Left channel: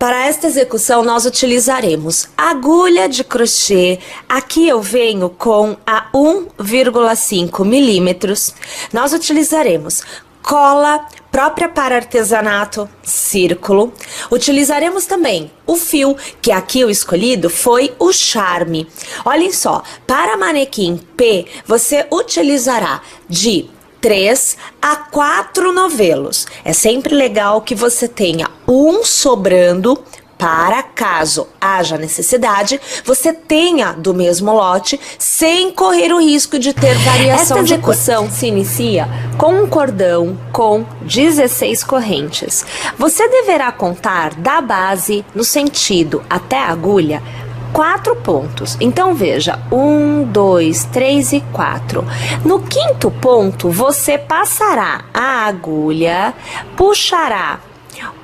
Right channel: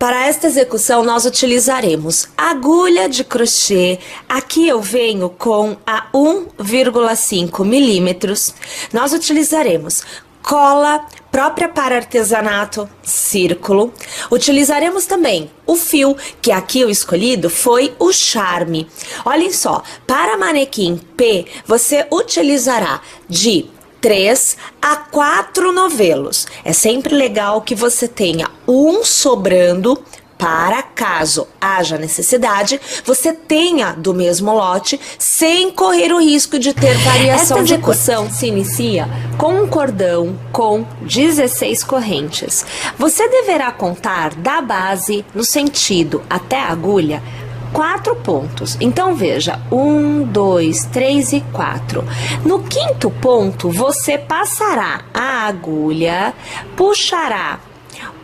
Para esta execução, nós utilizaremos agulha de crochê. Aqui eu venho com a 1,5 milímetros. Nós utilizaremos cola própria para artesanato, círculo. Utilizaremos também o fio, que aqui o escolhido foi o Charme. Olhem só, para manequim P, você utilizará de 3 a 4 novelos. É sempre legal que você tenha um sobrando para caso haja necessidade, você tenha do mesmo lote sem correr o risco de ter variação de cor. Esta execução se inicia com um cordão com 16 correntes. Você deverá contar da base no sentido até a agulha 4 pontos. Então veja, 1, 2, 3 e 4. No quinto ponto, você passará a agulha, puxará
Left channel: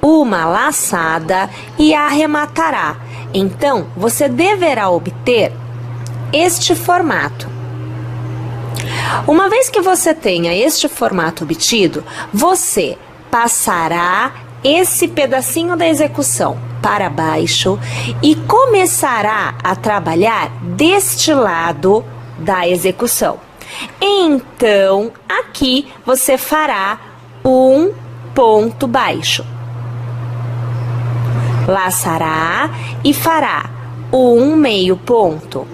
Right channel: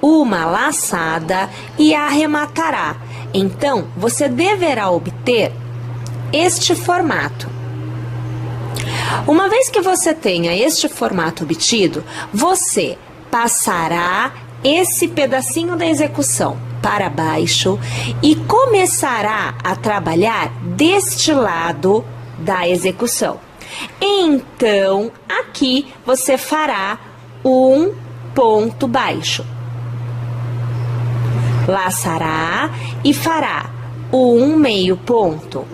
uma laçada e arrematará. Então, você deverá obter este formato. Uma vez que você tenha este formato obtido, você passará esse pedacinho da execução para baixo e começará a trabalhar deste lado da execução. Então, aqui você fará um ponto baixo. Laçará e fará um meio ponto.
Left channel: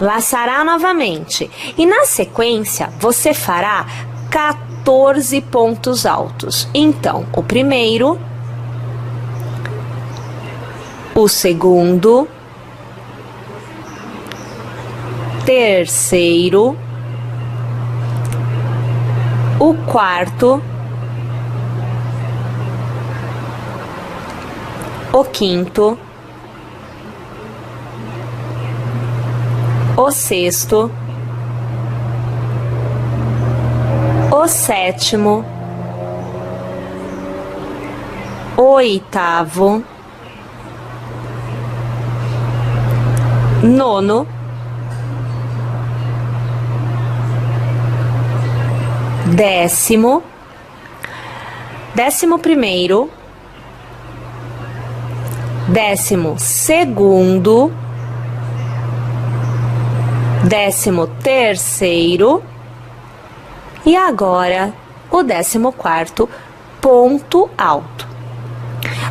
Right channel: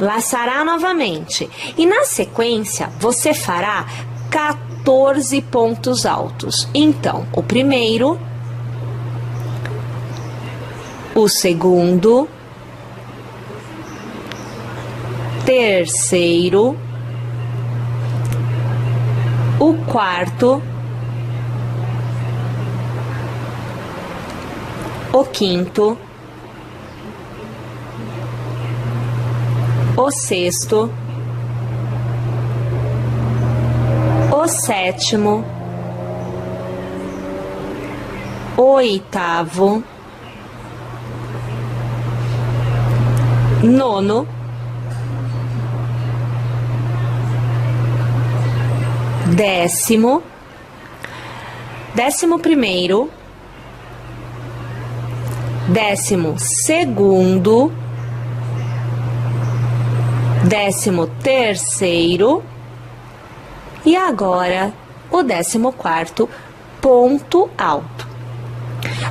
Laçará novamente e na sequência você fará 14 pontos altos. Então, o primeiro, o segundo, terceiro, o quarto, o quinto, o sexto, o sétimo, o oitavo, nono, décimo, 11º, 12º, 13º e agora o 14º ponto alto.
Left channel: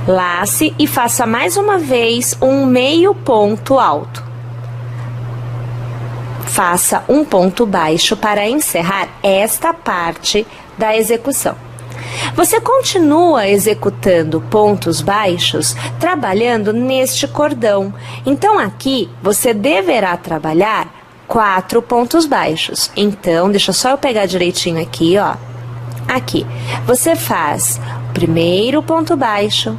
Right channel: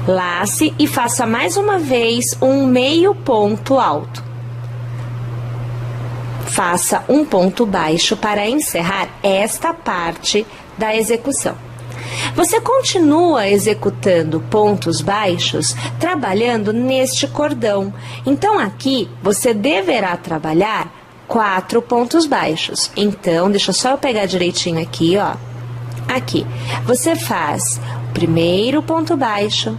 Lace e faça mais uma vez um meio ponto alto. Faça um ponto baixo para encerrar esta parte da execução. Você continua executando pontos baixos, trabalhando neste cordão. Então, aqui, você deverá trabalhar 4 pontos baixos. Então, deixa só eu pegar direitinho aqui, ó. Aqui, você faz o primeiro ponto baixo,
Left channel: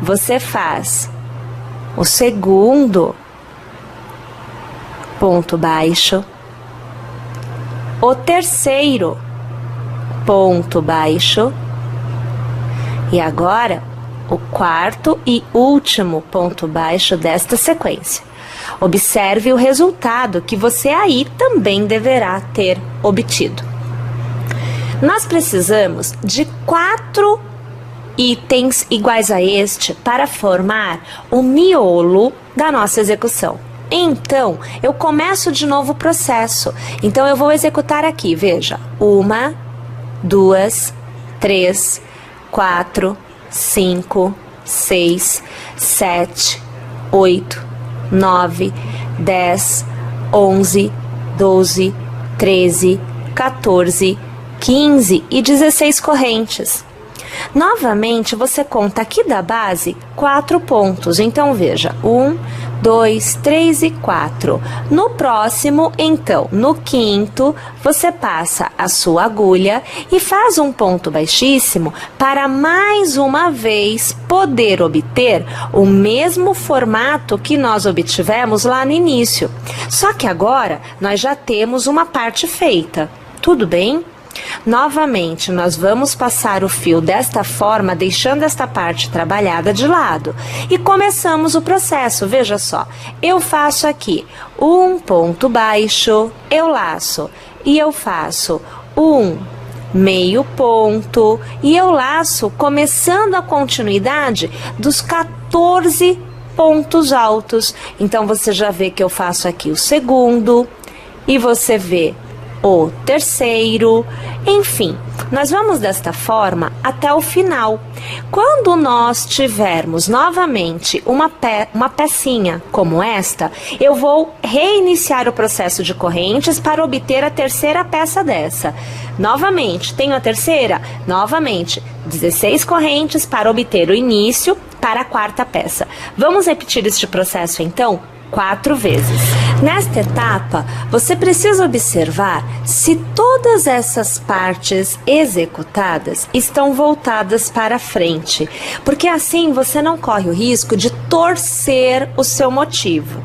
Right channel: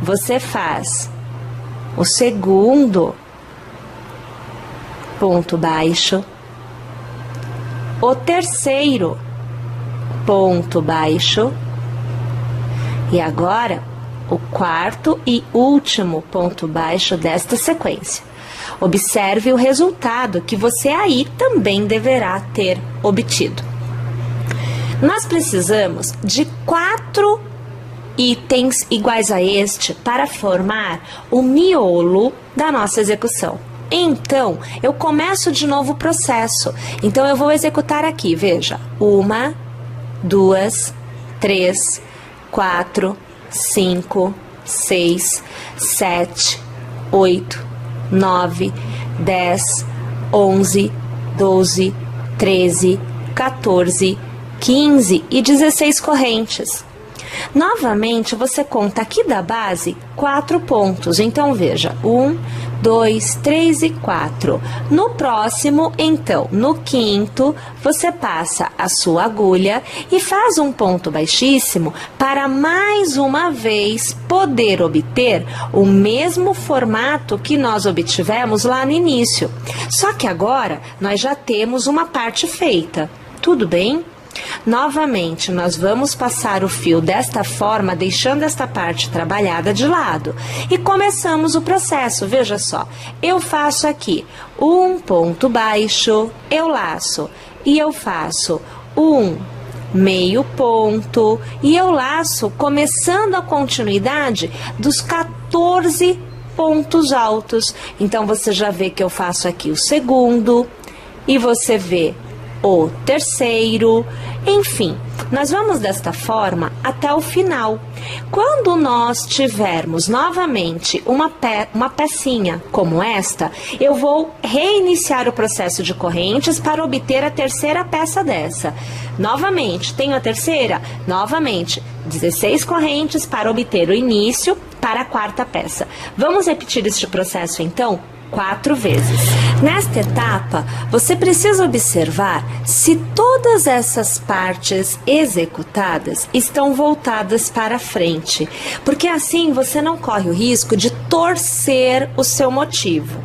você faz o segundo ponto baixo, o terceiro ponto baixo e agora o quarto e último ponto baixo desta sequência. Observe o resultado que você aí também deverá ter obtido. Nós precisamos de 4 itens iguais a este para formar o miolo da nossa execução. Então, eu começo de novo o processo. Então, eu vou executar aqui, veja, 1, 2, 3, 4, 5, 6, 7, 8, 9, 10, 11, 12, 13, 14, 15 e 16 correntes. Novamente, você conta aqui da base 4 pontos. Então, veja, 1, 2, 3 e 4. No próximo, então, no quinto, você passa a sua agulha e faz um ponto baixíssimo para mais uma vez poder obter o mesmo formato que nós obtivemos lá no início. Só que agora nós já temos uma parte feita. Tudo bem? Novamente, nós vamos passar o fio desta forma, deixando esta parte trabalhada de lado. E começamos o processo, veja só. Eu faço aqui um ponto baixo, eu laço e eu faço um meio ponto, e eu laço começando a continuidade dos 14 pontos altos. Então você já vê que eu faço aqui o segundo, e você vê o terceiro, enfim, nós vamos desta forma até o final. Quando nós tivermos novamente uma pecinha como esta, eu vou reiniciar o processo de correntes para obter a terceira peça dessa. Novamente, tenho a terceira? Novamente, 16 correntes para obter o início para a quarta peça. Vamos repetir este processo então 4 vezes. Nesta etapa, você precisa observar se todas essas partes executadas estão voltadas para frente, porque assim você não corre o risco de torcer o seu motivo.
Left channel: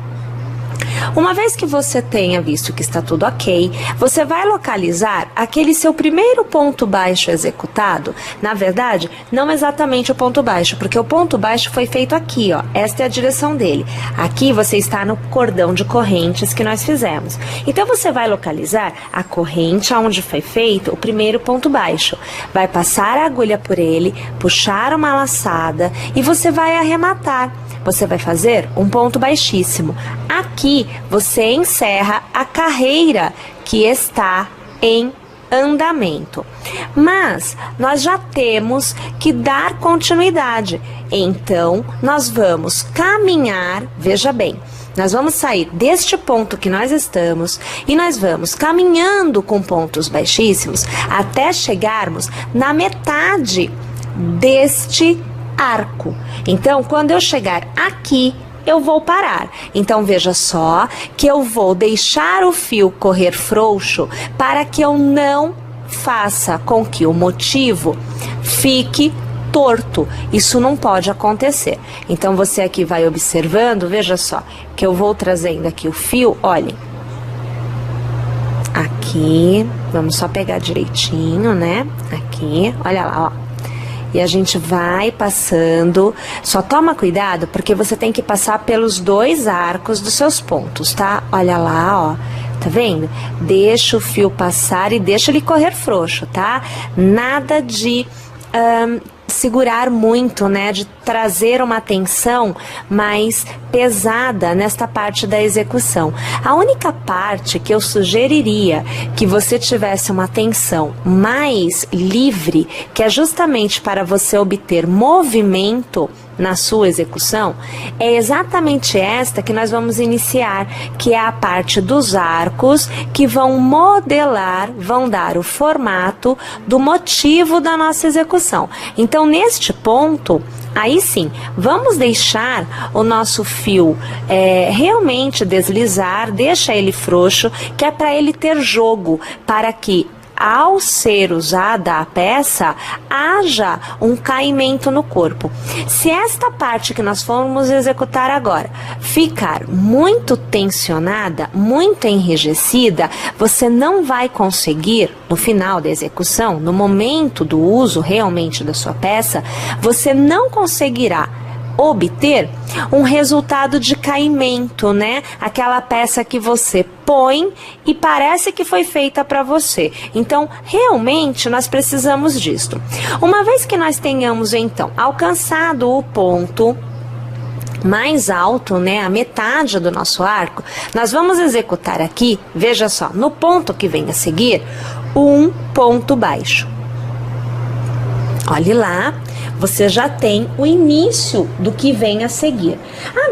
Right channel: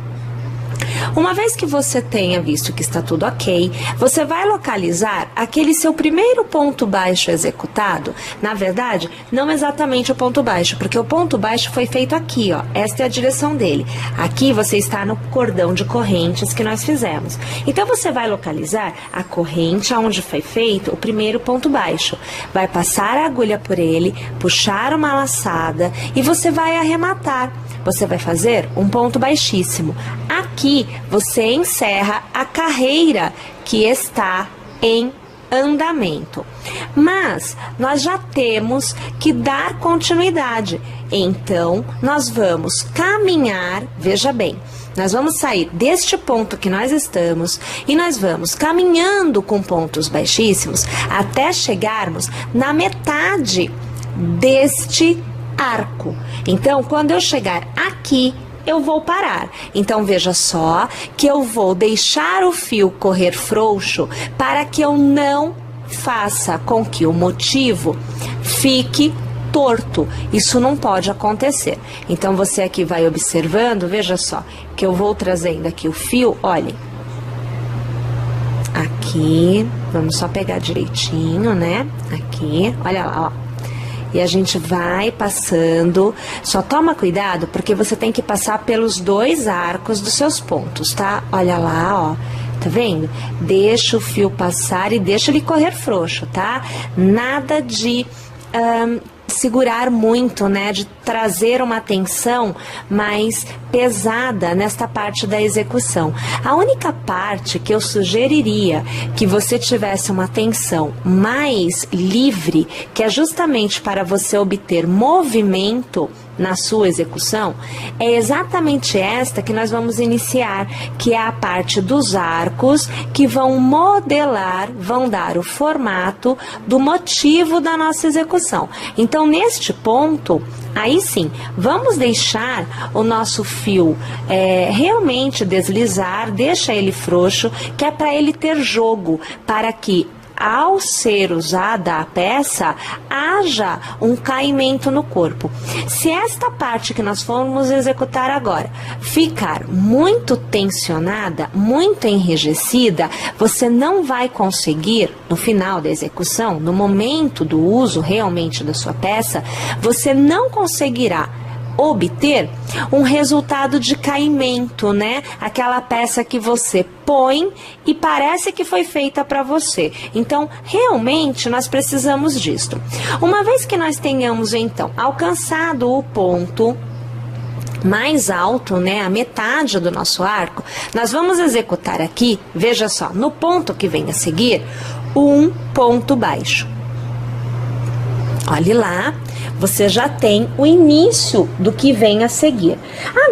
Uma vez que você tenha visto que está tudo ok, você vai localizar aquele seu primeiro ponto baixo executado. Na verdade, não exatamente o ponto baixo, porque o ponto baixo foi feito aqui, ó. Esta é a direção dele. Aqui você está no cordão de correntes que nós fizemos. Então você vai localizar a corrente onde foi feito o primeiro ponto baixo. Vai passar a agulha por ele, puxar uma laçada e você vai arrematar. Você vai fazer um ponto baixíssimo. Aqui você encerra a carreira que está em andamento. Mas nós já temos que dar continuidade. Então, nós vamos caminhar, veja bem, nós vamos sair deste ponto que nós estamos e nós vamos caminhando com pontos baixíssimos até chegarmos na metade deste arco. Então, quando eu chegar aqui, eu vou parar. Então, veja só que eu vou deixar o fio correr frouxo para que eu não faça com que o motivo fique torto. Isso não pode acontecer. Então, você aqui vai observando, veja só, que eu vou trazendo aqui o fio, olhem. Aqui, vamos só pegar direitinho, né? Aqui, olha lá, ó. E a gente vai passando, só toma cuidado porque você tem que passar pelos 2 arcos dos seus pontos, tá? Olha lá, ó, tá vendo? Deixa o fio passar e deixa ele correr frouxo, tá? Nada de segurar muito, né? De trazer uma tensão mais pesada nesta parte da execução. A única parte que eu sugeriria que você tivesse uma tensão mais livre, que é justamente para você obter movimento na sua execução, é exatamente esta que nós vamos iniciar, que é a parte dos arcos que vão modelar, vão dar o formato do motivo da nossa execução. Então, neste ponto, aí sim, vamos deixar o nosso fio realmente deslizar, deixa ele frouxo, que é para ele ter jogo, para que ao ser usada a peça, haja um caimento no corpo. Se esta parte que nós formos executar agora ficar muito tensionada, muito enrijecida, você não vai conseguir, no final da execução, no momento do uso realmente da sua peça, você não conseguirá obter um resultado de caimento, né? Aquela peça que você põe e parece que foi feita para você. Então, realmente, nós precisamos disto. Uma vez que nós tenhamos, então, alcançado o ponto mais alto, né, a metade do nosso arco, nós vamos executar aqui, veja só, no ponto que vem a seguir, um ponto baixo. Olhe lá, você já tem o início do que vem a seguir.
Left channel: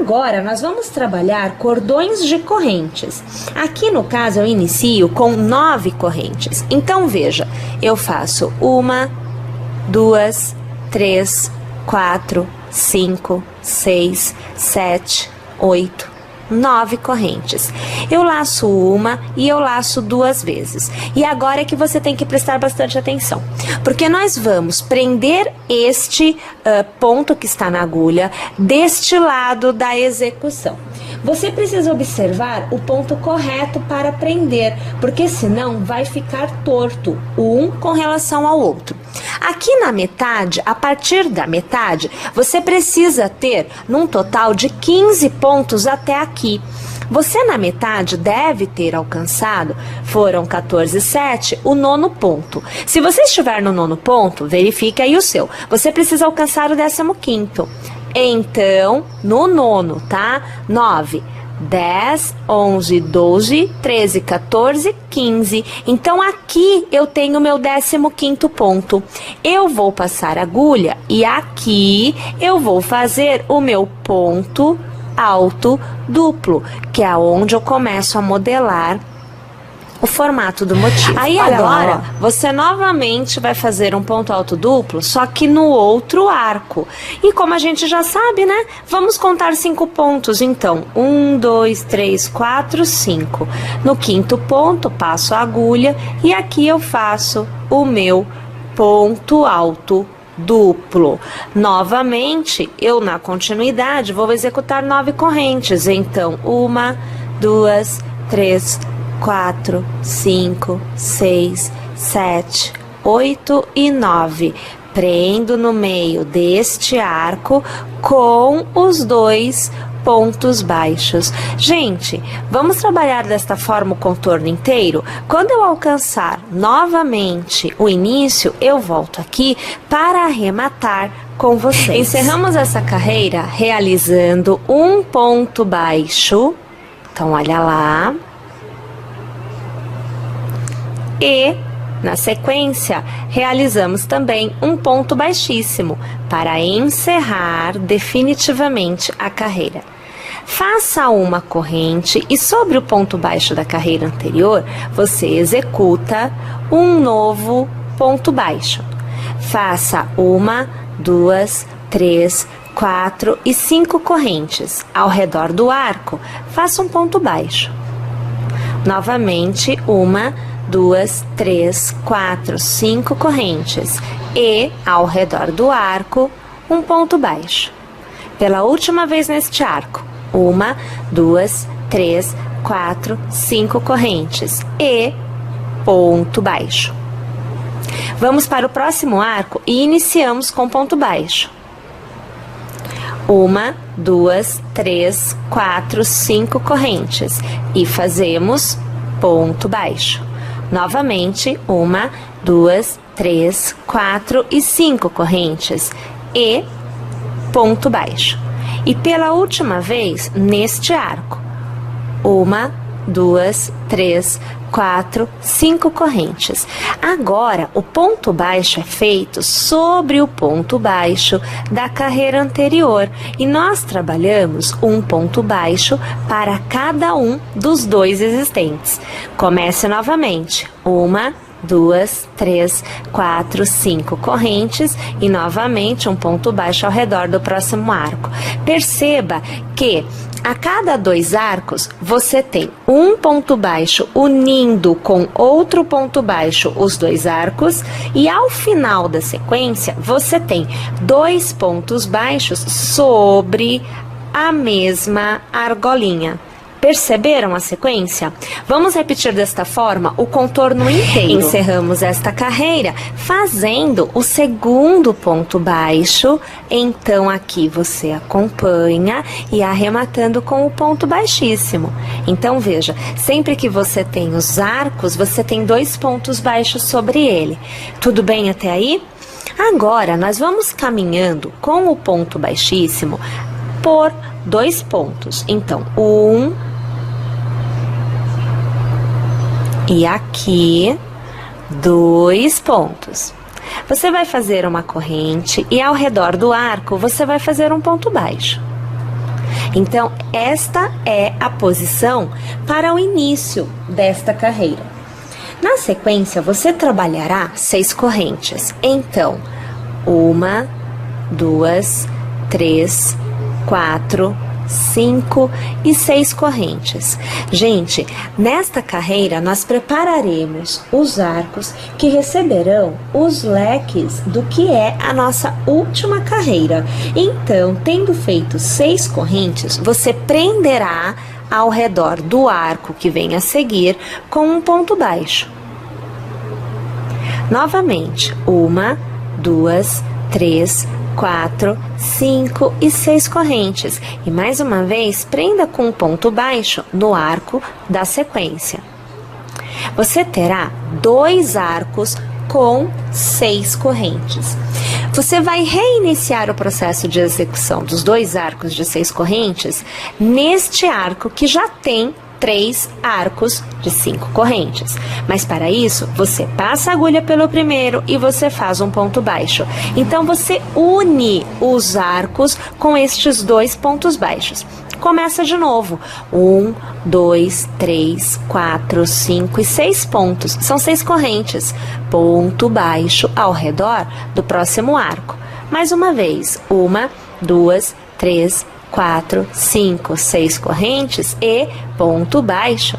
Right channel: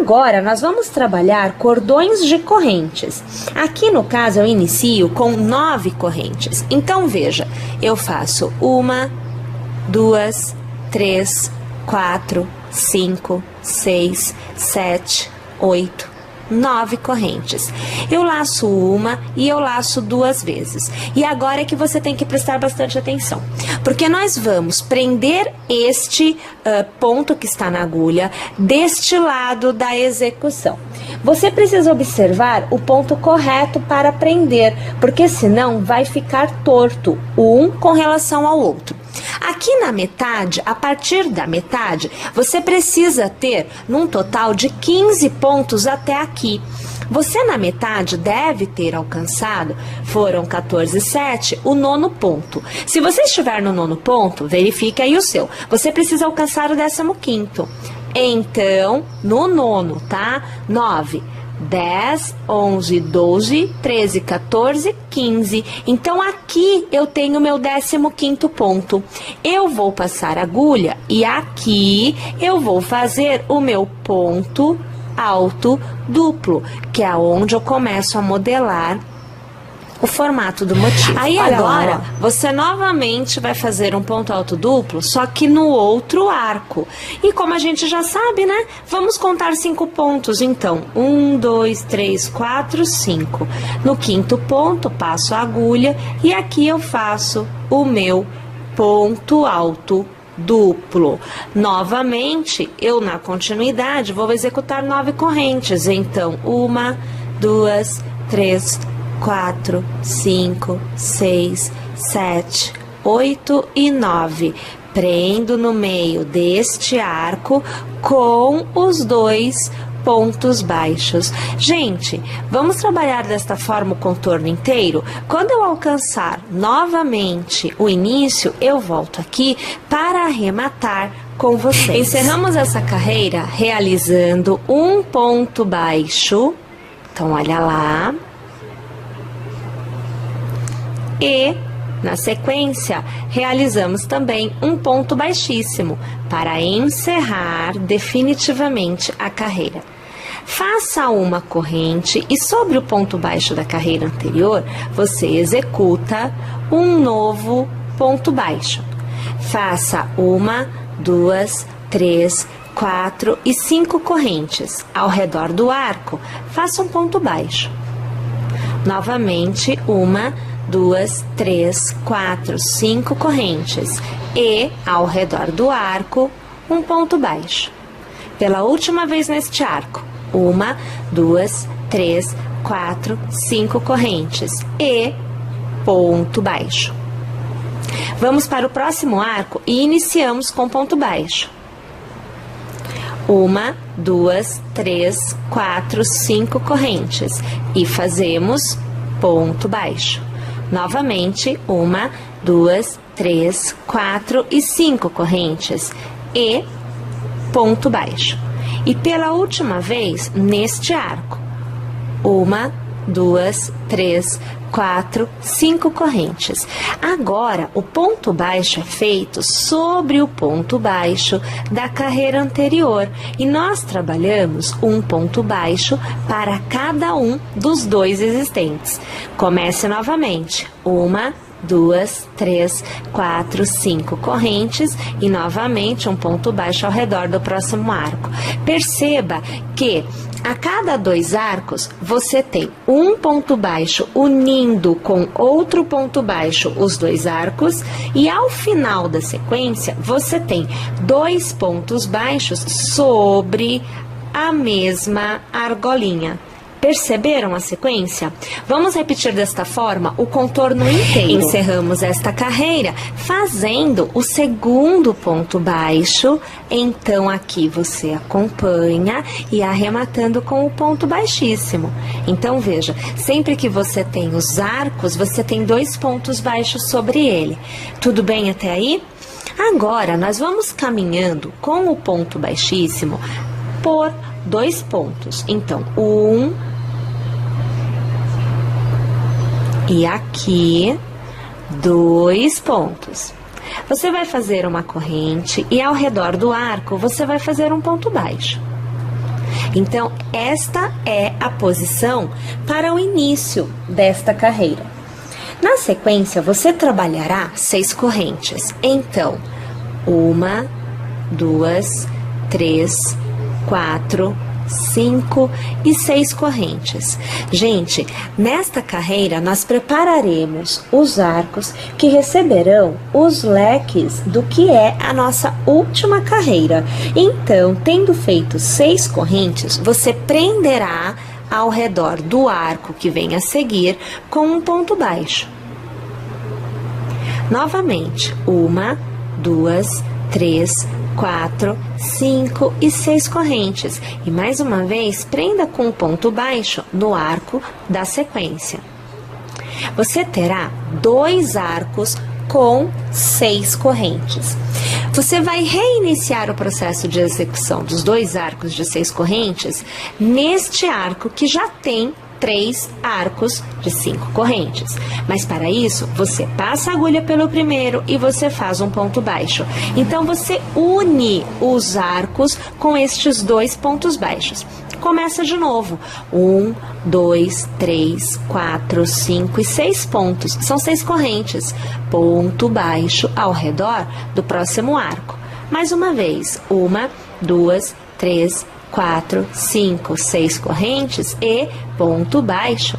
Agora, nós vamos trabalhar cordões de correntes. Aqui, no caso, eu inicio com 9 correntes. Então, veja, eu faço 1, 2, 3, 4, 5, 6, 7, 8, 9 correntes. Eu laço uma e eu laço 2 vezes. E agora é que você tem que prestar bastante atenção, porque nós vamos prender este ponto que está na agulha deste lado da execução. Você precisa observar o ponto correto para prender, porque senão vai ficar torto um com relação ao outro. Aqui na metade, a partir da metade, você precisa ter num total de 15 pontos até aqui. Você na metade deve ter alcançado, foram 14,7, o nono ponto. Se você estiver no nono ponto, verifique aí o seu. Você precisa alcançar o 15º. Então, no nono, tá? 9, 10, 11, 12, 13, 14, 15. Então, aqui eu tenho meu 15º ponto. Eu vou passar a agulha e aqui eu vou fazer o meu ponto alto duplo, que é onde eu começo a modelar o formato do motivo. Aí olha agora, lá, você novamente vai fazer um ponto alto duplo, só que no outro arco. E como a gente já sabe, né? Vamos contar 5 pontos. Então, 1, 2, 3, 4, 5. No 5º ponto, passo a agulha e aqui eu faço o meu ponto alto duplo. Novamente, eu na continuidade vou executar 9 correntes. Então, 1, 2, 3, 4, 5, 6, 7, 8 e 9. Prendo no meio deste arco com os 2 pontos baixos. Gente, vamos trabalhar desta forma o contorno inteiro? Quando eu alcançar novamente o início, eu volto aqui para arrematar com vocês. Encerramos essa carreira realizando um ponto baixo. Então, olha lá. E, na sequência, realizamos também um ponto baixíssimo para encerrar definitivamente a carreira. Faça uma corrente e sobre o ponto baixo da carreira anterior, você executa um novo ponto baixo. Faça 1, 2, 3, 4 e 5 correntes. Ao redor do arco, faça um ponto baixo. Novamente, 1, 2, 3, 4, 5 correntes. E, ao redor do arco, um ponto baixo. Pela última vez neste arco. 1, 2, 3, 4, 5 correntes e ponto baixo. Vamos para o próximo arco e iniciamos com ponto baixo. 1, 2, 3, 4, 5 correntes e fazemos ponto baixo. Novamente, 1, 2, 3, 4 e 5 correntes e ponto baixo. E pela última vez, neste arco, 1, 2, 3, 4, 5 correntes. Agora, o ponto baixo é feito sobre o ponto baixo da carreira anterior. E nós trabalhamos um ponto baixo para cada um dos 2 existentes. Comece novamente. 1, 2, 3, 4, 5 correntes e novamente um ponto baixo ao redor do próximo arco. Perceba que a cada 2 arcos você tem um ponto baixo unindo com outro ponto baixo os 2 arcos e ao final da sequência você tem 2 pontos baixos sobre a mesma argolinha. Perceberam a sequência? Vamos repetir desta forma o contorno inteiro. Encerramos esta carreira fazendo o segundo ponto baixo. Então, aqui você acompanha e arrematando com o ponto baixíssimo. Então, veja, sempre que você tem os arcos, você tem 2 pontos baixos sobre ele. Tudo bem até aí? Agora, nós vamos caminhando com o ponto baixíssimo por 2 pontos. Então, 1... E aqui, 2 pontos. Você vai fazer uma corrente e ao redor do arco você vai fazer um ponto baixo. Então, esta é a posição para o início desta carreira. Na sequência, você trabalhará 6 correntes. Então, 1, 2, 3, 4, 5 e 6 correntes. Gente, nesta carreira nós prepararemos os arcos que receberão os leques do que é a nossa última carreira. Então, tendo feito 6 correntes, você prenderá ao redor do arco que vem a seguir com um ponto baixo. Novamente, 1, 2, 3, 4, 5 e 6 correntes. E mais uma vez, prenda com um ponto baixo no arco da sequência. Você terá 2 arcos com 6 correntes. Você vai reiniciar o processo de execução dos 2 arcos de 6 correntes neste arco que já tem 3 arcos de 5 correntes. Mas para isso, você passa a agulha pelo primeiro e você faz um ponto baixo. Então, você une os arcos com estes 2 pontos baixos. Começa de novo. 1, 2, 3, 4, 5 e 6 pontos. São 6 correntes. Ponto baixo ao redor do próximo arco. Mais uma vez. 1, 2, 3, 4, 5, 6 correntes e ponto baixo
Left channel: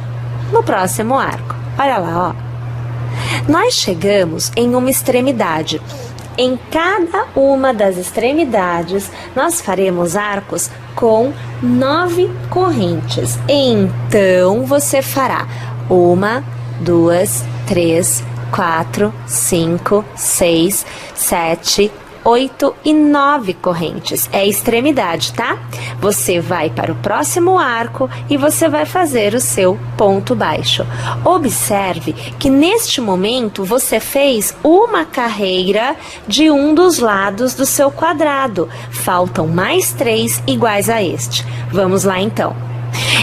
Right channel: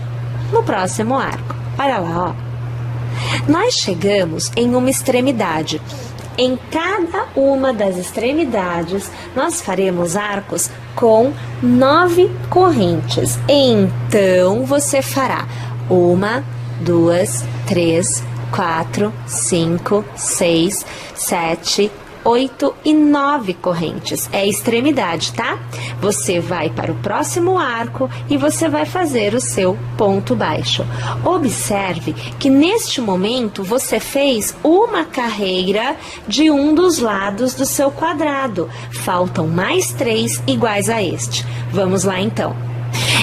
no próximo arco. Olha lá, ó. Nós chegamos em uma extremidade. Em cada uma das extremidades, nós faremos arcos com 9 correntes. Então, você fará 1, 2, 3, 4, 5, 6, 7, 8 e 9 correntes. É a extremidade, tá? Você vai para o próximo arco e você vai fazer o seu ponto baixo. Observe que neste momento você fez uma carreira de um dos lados do seu quadrado. Faltam mais 3 iguais a este. Vamos lá então.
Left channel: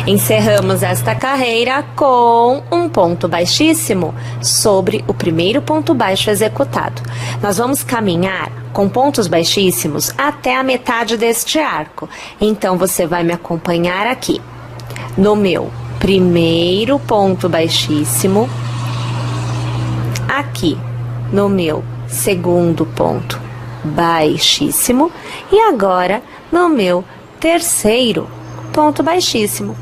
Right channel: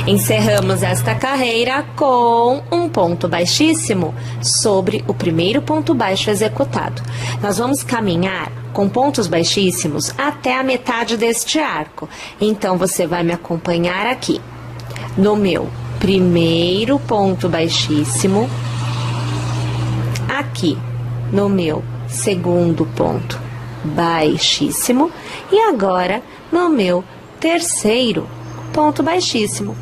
Encerramos esta carreira com um ponto baixíssimo sobre o primeiro ponto baixo executado. Nós vamos caminhar com pontos baixíssimos até a metade deste arco. Então, você vai me acompanhar aqui. No meu primeiro ponto baixíssimo, aqui no meu segundo ponto baixíssimo e agora no meu terceiro ponto baixíssimo.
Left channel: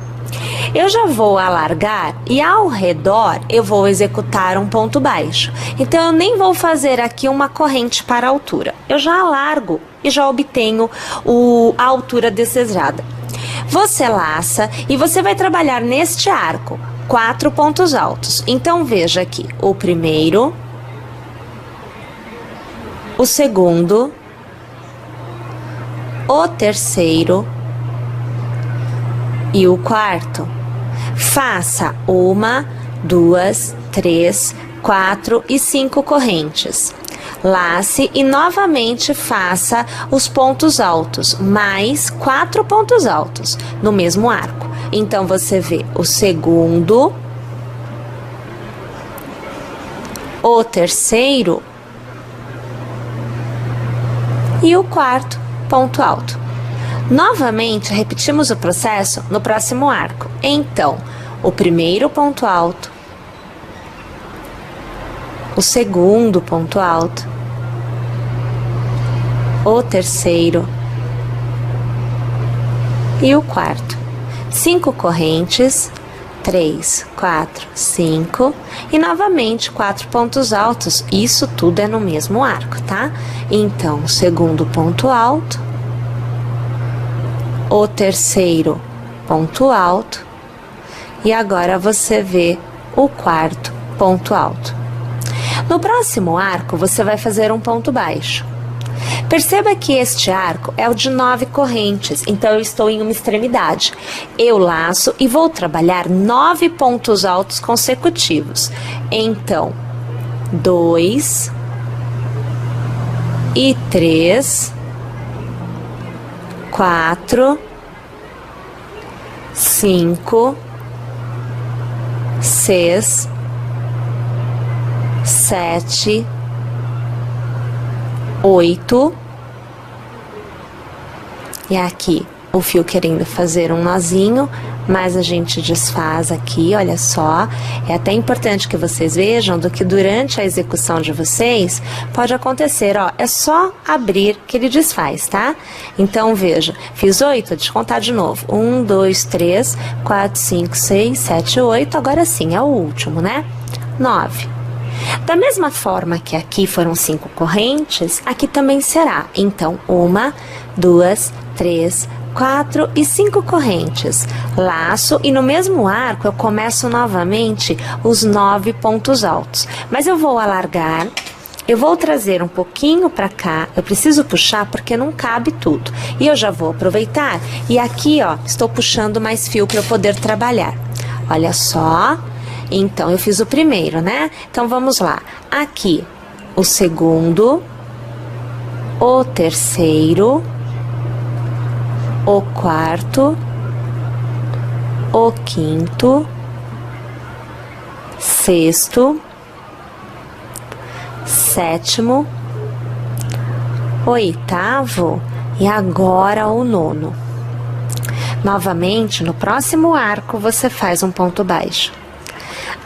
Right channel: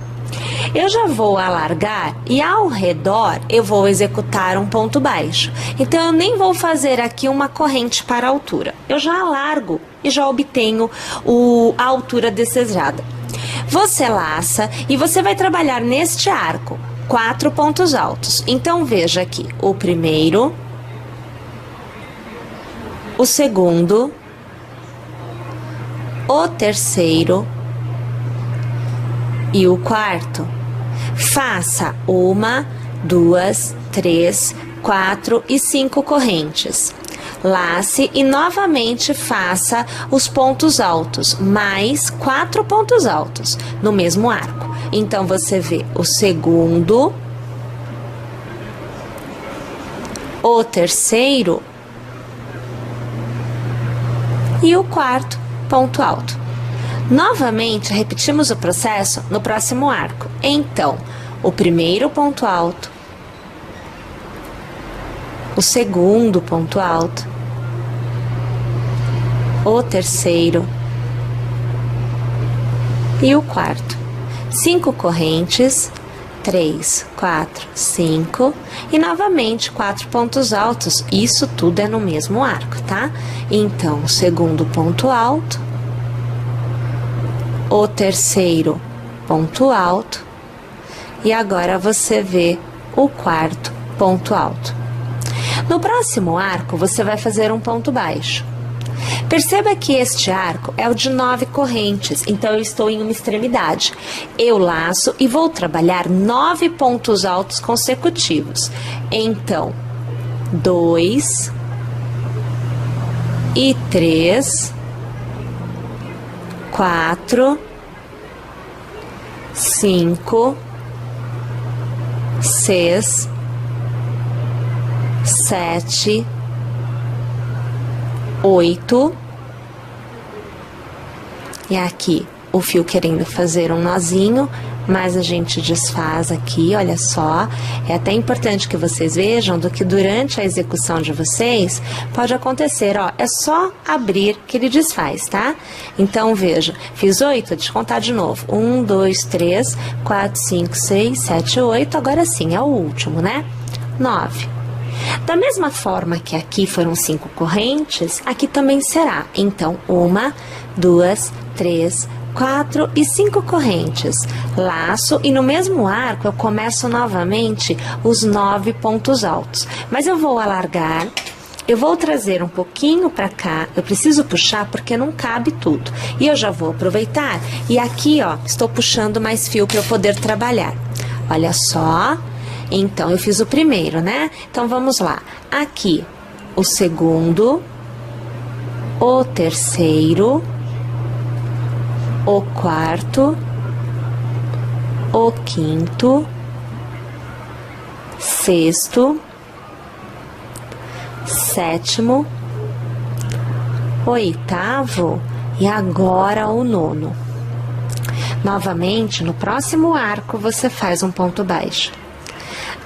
Eu já vou alargar e ao redor eu vou executar um ponto baixo. Então, eu nem vou fazer aqui uma corrente para a altura. Eu já alargo e já obtenho a altura desejada. Você laça e você vai trabalhar neste arco 4 pontos altos. Então, veja aqui o primeiro, o segundo, o terceiro e o quarto. Faça 1, 2, 3, 4 e 5 correntes. Lace e novamente faça os pontos altos, mais 4 pontos altos no mesmo arco. Então, você vê o segundo, o terceiro e o quarto ponto alto. Novamente, repetimos o processo no próximo arco. Então, o primeiro ponto alto, o segundo ponto alto, o terceiro e o quarto. 5 correntes, 3, 4, 5 e novamente 4 pontos altos. Isso tudo é no mesmo arco, tá? Então, o segundo ponto alto, o terceiro ponto alto e agora você vê o quarto ponto alto. No próximo arco, você vai fazer um ponto baixo. Perceba que este arco é o de 9 correntes, então eu estou em uma extremidade. Eu laço e vou trabalhar 9 pontos altos consecutivos. Então, 2 e 3, 4, 5, 6, 7, 8 e aqui o fio querendo fazer um nozinho, mas a gente desfaz aqui, olha só. É até importante que vocês vejam do que durante a execução de vocês pode acontecer, ó, é só abrir que ele desfaz, tá? Então, veja, fiz 8, deixa eu contar de novo. 1, 2, 3, 4, 5, 6, 7, 8, agora sim, é o último, né? 9. Da mesma forma que aqui foram 5 correntes, aqui também será. Então, 1, 2, 3, 4 e 5 correntes. Laço e no mesmo arco eu começo novamente os 9 pontos altos. Mas eu vou alargar, Eu vou trazer um pouquinho para cá, eu preciso puxar porque não cabe tudo. E eu já vou aproveitar e aqui, ó, estou puxando mais fio para eu poder trabalhar. Olha só, então eu fiz o primeiro, né? Então vamos lá, aqui o segundo, o terceiro, o quarto, o quinto, sexto, sétimo, oitavo e agora o nono. Novamente, no próximo arco, você faz um ponto baixo.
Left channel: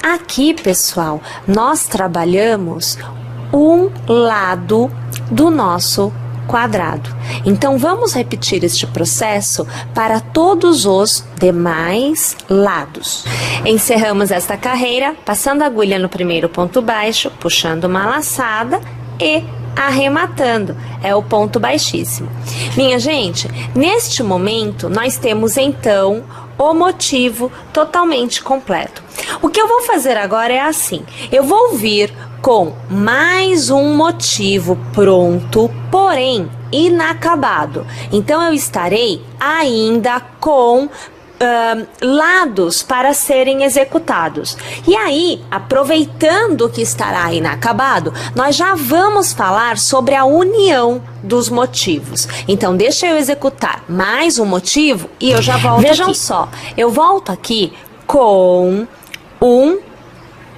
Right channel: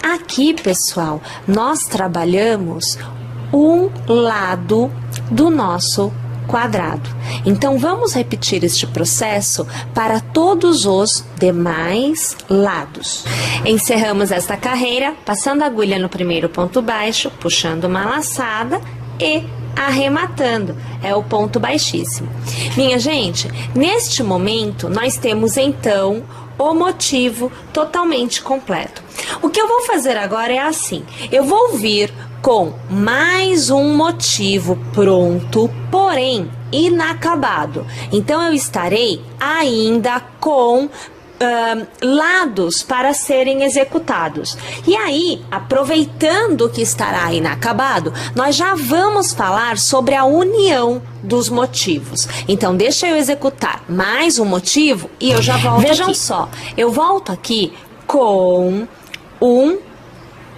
Aqui, pessoal, nós trabalhamos um lado do nosso quadrado. Então, vamos repetir este processo para todos os demais lados. Encerramos esta carreira, passando a agulha no primeiro ponto baixo, puxando uma laçada e arrematando. É o ponto baixíssimo. Minha gente, neste momento, nós temos, então, o motivo totalmente completo. O que eu vou fazer agora é assim. Eu vou vir com mais um motivo pronto, porém inacabado. Então, eu estarei ainda com lados para serem executados. E aí, aproveitando que estará inacabado, nós já vamos falar sobre a união dos motivos. Então, deixa eu executar mais um motivo e eu já volto. Vejam aqui. Só, eu volto aqui com 1,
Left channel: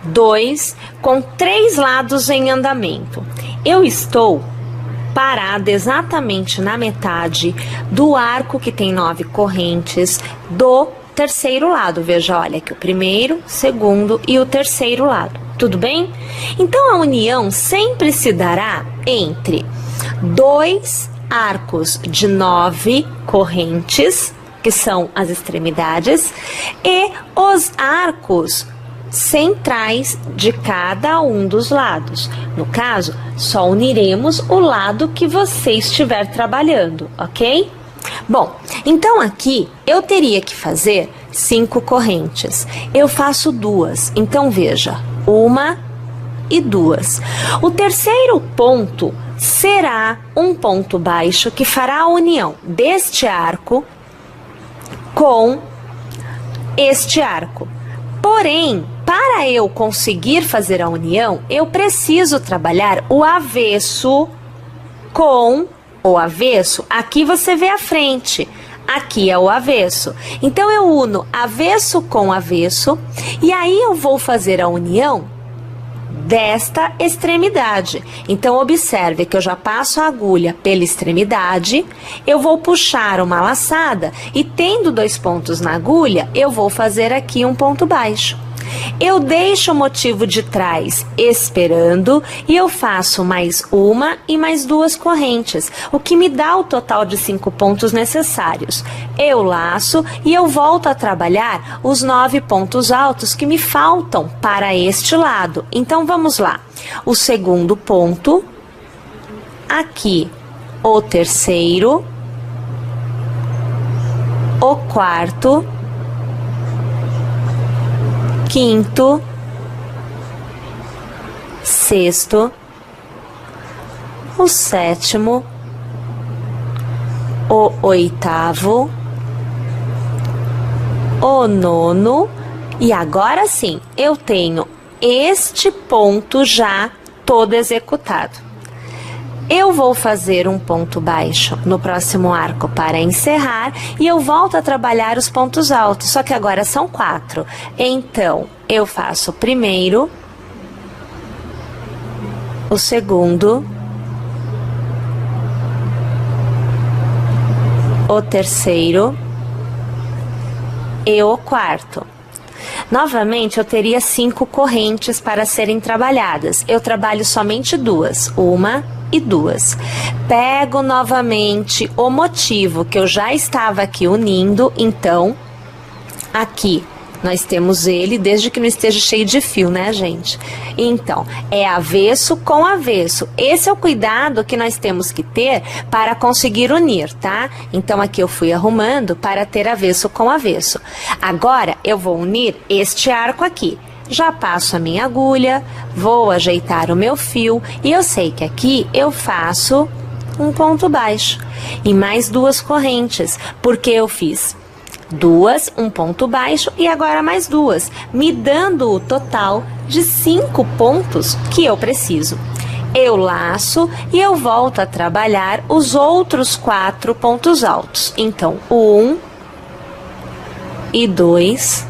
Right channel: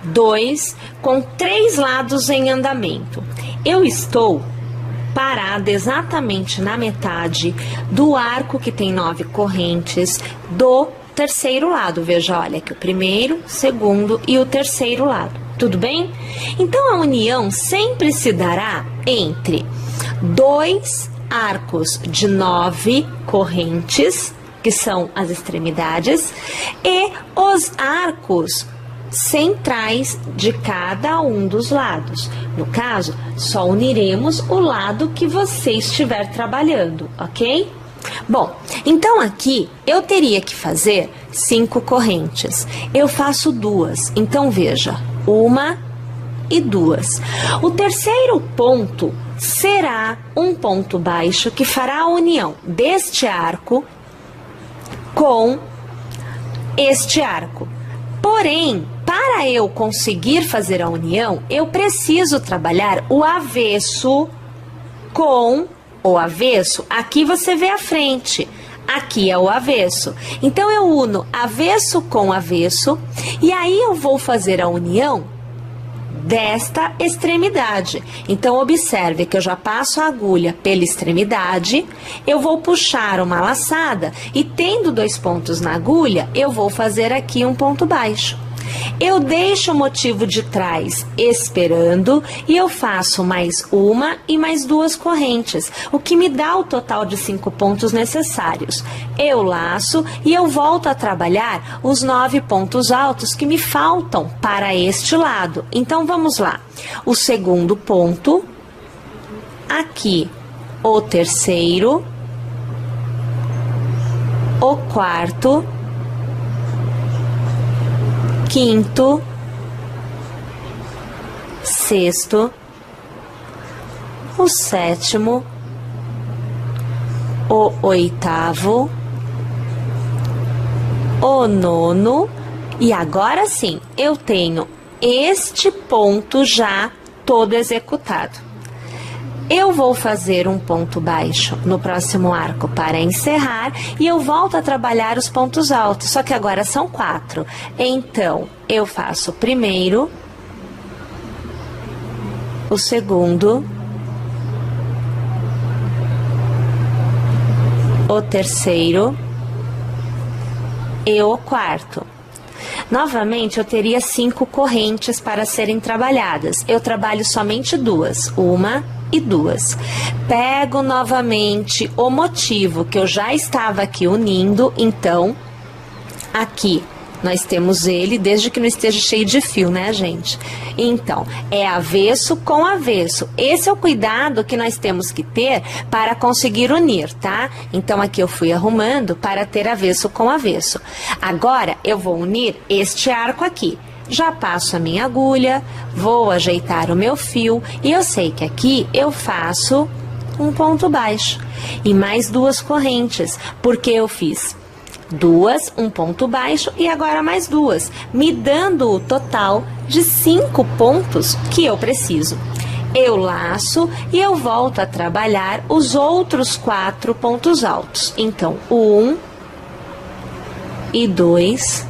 2, com 3 lados em andamento. Eu estou parada exatamente na metade do arco que tem 9 correntes do terceiro lado. Veja, olha aqui o primeiro, segundo e o terceiro lado. Tudo bem? Então, a união sempre se dará entre 2 arcos de 9 correntes, que são as extremidades, e os arcos centrais de cada um dos lados. No caso, só uniremos o lado que você estiver trabalhando, ok? Bom, então aqui eu teria que fazer 5 correntes. Eu faço 2, então veja, 1 e 2. O terceiro ponto será um ponto baixo que fará a união deste arco com este arco. Porém, para eu conseguir fazer a união, eu preciso trabalhar o avesso com o avesso. Aqui você vê a frente, aqui é o avesso. Então, eu uno avesso com avesso e aí eu vou fazer a união desta extremidade. Então, observe que eu já passo a agulha pela extremidade, eu vou puxar uma laçada e tendo 2 pontos na agulha, eu vou fazer aqui um ponto baixo. Eu deixo o motivo de trás esperando e eu faço mais 1 e mais 2 correntes, o que me dá o total de 5 pontos necessários. Eu laço e eu volto a trabalhar os 9 pontos altos que me faltam para este lado. Então, vamos lá. O segundo ponto, aqui o terceiro, o quarto, quinto, sexto, o sétimo, o oitavo, o nono e agora sim eu tenho este ponto já todo executado. Eu vou fazer um ponto baixo no próximo arco para encerrar e eu volto a trabalhar os pontos altos, só que agora são 4. Então, eu faço o primeiro, o segundo, o terceiro e o quarto. Novamente, eu teria 5 correntes para serem trabalhadas. Eu trabalho somente 2, 1 e 2. Pego novamente o motivo que eu já estava aqui unindo, então, aqui nós temos ele, desde que não esteja cheio de fio, né, gente? Então, é avesso com avesso. Esse é o cuidado que nós temos que ter para conseguir unir, tá? Então, aqui eu fui arrumando para ter avesso com avesso. Agora, eu vou unir este arco aqui. já passo a minha agulha, vou ajeitar o meu fio e eu sei que aqui eu faço um ponto baixo e mais 2 correntes, porque eu fiz 2, um ponto baixo e agora mais 2, me dando o total de 5 pontos que eu preciso. Eu laço e eu volto a trabalhar os outros 4 pontos altos. Então, 1 e 2,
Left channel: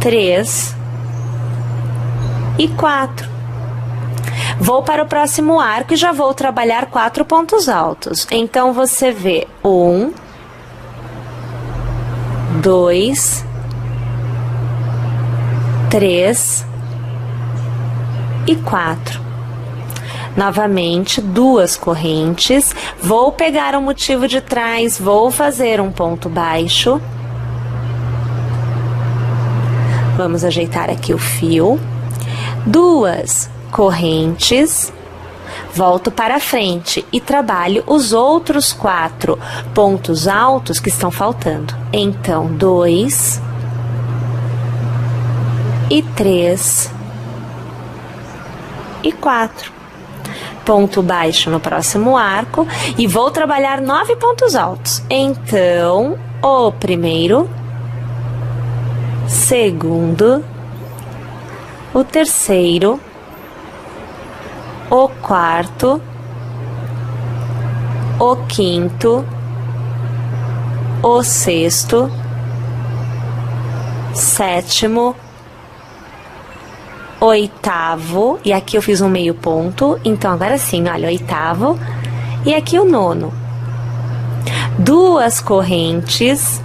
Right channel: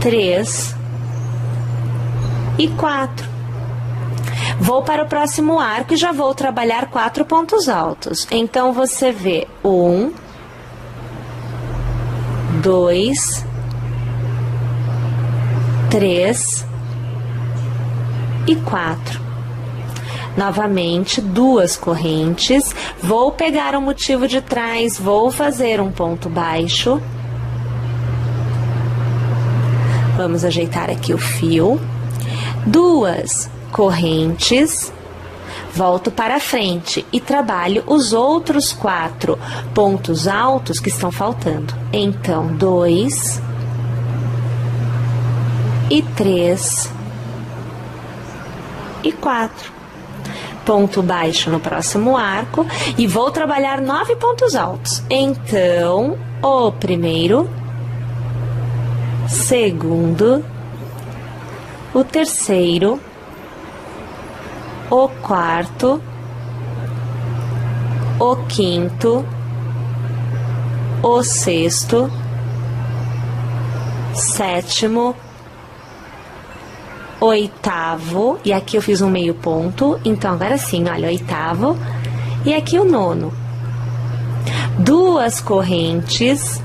3 e 4. Vou para o próximo arco e já vou trabalhar 4 pontos altos. Então, você vê 1, 2, 3 e 4. Novamente, 2 correntes. Vou pegar o motivo de trás, vou fazer um ponto baixo. Vamos ajeitar aqui o fio. 2 correntes. Volto para frente e trabalho os outros 4 pontos altos que estão faltando. Então, 2 e 3 e 4. Ponto baixo no próximo arco e vou trabalhar 9 pontos altos. Então, o primeiro, segundo, o terceiro, o quarto, o quinto, o sexto, sétimo, oitavo, e aqui eu fiz um meio ponto, então agora sim, olha, oitavo, e aqui o nono. 2 correntes,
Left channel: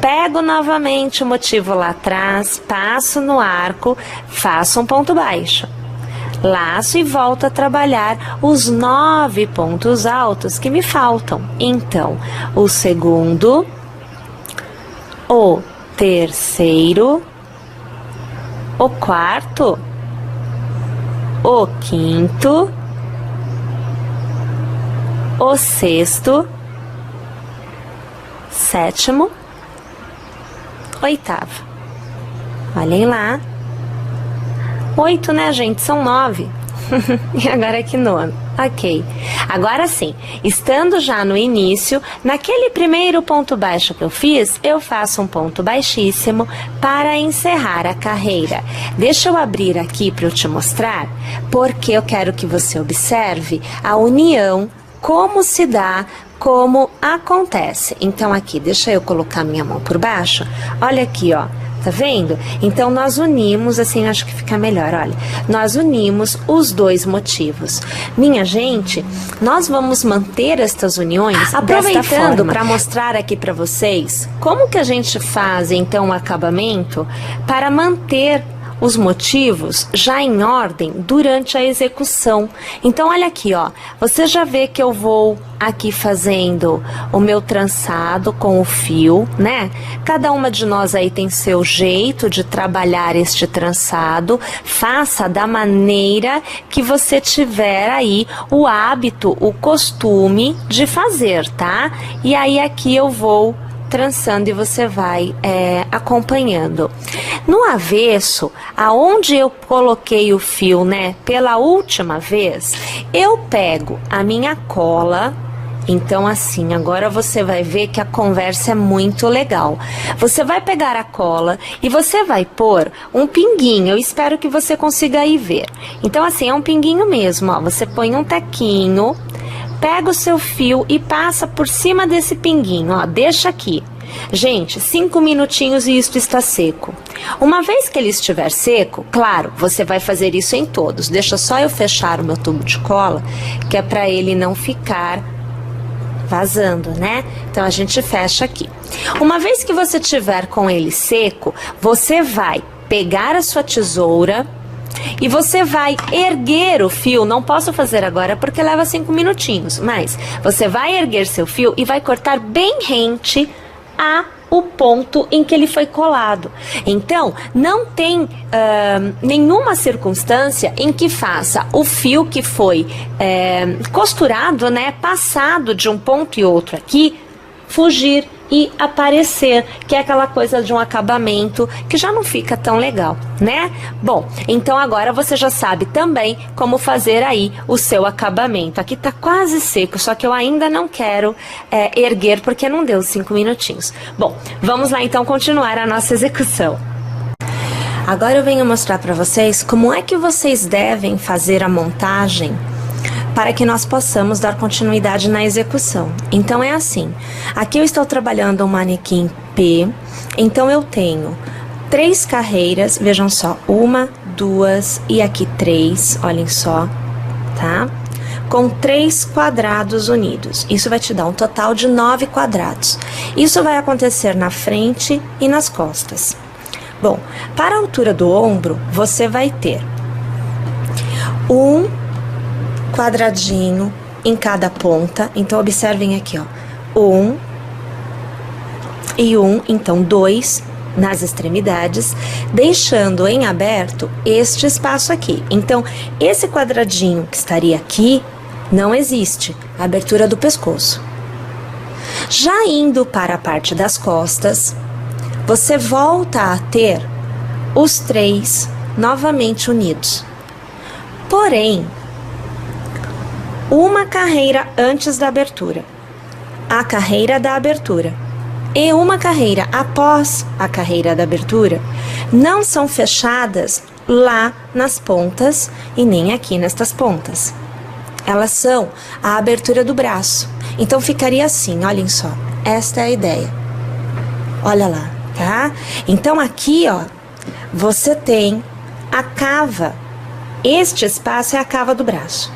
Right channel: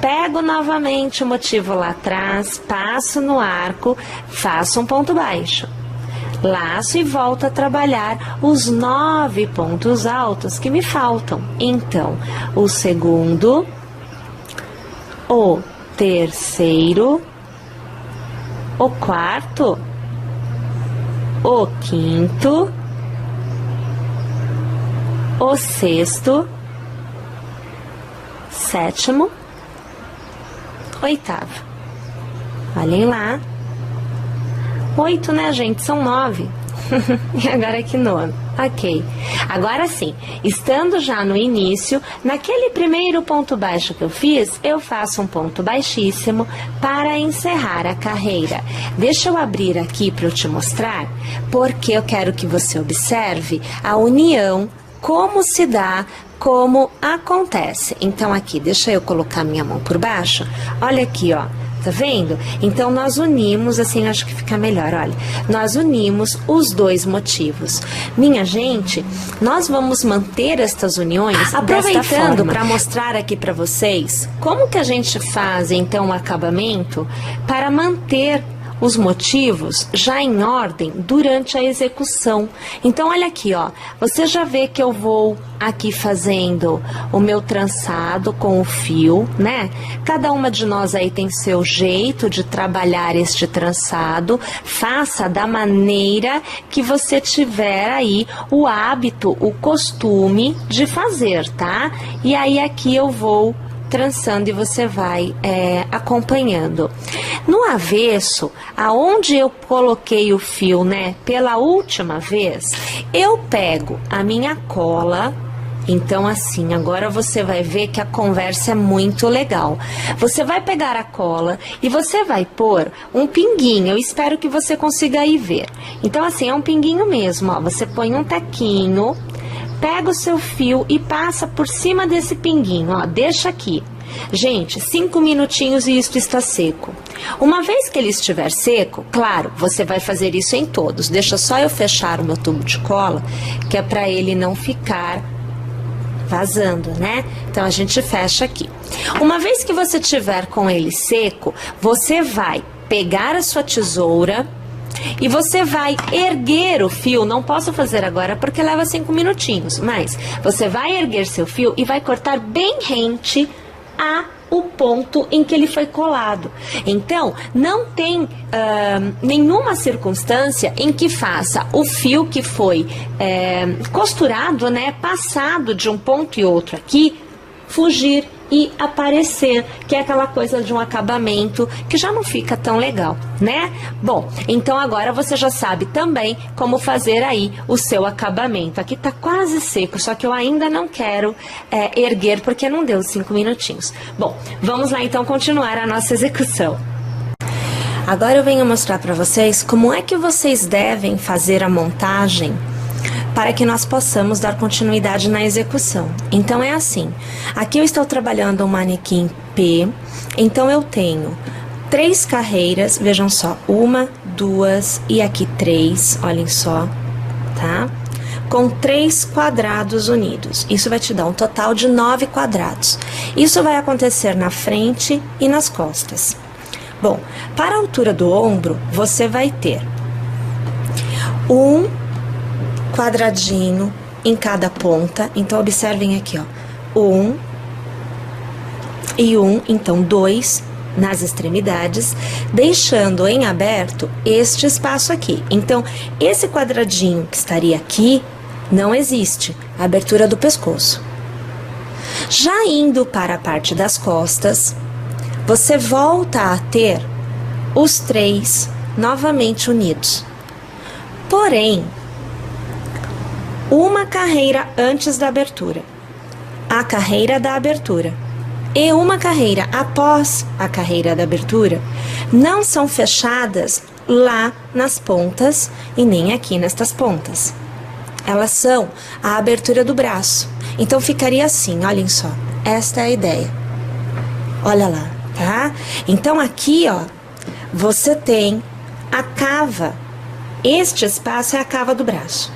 pego novamente o motivo lá atrás, passo no arco, faço um ponto baixo, laço e volto a trabalhar os 9 pontos altos que me faltam. Então, o segundo, o terceiro, o quarto, o quinto, o sexto, sétimo, oitavo. Olhem lá. 8, né, gente? São 9. E agora aqui nono. Ok. Agora sim, estando já no início, naquele primeiro ponto baixo que eu fiz, eu faço um ponto baixíssimo para encerrar a carreira. Deixa eu abrir aqui para eu te mostrar, porque eu quero que você observe a união, como se dá, como acontece. Então aqui, deixa eu colocar minha mão por baixo. Olha aqui, ó. Tá vendo? Então, nós unimos, assim, acho que fica melhor, olha. Nós unimos os 2 motivos. Minha gente, nós vamos manter estas uniões aproveitando para mostrar aqui para vocês como que a gente faz, então, o acabamento para manter os motivos já em ordem durante a execução. Então, olha aqui, ó, você já vê que eu vou aqui fazendo o meu trançado com o fio, né? Cada uma de nós aí tem seu jeito de trabalhar este trançado, faça da maneira que você tiver aí o hábito, o costume de fazer, tá? E aí aqui eu vou trançando e você vai acompanhando. No avesso, aonde eu coloquei o fio, né, pela última vez, eu pego a minha cola. Então, assim, agora você vai ver que a conversa é muito legal. Você vai pegar a cola e você vai pôr um pinguinho. Eu espero que você consiga aí ver. Então, assim, é um pinguinho mesmo, ó. Você põe um tequinho, pega o seu fio e passa por cima desse pinguinho, ó. Deixa aqui. Gente, 5 minutinhos e isto está seco. Uma vez que ele estiver seco, claro, você vai fazer isso em todos. Deixa só eu fechar o meu tubo de cola, que é para ele não ficar vazando, né? Então, a gente fecha aqui. Uma vez que você tiver com ele seco, você vai pegar a sua tesoura e você vai erguer o fio. Não posso fazer agora porque leva 5 minutinhos, mas você vai erguer seu fio e vai cortar bem rente o ponto em que ele foi colado. Então, não tem nenhuma circunstância em que faça o fio que foi costurado, né, passado de um ponto e outro aqui, fugir e aparecer, que é aquela coisa de um acabamento que já não fica tão legal, né? Bom, então agora você já sabe também como fazer aí o seu acabamento. Aqui tá quase seco, só que eu ainda não quero erguer porque não deu 5 minutinhos. Bom, vamos lá então continuar a nossa execução. Agora eu venho mostrar para vocês como é que vocês devem fazer a montagem para que nós possamos dar continuidade na execução. Então é assim, aqui eu estou trabalhando um manequim P, então eu tenho 3 carreiras, vejam só, 1, 2 e aqui 3, olhem só, tá? Com 3 quadrados unidos, isso vai te dar um total de 9 quadrados. Isso vai acontecer na frente e nas costas. Bom, para a altura do ombro, você vai ter um quadradinho em cada ponta, então observem aqui, ó, 1 e 1, então 2 nas extremidades, deixando em aberto este espaço aqui. Então, esse quadradinho que estaria aqui não existe, a abertura do pescoço. Já indo para a parte das costas, você volta a ter os 3 novamente unidos. Porém, uma carreira antes da abertura, a carreira da abertura, e uma carreira após a carreira da abertura, não são fechadas lá nas pontas e nem aqui nestas pontas. Elas são a abertura do braço. Então ficaria assim, olhem só, esta é a ideia. Olha lá, tá? Então aqui, ó, você tem a cava. Este espaço é a cava do braço.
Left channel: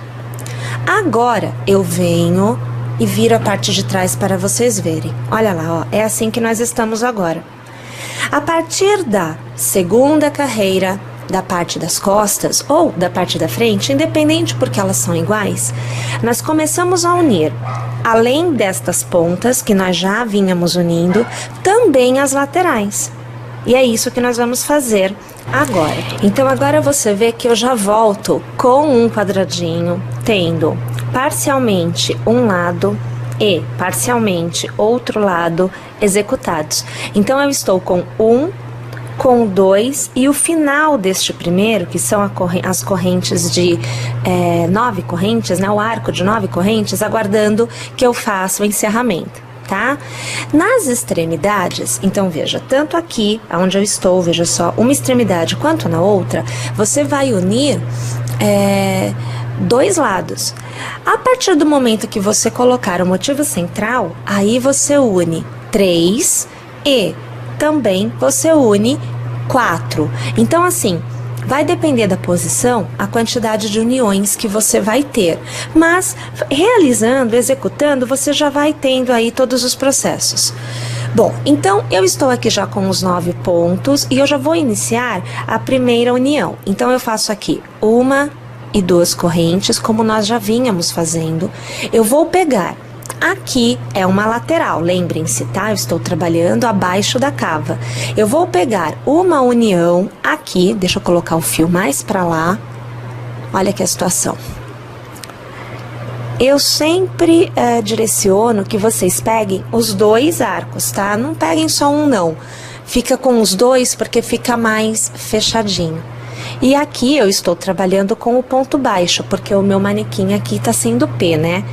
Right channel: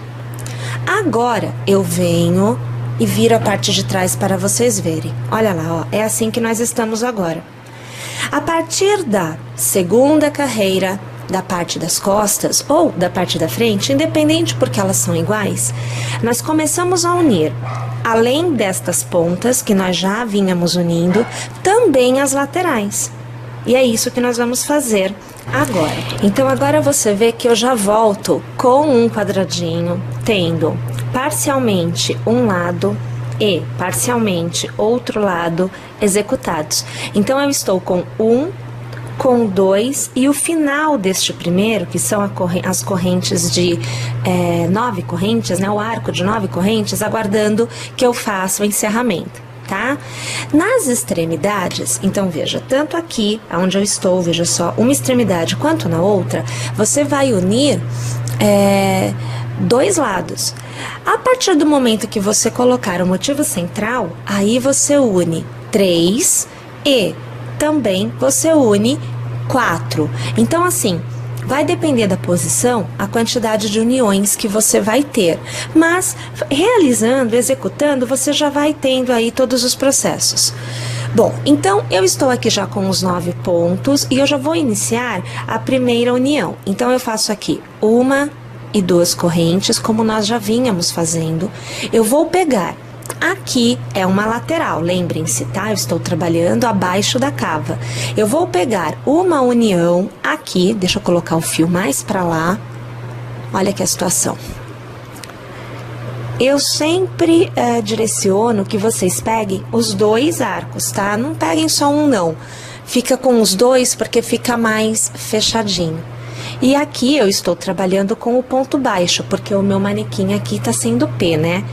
Agora eu venho e viro a parte de trás para vocês verem. Olha lá, ó, é assim que nós estamos agora. A partir da segunda carreira, da parte das costas ou da parte da frente, independente porque elas são iguais, nós começamos a unir, além destas pontas que nós já vínhamos unindo, também as laterais. E é isso que nós vamos fazer agora. Então agora você vê que eu já volto com um quadradinho, tendo parcialmente um lado e parcialmente outro lado executados. Então eu estou com 1, com 2 e o final deste primeiro, que são as correntes de 9 correntes, né? O arco de 9 correntes, aguardando que eu faça o encerramento. Tá? Nas extremidades, então veja, tanto aqui onde eu estou, veja só, uma extremidade quanto na outra, você vai unir 2 lados. A partir do momento que você colocar o motivo central, aí você une 3 e também você une 4. Então assim, vai depender da posição, a quantidade de uniões que você vai ter. Mas, realizando, executando, você já vai tendo aí todos os processos. Bom, então eu estou aqui já com os 9 pontos e eu já vou iniciar a primeira união. Então eu faço aqui 1 e 2 correntes, como nós já vínhamos fazendo. Eu vou pegar. Aqui é uma lateral, lembrem-se, tá? Eu estou trabalhando abaixo da cava. Eu vou pegar uma união aqui, deixa eu colocar o fio mais para lá. Olha aqui a situação. Eu sempre direciono que vocês peguem os 2 arcos, tá? Não peguem só um, não. Fica com os 2 porque fica mais fechadinho. E aqui eu estou trabalhando com o ponto baixo, porque o meu manequim aqui tá sendo P, né?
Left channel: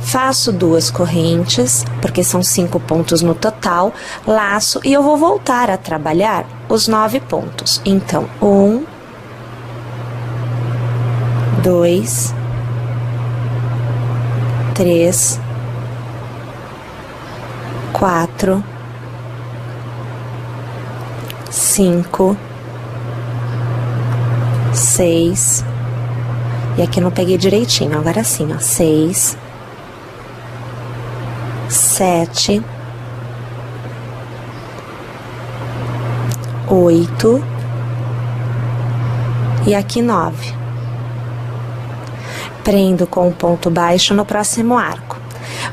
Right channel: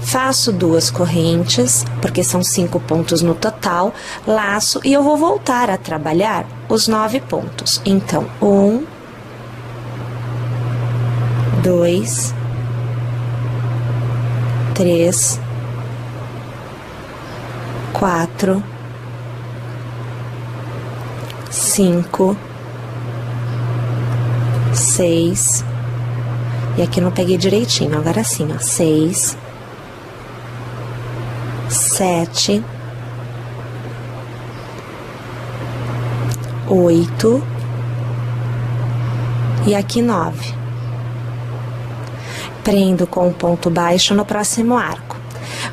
Faço 2 correntes, porque são 5 pontos no total, laço e eu vou voltar a trabalhar os 9 pontos. Então, 1, 2, 3, 4, 5, 6, e aqui não peguei direitinho, agora sim, ó, 6, 7, 8 e aqui 9. Prendo com o ponto baixo no próximo arco.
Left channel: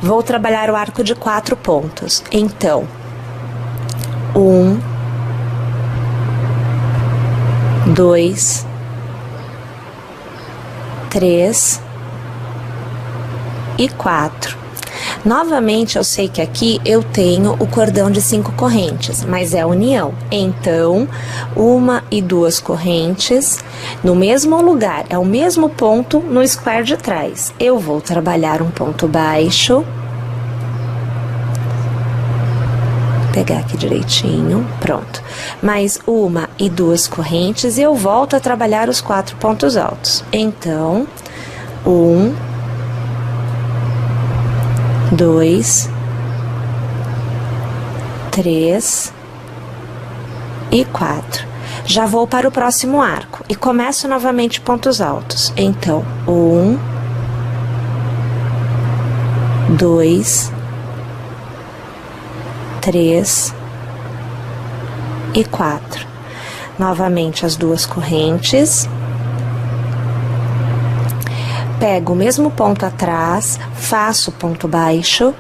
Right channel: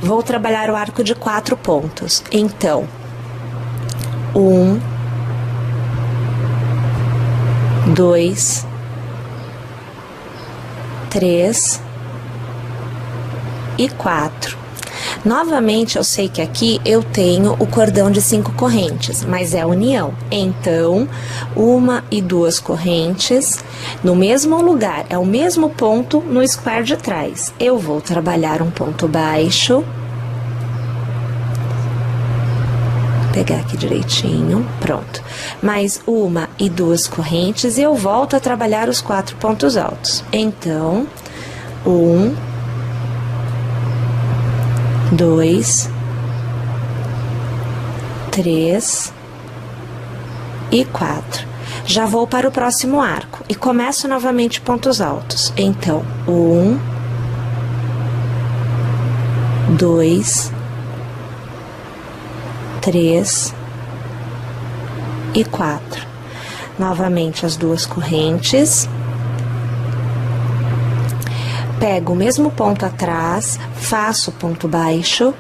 Vou trabalhar o arco de 4 pontos. Então, 1, 2, 3 e 4. Novamente, eu sei que aqui eu tenho o cordão de 5 correntes, mas é união. Então, 1 e 2 correntes no mesmo lugar, é o mesmo ponto no square de trás. Eu vou trabalhar um ponto baixo. Pegar aqui direitinho, pronto. Mais 1 e 2 correntes e eu volto a trabalhar os 4 pontos altos. Então, 1, 2, 3 e 4. Já vou para o próximo arco e começo novamente pontos altos. Então, 1, 2, 3 e 4. Novamente as 2 correntes. Pego o mesmo ponto atrás, faço ponto baixo.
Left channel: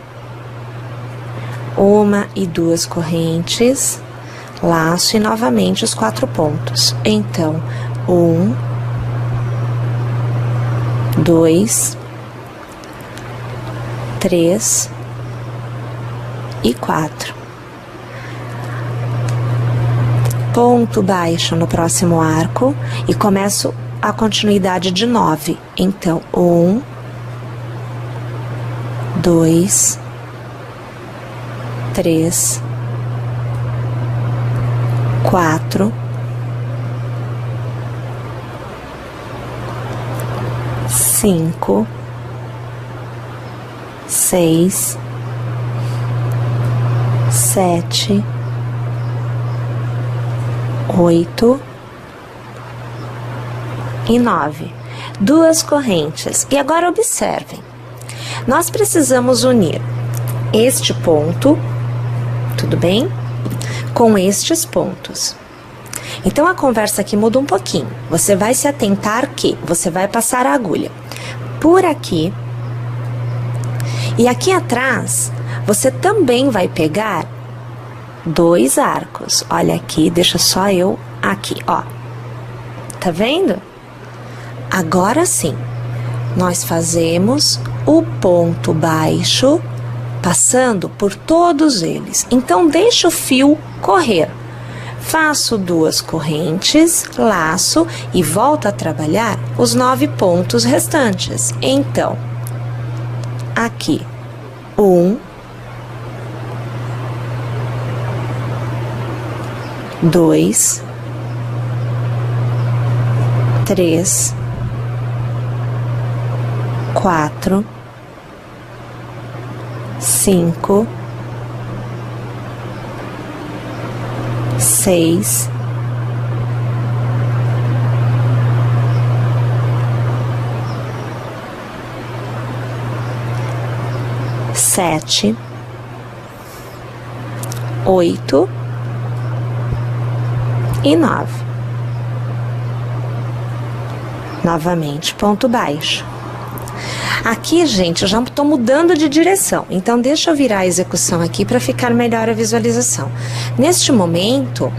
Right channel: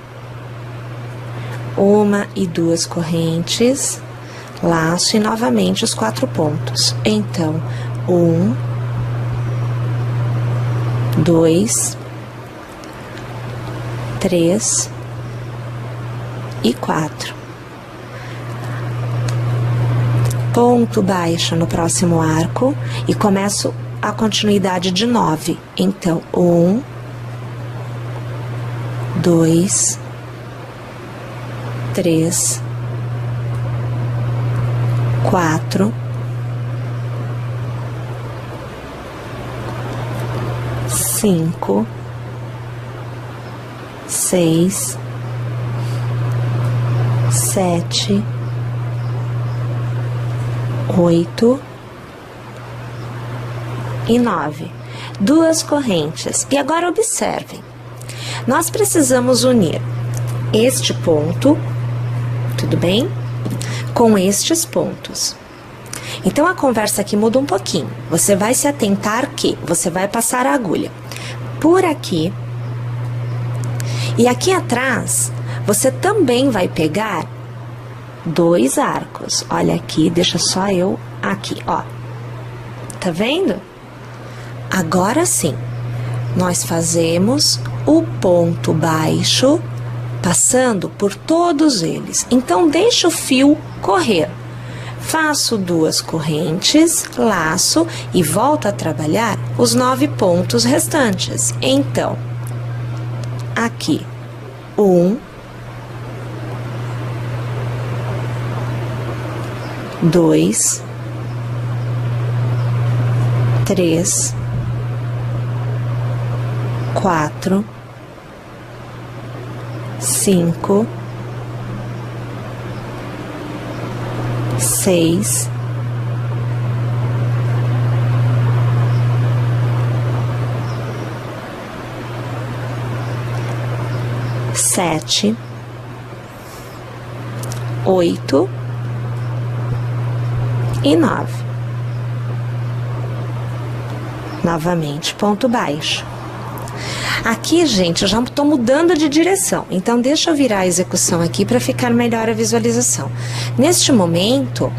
1 e 2 correntes, laço e novamente os 4 pontos. Então, 1, 2, 3 e 4. Ponto baixo no próximo arco e começo a continuidade de 9. Então, 1, 2, 3, 4, 5, 6, 7, 8 e 9. 2 correntes. E agora observem. Nós precisamos unir este ponto, tudo bem? Com estes pontos. Então, a conversa aqui muda um pouquinho. Você vai se atentar que você vai passar a agulha por aqui. E aqui atrás, você também vai pegar 2 arcos. Olha aqui, deixa só eu aqui, ó. Tá vendo? Agora sim, nós fazemos o ponto baixo, passando por todos eles. Então, deixa o fio correr. Faço 2 correntes, laço e volto a trabalhar os 9 pontos restantes. Então, aqui, 1, 2, 3, 4, 5, 6, 7, 8 e 9. Novamente, ponto baixo. Aqui, gente, eu já estou mudando de direção, então deixa eu virar a execução aqui para ficar melhor a visualização. Neste momento,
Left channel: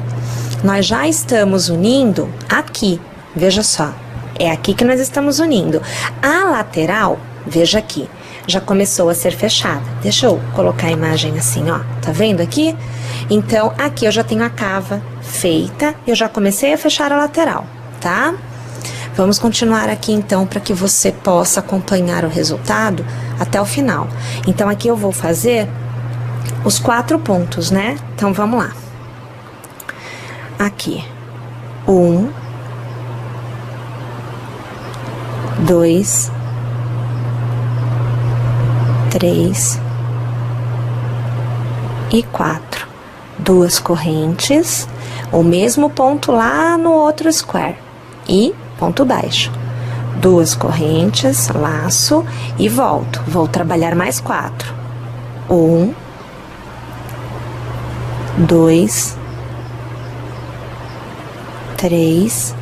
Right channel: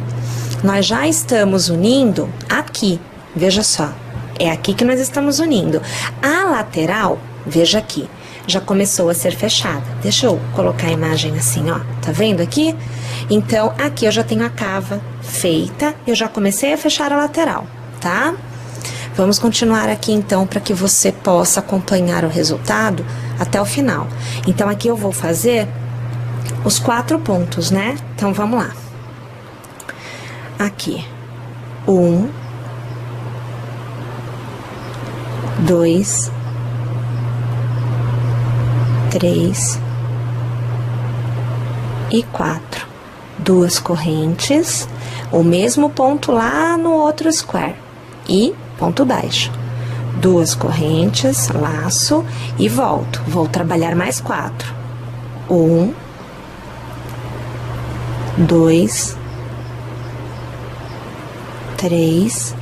nós já estamos unindo aqui, veja só, é aqui que nós estamos unindo. A lateral, veja aqui, já começou a ser fechada. Deixa eu colocar a imagem assim, ó, tá vendo aqui? Então, aqui eu já tenho a cava feita, eu já comecei a fechar a lateral, tá? Vamos continuar aqui, então, para que você possa acompanhar o resultado até o final. Então, aqui eu vou fazer os 4 pontos, né? Então, vamos lá. Aqui. 1, 2, 3 e 4. 2 correntes, o mesmo ponto lá no outro square. E ponto baixo. 2 correntes, laço e volto. Vou trabalhar mais 4. 1, 2, 3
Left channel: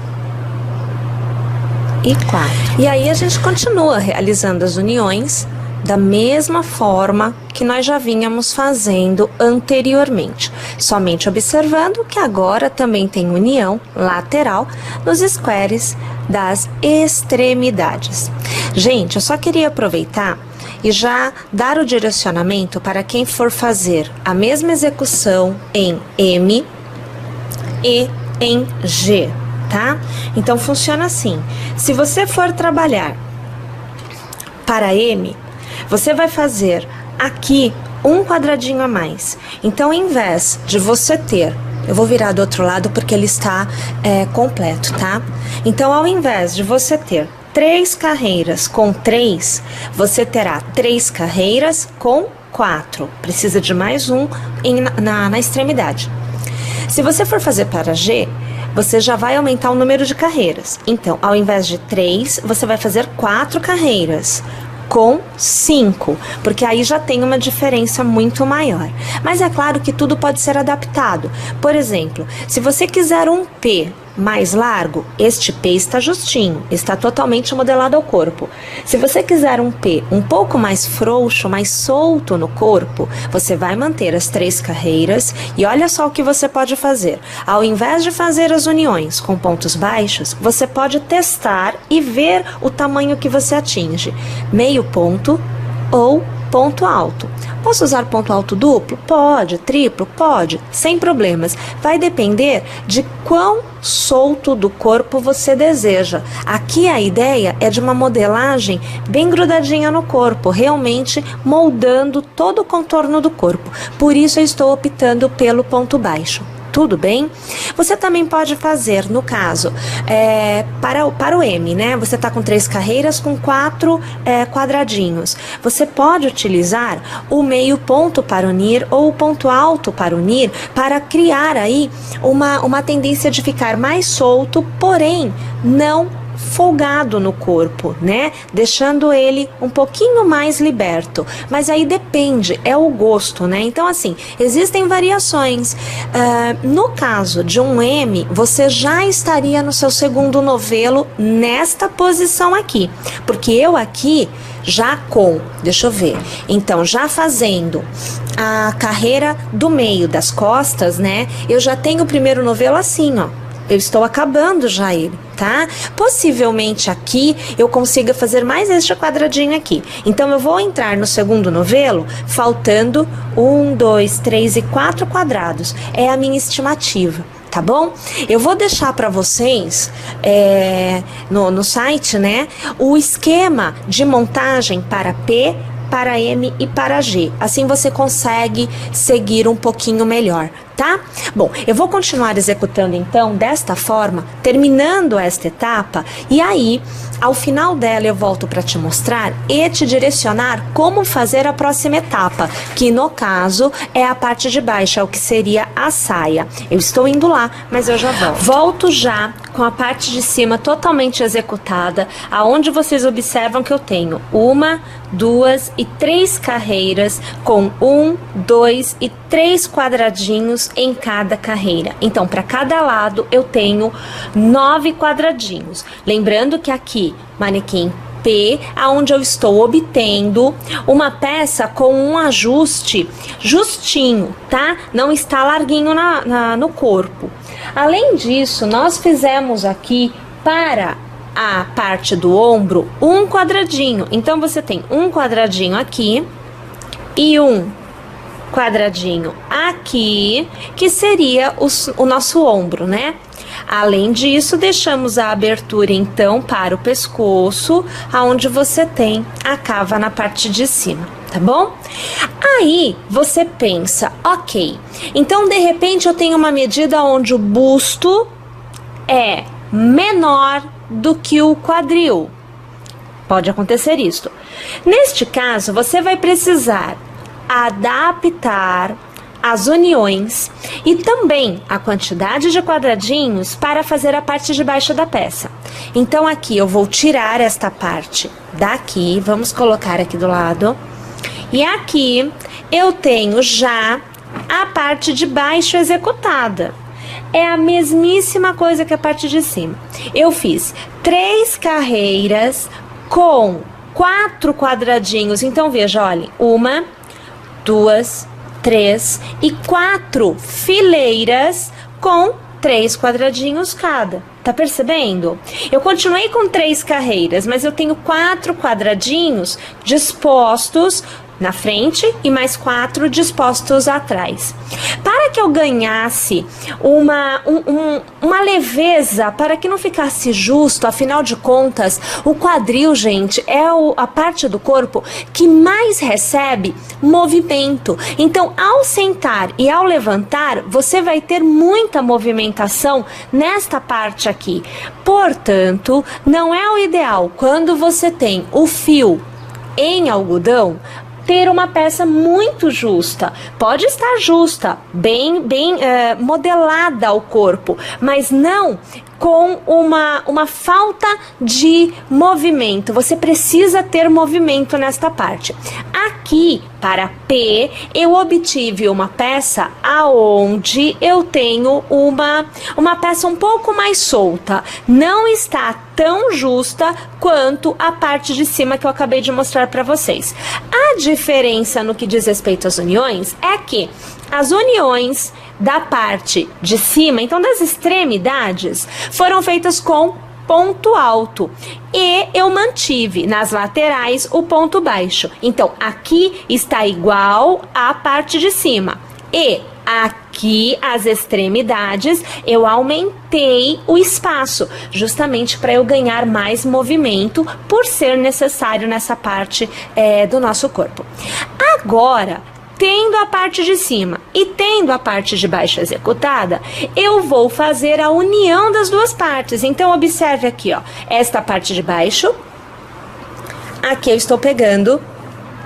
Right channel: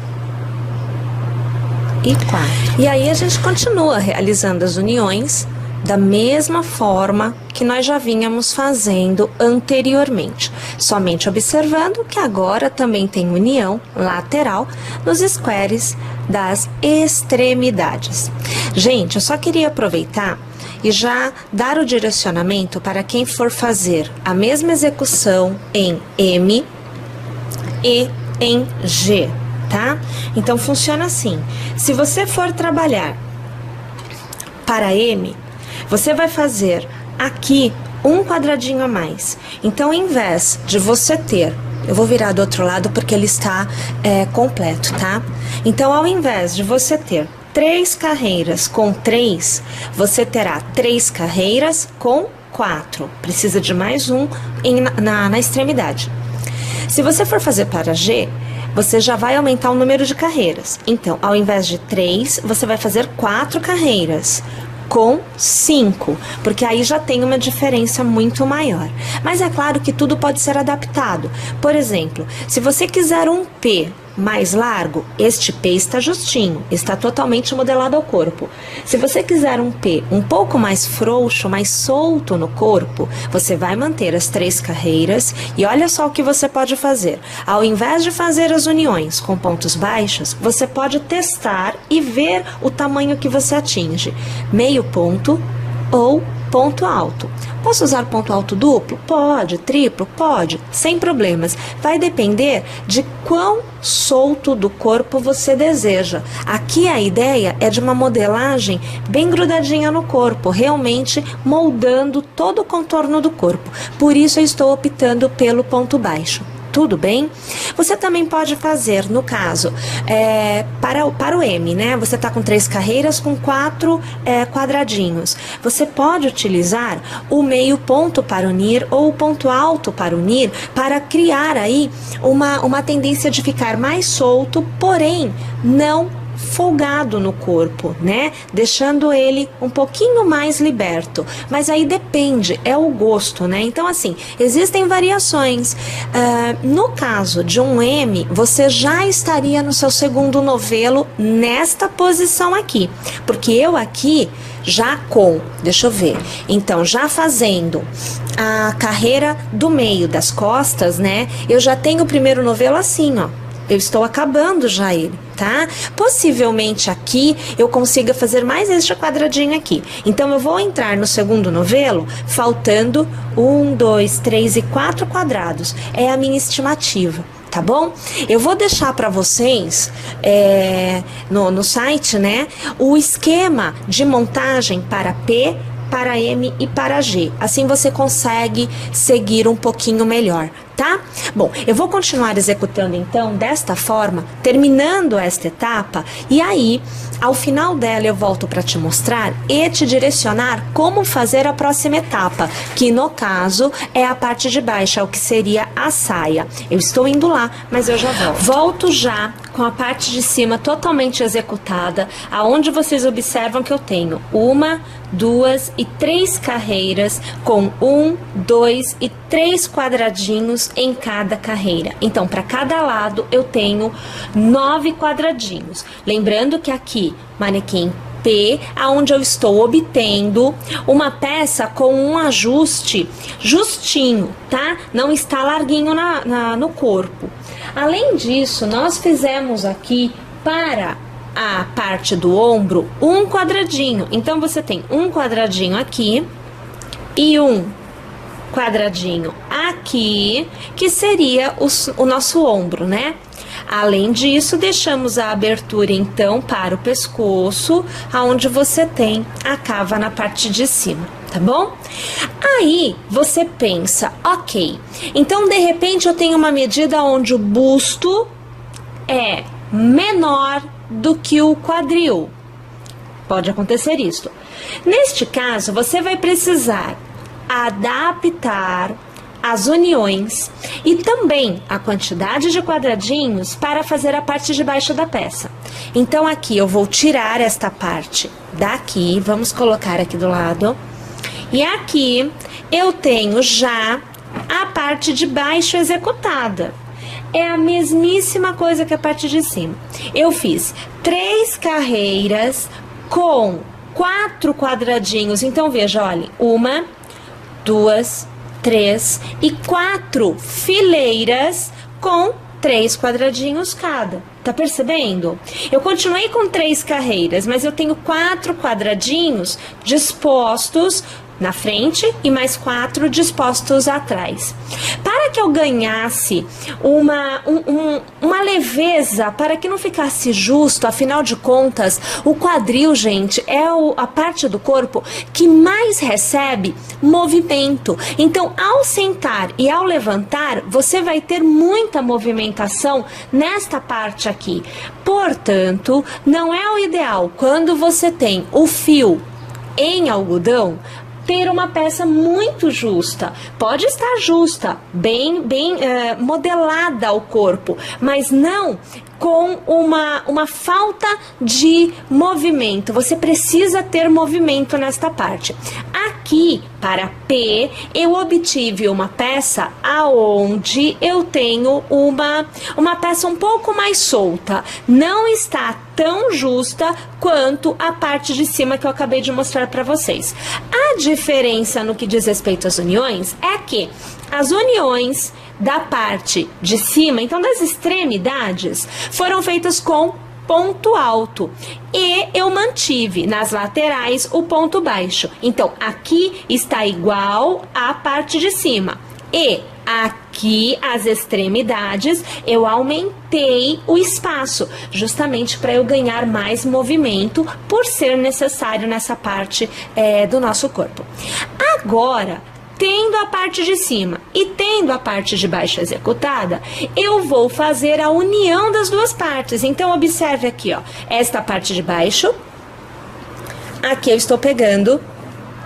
e 4. E aí a gente continua realizando as uniões da mesma forma que nós já vínhamos fazendo anteriormente, somente observando que agora também tem união lateral nos squares das extremidades. Gente, eu só queria aproveitar e já dar o direcionamento para quem for fazer a mesma execução em M e em G, tá? Então funciona assim: se você for trabalhar para M, você vai fazer aqui um quadradinho a mais. Então, em vez de você ter, eu vou virar do outro lado porque ele está completo, tá? Então, ao invés de você ter 3 carreiras com 3, você terá 3 carreiras com 4. Precisa de mais um na extremidade. Se você for fazer para G, você já vai aumentar o número de carreiras. Então, ao invés de 3, você vai fazer 4 carreiras com 5, porque aí já tem uma diferença muito maior. Mas é claro que tudo pode ser adaptado. Por exemplo, se você quiser um P mais largo, este P está justinho, está totalmente modelado ao corpo. Se você quiser um P um pouco mais frouxo, mais solto no corpo, você vai manter as 3 carreiras e olha só o que você pode fazer. Ao invés de fazer as uniões com pontos baixos, você pode testar e ver o tamanho que você atinge. Meio ponto ou ponto alto. Posso usar ponto alto duplo? Pode. Triplo? Pode. Sem problemas. Vai depender de quão solto do corpo você deseja. Aqui a ideia é de uma modelagem bem grudadinha no corpo, realmente moldando todo o contorno do corpo. Por isso eu estou optando pelo ponto baixo. Tudo bem? Você também pode fazer, no caso, para o M, né? Você está com 3 carreiras com 4 quadradinhos. Você pode utilizar o meio ponto para unir ou o ponto alto para unir para criar aí uma tendência de ficar mais solto, porém não folgado no corpo, né? Deixando ele um pouquinho mais liberto. Mas aí depende, é o gosto, né? Então, assim, existem variações. No caso de um M, você já estaria no seu segundo novelo nesta posição aqui. Porque eu aqui, já deixa eu ver, então, já fazendo a carreira do meio das costas, né? Eu já tenho o primeiro novelo assim, ó. Eu estou acabando já ele, tá? Possivelmente aqui eu consiga fazer mais este quadradinho aqui. Então, eu vou entrar no segundo novelo faltando 1, 2, 3 e 4 quadrados. É a minha estimativa, tá bom? Eu vou deixar para vocês no site, né, o esquema de montagem para P, para M e para G. Assim você consegue seguir um pouquinho melhor, tá? Bom, eu vou continuar executando então desta forma, terminando esta etapa, e aí, ao final dela, eu volto para te mostrar e te direcionar como fazer a próxima etapa, que no caso é a parte de baixo, é o que seria a saia. Eu estou indo lá, mas eu já volto. Volto já com a parte de cima totalmente executada, aonde vocês observam que eu tenho 1, 2 e 3 carreiras com 1, 2 e 3 quadradinhos em cada carreira. Então, para cada lado eu tenho 9 quadradinhos. Lembrando que aqui, manequim P, aonde eu estou obtendo uma peça com um ajuste justinho, tá? Não está larguinho no corpo. Além disso, nós fizemos aqui para a parte do ombro um quadradinho. Então, você tem um quadradinho aqui e um quadradinho aqui, que seria o nosso ombro, né? Além disso, deixamos a abertura, então, para o pescoço, aonde você tem a cava na parte de cima, tá bom? Aí, você pensa, ok, então, de repente, eu tenho uma medida onde o busto é menor do que o quadril. Pode acontecer isso. Neste caso, você vai precisar adaptar as uniões e também a quantidade de quadradinhos para fazer a parte de baixo da peça. Então, aqui eu vou tirar esta parte daqui, vamos colocar aqui do lado, e aqui eu tenho já a parte de baixo executada. É a mesmíssima coisa que a parte de cima. Eu fiz 3 carreiras com 4 quadradinhos. Então, veja, olha, 1, 2, 3 e 4 fileiras com 3 quadradinhos cada. Tá percebendo? Eu continuei com 3 carreiras, mas eu tenho 4 quadradinhos dispostos na frente e mais 4 dispostos atrás. Para que eu ganhasse uma leveza, para que não ficasse justo, afinal de contas, o quadril, gente, é a parte do corpo que mais recebe movimento. Então, ao sentar e ao levantar, você vai ter muita movimentação nesta parte aqui. Portanto, não é o ideal quando você tem o fio em algodão ter uma peça muito justa. Pode estar justa, bem modelada ao corpo, mas não com uma falta de movimento. Você precisa ter movimento nesta parte. Aqui, para P, eu obtive uma peça aonde eu tenho uma peça um pouco mais solta. Não está tão justa quanto a parte de cima que eu acabei de mostrar para vocês. A diferença no que diz respeito às uniões é que as uniões da parte de cima, então das extremidades, foram feitas com ponto alto e eu mantive nas laterais o ponto baixo. Então, aqui está igual à parte de cima e aqui as extremidades eu aumentei o espaço, justamente para eu ganhar mais movimento por ser necessário nessa parte do nosso corpo. Agora, tendo a parte de cima e tendo a parte de baixo executada, eu vou fazer a união das duas partes. Então, observe aqui, ó, esta parte de baixo, aqui eu estou pegando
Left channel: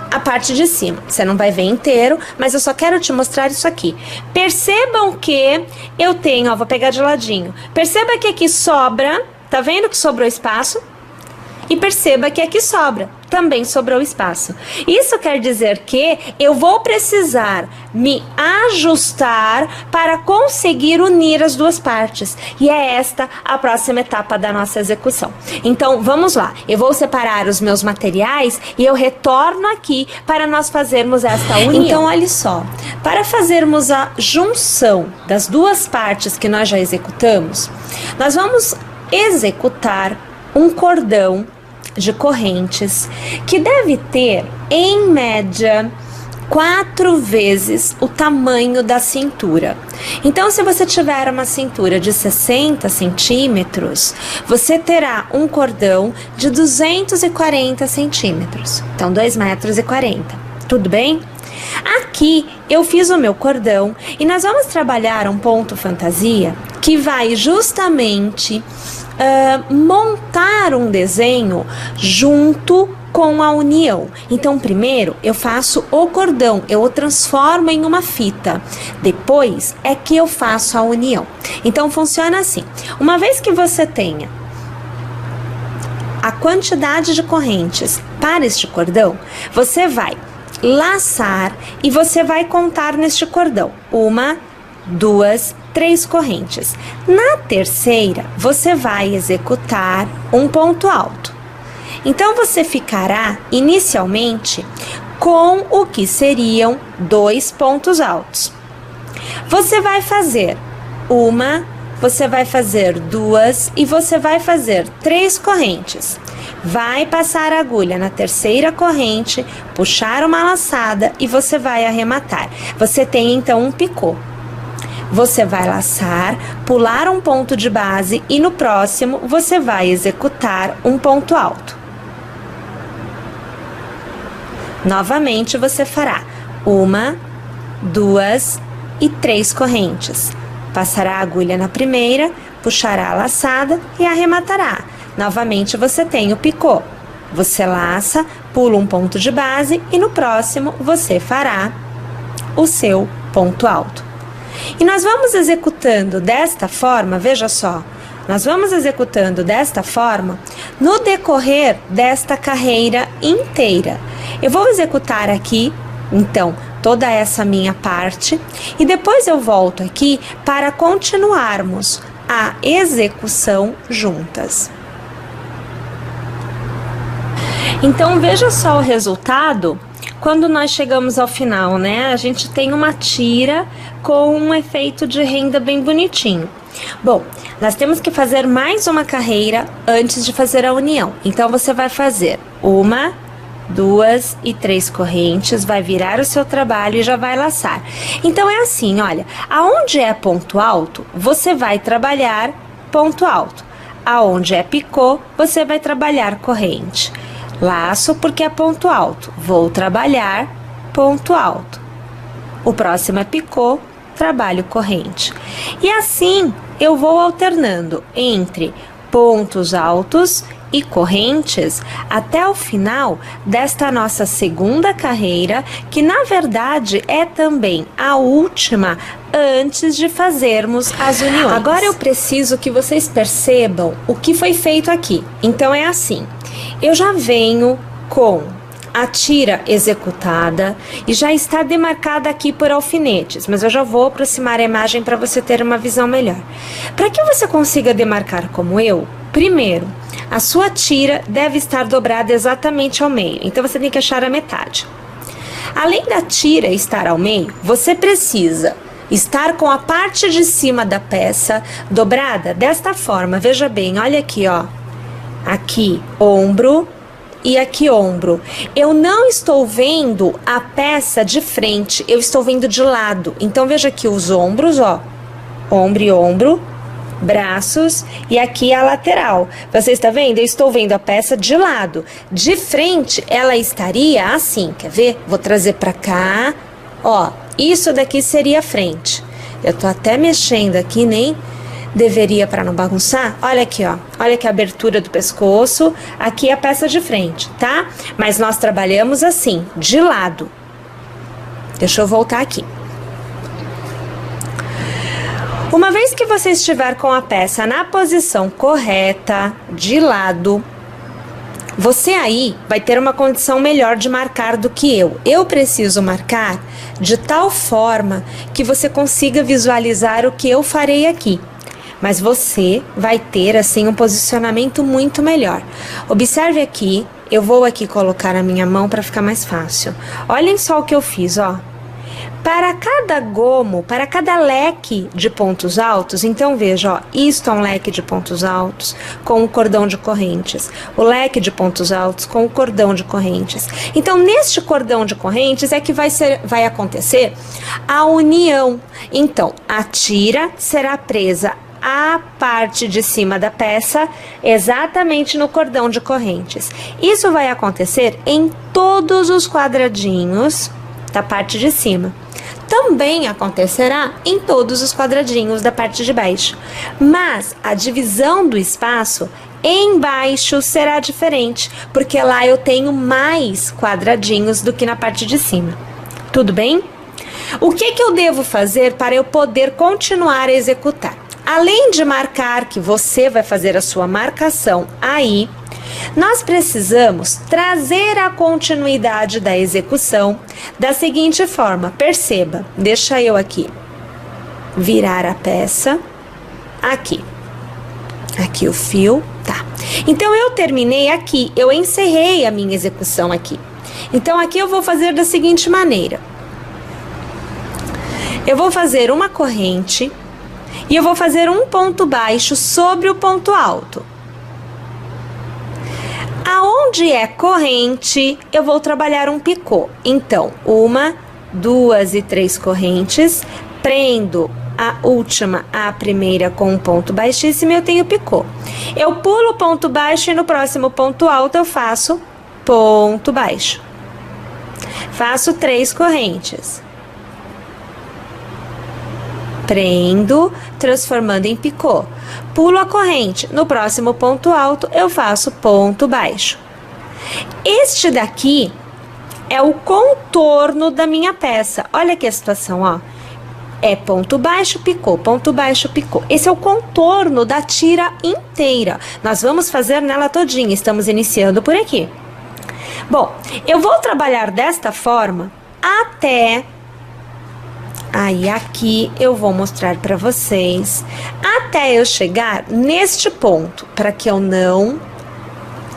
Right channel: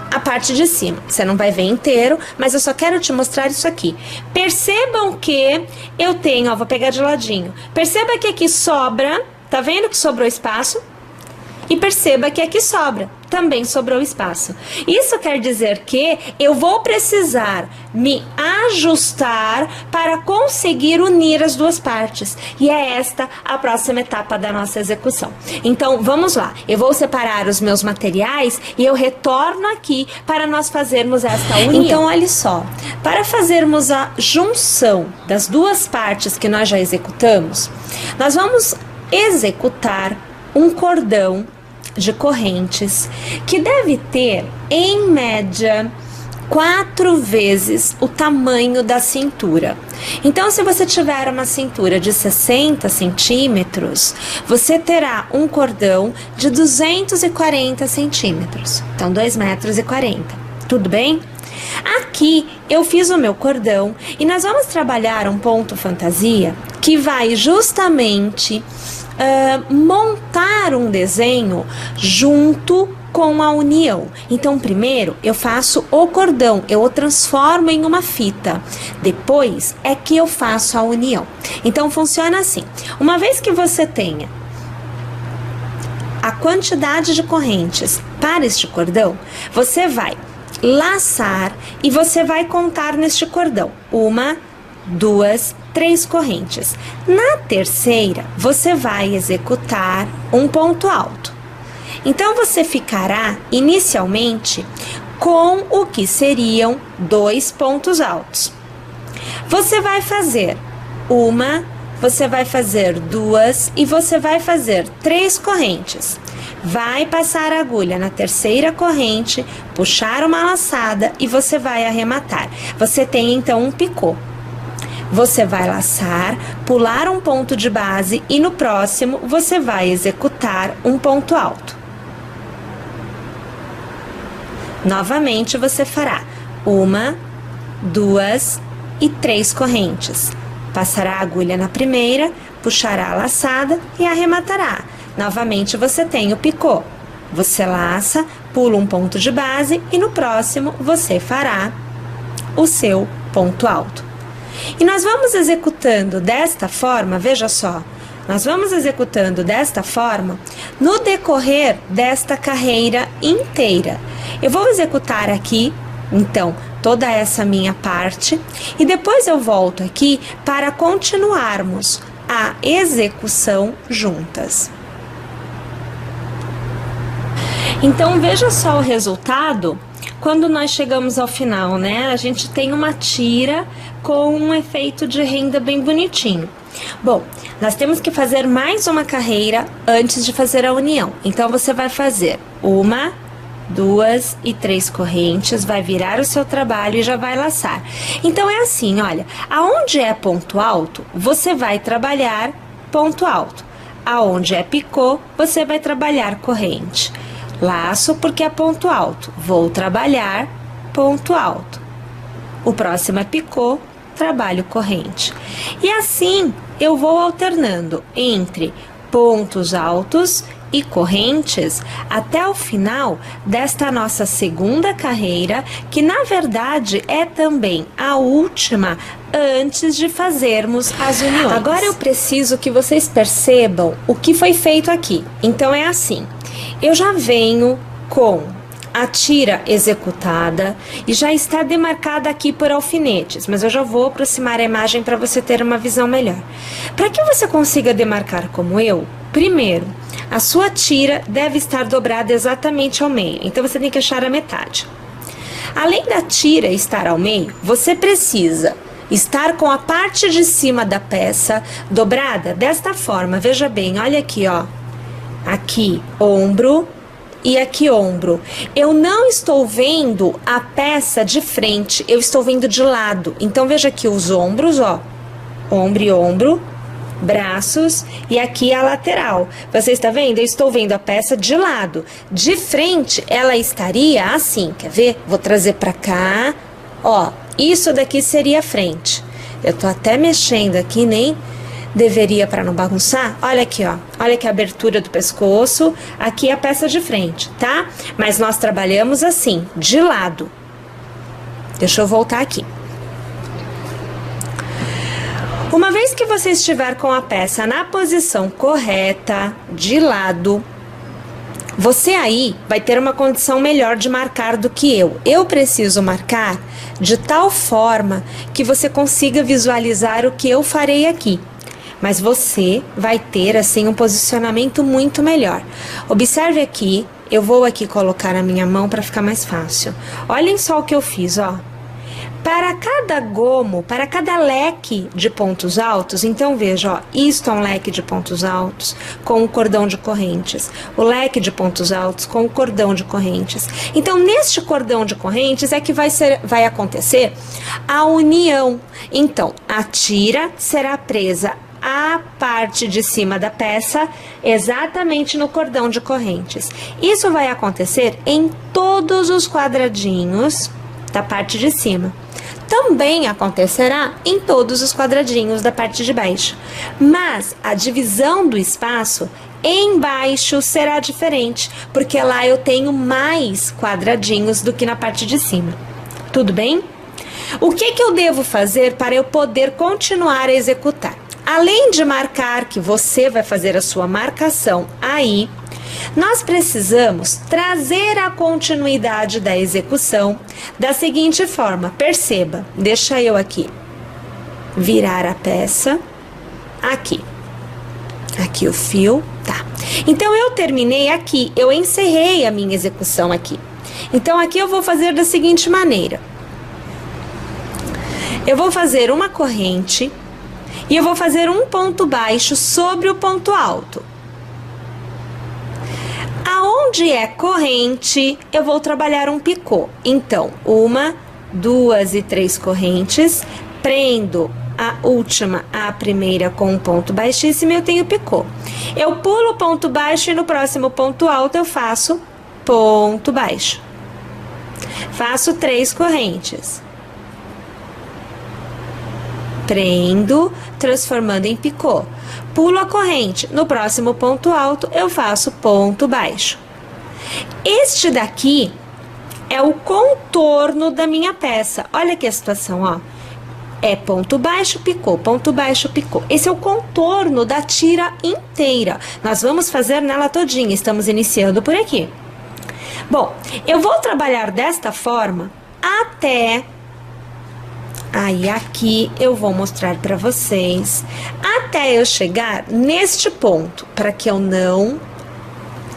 a parte de cima. Você não vai ver inteiro, mas eu só quero te mostrar isso aqui. Percebam que eu tenho, ó, vou pegar de ladinho. Perceba que aqui sobra, tá vendo que sobrou espaço? E perceba que aqui sobra, também sobrou espaço. Isso quer dizer que eu vou precisar me ajustar para conseguir unir as duas partes. E é esta a próxima etapa da nossa execução. Então, vamos lá. Eu vou separar os meus materiais e eu retorno aqui para nós fazermos esta união. Então, olha só. Para fazermos a junção das duas partes que nós já executamos, nós vamos executar um cordão de correntes que deve ter, em média, 4 vezes o tamanho da cintura. Então, se você tiver uma cintura de 60 centímetros, você terá um cordão de 240 centímetros. Então, 2,40 m. Tudo bem? Aqui eu fiz o meu cordão e nós vamos trabalhar um ponto fantasia que vai justamente montar um desenho junto com a união. Então, primeiro eu faço o cordão, eu o transformo em uma fita. Depois é que eu faço a união. Então, funciona assim. Uma vez que você tenha a quantidade de correntes para este cordão, você vai laçar e você vai contar neste cordão 1, 2, 3 correntes. Na terceira, você vai executar um ponto alto. Então, você ficará inicialmente com o que seriam 2 pontos altos. Você vai fazer 1, você vai fazer 2 e você vai fazer 3 correntes. Vai passar a agulha na terceira corrente, puxar uma laçada e você vai arrematar. Você tem então um picô. Você vai laçar, pular um ponto de base e no próximo você vai executar um ponto alto. Novamente você fará 1, 2 e 3 correntes. Passará a agulha na primeira, puxará a laçada e arrematará. Novamente você tem o picô. Você laça, pula um ponto de base e no próximo você fará o seu ponto alto. E nós vamos executando desta forma, veja só, nós vamos executando desta forma no decorrer desta carreira inteira. Eu vou executar aqui, então, toda essa minha parte e depois eu volto aqui para continuarmos a execução juntas. Então, veja só o resultado quando nós chegamos ao final, né? A gente tem uma tira com um efeito de renda bem bonitinho. Bom, nós temos que fazer mais uma carreira antes de fazer a união. Então, você vai fazer 1, 2 e 3 correntes, vai virar o seu trabalho e já vai laçar. Então, é assim, olha, aonde é ponto alto, você vai trabalhar ponto alto. Aonde é picô, você vai trabalhar corrente. Laço porque é ponto alto, vou trabalhar ponto alto. O próximo é picô, trabalho corrente. E assim, eu vou alternando entre pontos altos e correntes até o final desta nossa segunda carreira, que na verdade é também a última antes de fazermos as uniões. Agora eu preciso que vocês percebam o que foi feito aqui. Então é assim, eu já venho com a tira executada e já está demarcada aqui por alfinetes, mas eu já vou aproximar a imagem para você ter uma visão melhor. Para que você consiga demarcar como eu, primeiro, a sua tira deve estar dobrada exatamente ao meio, então você tem que achar a metade. Além da tira estar ao meio, você precisa estar com a parte de cima da peça dobrada desta forma. Veja bem, olha aqui, ó. Aqui, ombro e aqui, ombro. Eu não estou vendo a peça de frente, eu estou vendo de lado. Então, veja aqui os ombros, ó. Ombro e ombro. Braços e aqui a lateral. Você está vendo? Eu estou vendo a peça de lado. De frente, ela estaria assim. Quer ver? Vou trazer para cá. Ó, isso daqui seria a frente. Eu tô até mexendo aqui, nem deveria para não bagunçar. Olha aqui, ó. Olha aqui a abertura do pescoço. Aqui a peça de frente, tá? Mas nós trabalhamos assim, de lado. Deixa eu voltar aqui. Uma vez que você estiver com a peça na posição correta, de lado, você aí vai ter uma condição melhor de marcar do que eu. Eu preciso marcar de tal forma que você consiga visualizar o que eu farei aqui. Mas você vai ter, assim, um posicionamento muito melhor. Observe aqui, eu vou aqui colocar a minha mão para ficar mais fácil. Olhem só o que eu fiz, ó. Para cada gomo, para cada leque de pontos altos, então veja, ó, isto é um leque de pontos altos com o cordão de correntes, o leque de pontos altos com o cordão de correntes. Então, neste cordão de correntes é que vai acontecer a união. Então, a tira será presa à parte de cima da peça, exatamente no cordão de correntes. Isso vai acontecer em todos os quadradinhos da parte de cima. Também acontecerá em todos os quadradinhos da parte de baixo. Mas a divisão do espaço embaixo será diferente, porque lá eu tenho mais quadradinhos do que na parte de cima. Tudo bem? O que eu devo fazer para eu poder continuar a executar? Além de marcar que você vai fazer a sua marcação aí, nós precisamos trazer a continuidade da execução da seguinte forma. Perceba, deixa eu aqui virar a peça, aqui o fio, tá. Então, eu terminei aqui, eu encerrei a minha execução aqui. Então, aqui eu vou fazer da seguinte maneira. Eu vou fazer uma corrente e eu vou fazer um ponto baixo sobre o ponto alto. Aonde é corrente, eu vou trabalhar um picô. Então, 1, 2 e 3 correntes, prendo a última à primeira com um ponto baixíssimo e eu tenho picô. Eu pulo o ponto baixo e no próximo ponto alto eu faço ponto baixo. Faço 3 correntes. Prendo, transformando em picô. Pulo a corrente. No próximo ponto alto, eu faço ponto baixo. Este daqui é o contorno da minha peça. Olha aqui a situação, ó. É ponto baixo, picô, ponto baixo, picô. Esse é o contorno da tira inteira. Nós vamos fazer nela todinha. Estamos iniciando por aqui. Bom, eu vou trabalhar desta forma até... Aí, aqui eu vou mostrar para vocês até eu chegar neste ponto, para que eu não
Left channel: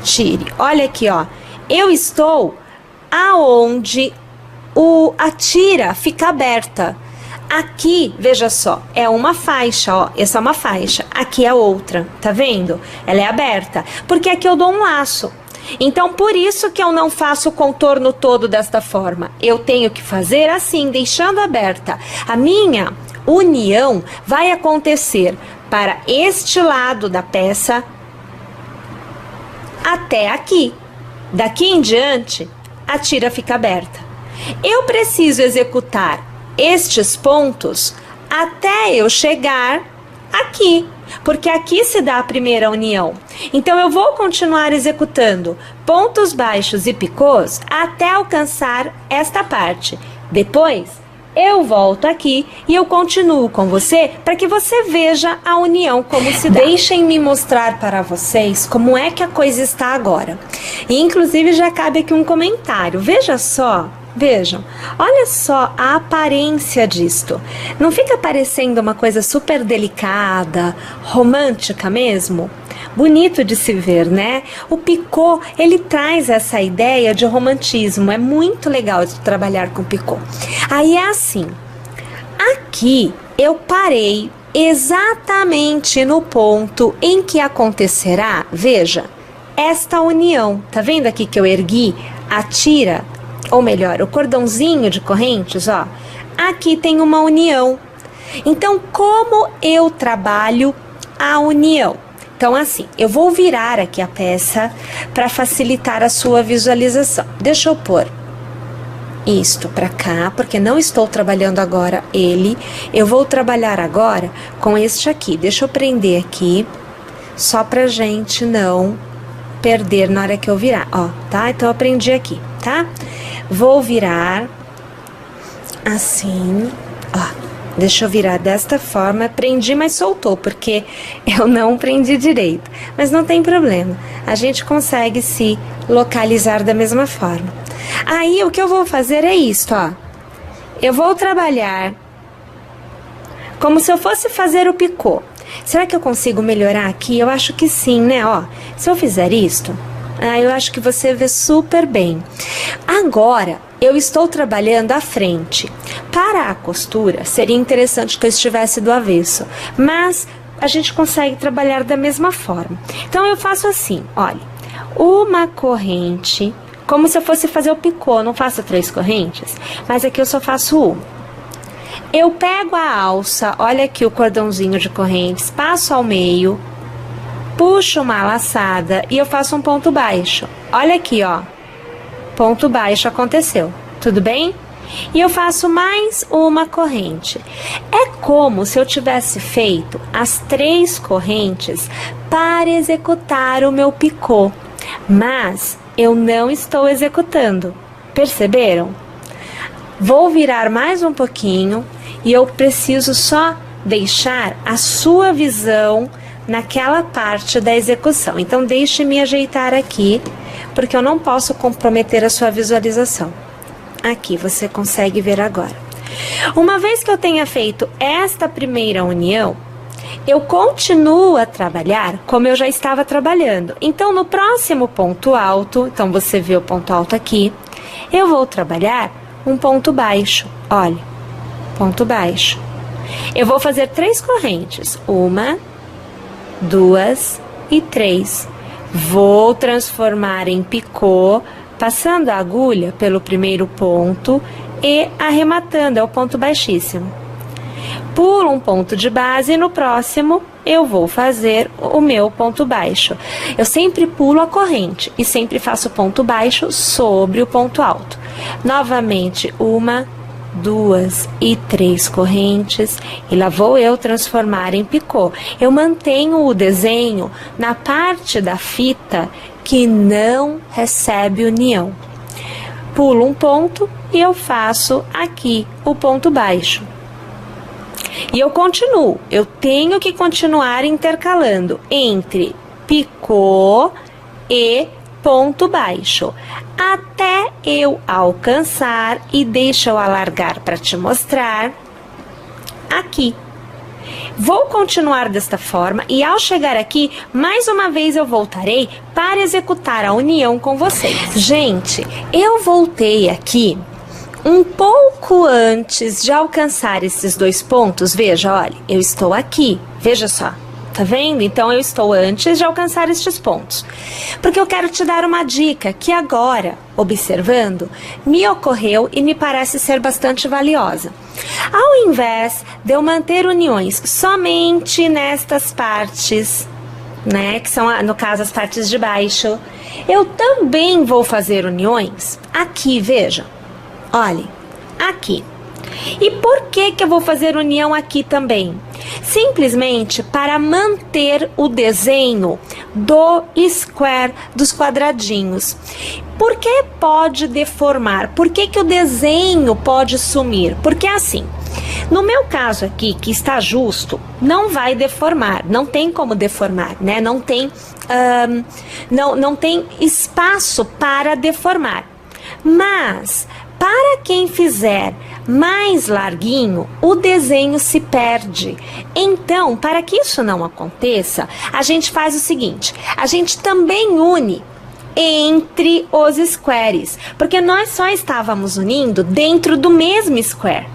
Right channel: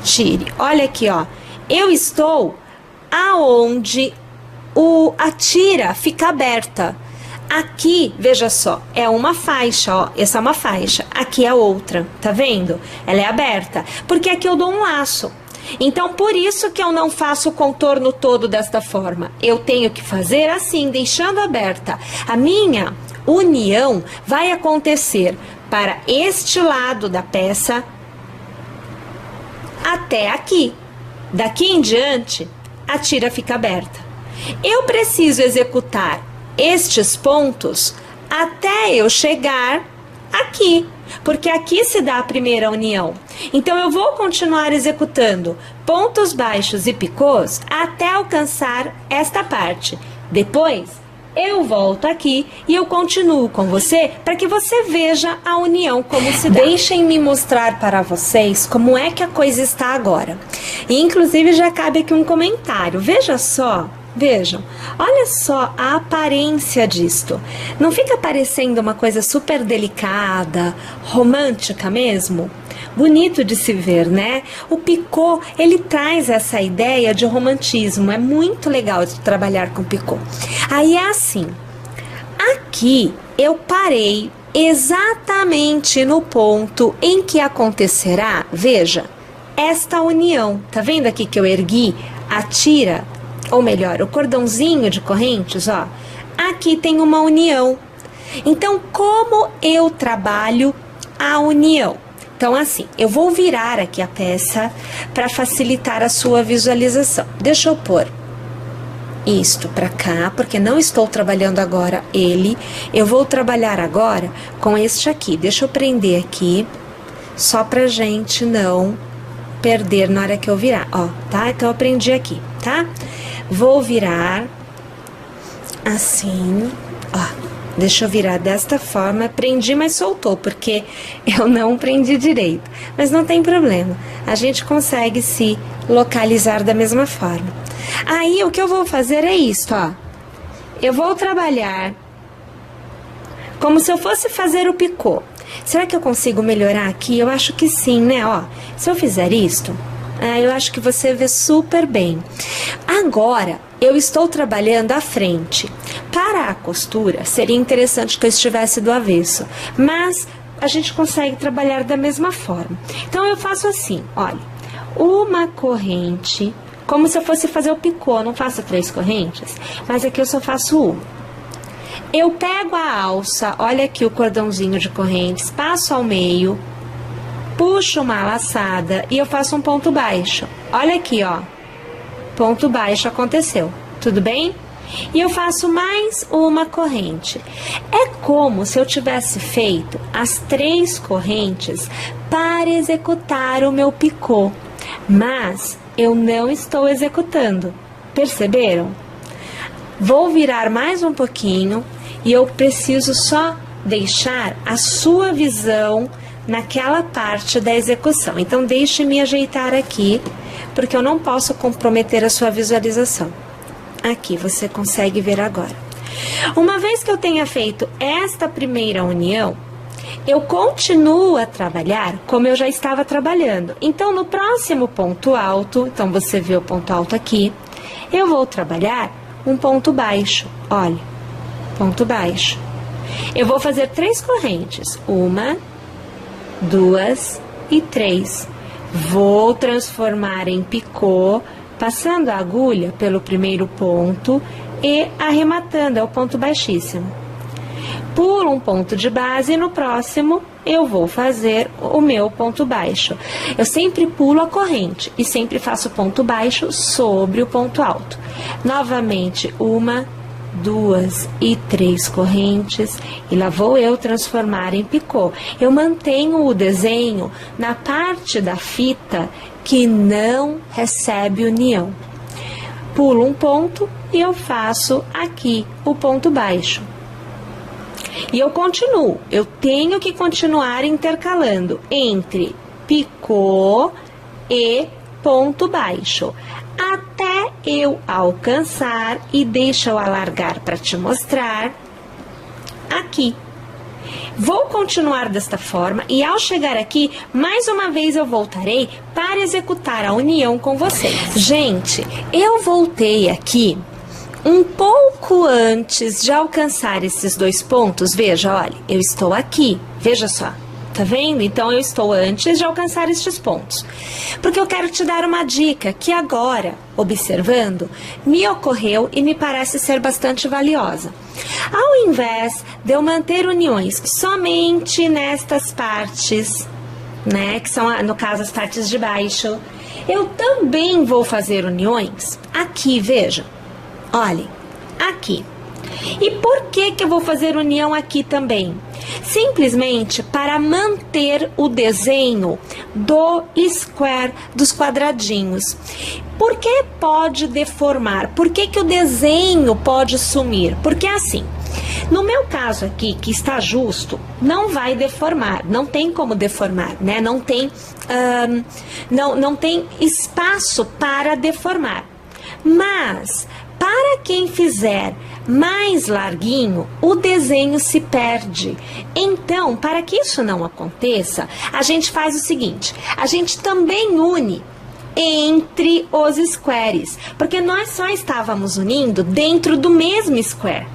tire. Olha aqui, ó. Eu estou aonde a tira fica aberta. Aqui, veja só, é uma faixa, ó, essa é uma faixa, aqui é outra, tá vendo? Ela é aberta, porque aqui eu dou um laço. Então, por isso que eu não faço o contorno todo desta forma. Eu tenho que fazer assim, deixando aberta. A minha união vai acontecer para este lado da peça até aqui. Daqui em diante, a tira fica aberta. Eu preciso executar estes pontos até eu chegar aqui, porque aqui se dá a primeira união. Então, eu vou continuar executando pontos baixos e picôs até alcançar esta parte. Depois, eu volto aqui e eu continuo com você para que você veja a união como se dá. Deixem-me mostrar para vocês como é que a coisa está agora. E, inclusive, já cabe aqui um comentário. Veja só. Vejam, olha só a aparência disto. Não fica parecendo uma coisa super delicada, romântica mesmo? Bonito de se ver, né? O picô, ele traz essa ideia de romantismo. É muito legal de trabalhar com picô. Aí é assim, aqui eu parei exatamente no ponto em que acontecerá, veja, esta união. Tá vendo aqui que eu ergui a tira? Ou melhor, o cordãozinho de correntes, ó, aqui tem uma união. Então, como eu trabalho a união? Então, assim, eu vou virar aqui a peça para facilitar a sua visualização. Deixa eu pôr isto para cá, porque não estou trabalhando agora ele. Eu vou trabalhar agora com este aqui. Deixa eu prender aqui, só pra gente não perder na hora que eu virar, ó, tá? Então, eu prendi aqui, tá? Vou virar assim, ó, deixa eu virar desta forma, prendi, mas soltou, porque eu não prendi direito, mas não tem problema, a gente consegue se localizar da mesma forma. Aí, o que eu vou fazer é isto, ó, eu vou trabalhar como se eu fosse fazer o picô. Será que eu consigo melhorar aqui? Eu acho que sim, né, ó, se eu fizer isto... eu acho que você vê super bem. Agora, eu estou trabalhando à frente. Para a costura, seria interessante que eu estivesse do avesso, mas a gente consegue trabalhar da mesma forma. Então, eu faço assim, olha, uma corrente, como se eu fosse fazer o picô, não faço 3 correntes, mas aqui eu só faço uma. Eu pego a alça, olha aqui o cordãozinho de correntes, passo ao meio, puxo uma laçada e eu faço um ponto baixo. Olha aqui, ó. Ponto baixo aconteceu. Tudo bem? E eu faço mais uma corrente. É como se eu tivesse feito as 3 correntes para executar o meu picô. Mas eu não estou executando. Perceberam? Vou virar mais um pouquinho e eu preciso só deixar a sua visão naquela parte da execução. Então, deixe-me ajeitar aqui, porque eu não posso comprometer a sua visualização. Aqui, você consegue ver agora. Uma vez que eu tenha feito esta primeira união, eu continuo a trabalhar como eu já estava trabalhando. Então, no próximo ponto alto, então você vê o ponto alto aqui, eu vou trabalhar um ponto baixo. Olha, ponto baixo. Eu vou fazer 3 correntes. 1, 2 e 3. Vou transformar em picô, passando a agulha pelo primeiro ponto e arrematando, é o ponto baixíssimo. Pulo um ponto de base e no próximo eu vou fazer o meu ponto baixo. Eu sempre pulo a corrente e sempre faço ponto baixo sobre o ponto alto. Novamente, 1, 2 e 3 correntes, e lá vou eu transformar em picô. Eu mantenho o desenho na parte da fita que não recebe união. Pulo um ponto e eu faço aqui o ponto baixo. E eu continuo, eu tenho que continuar intercalando entre picô e ponto baixo, até eu alcançar, e deixa eu alargar para te mostrar, aqui. Vou continuar desta forma e ao chegar aqui, mais uma vez eu voltarei para executar a união com vocês. Gente, eu voltei aqui um pouco antes de alcançar esses 2 pontos, veja, olha, eu estou aqui, veja só. Tá vendo? Então, eu estou antes de alcançar estes pontos. Porque eu quero te dar uma dica que agora, observando, me ocorreu e me parece ser bastante valiosa. Ao invés de eu manter uniões somente nestas partes, né, que são, no caso, as partes de baixo, eu também vou fazer uniões aqui, veja. Olhem, aqui. E por que eu vou fazer união aqui também? Simplesmente para manter o desenho do square, dos quadradinhos. Por que pode deformar? Por que o desenho pode sumir? Porque assim, no meu caso aqui, que está justo, não vai deformar, não tem como deformar, né? Não tem espaço para deformar. Mas, para quem fizer mais larguinho, o desenho se perde. Então, para que isso não aconteça, a gente faz o seguinte, a gente também une entre os squares, porque nós só estávamos unindo dentro do mesmo square.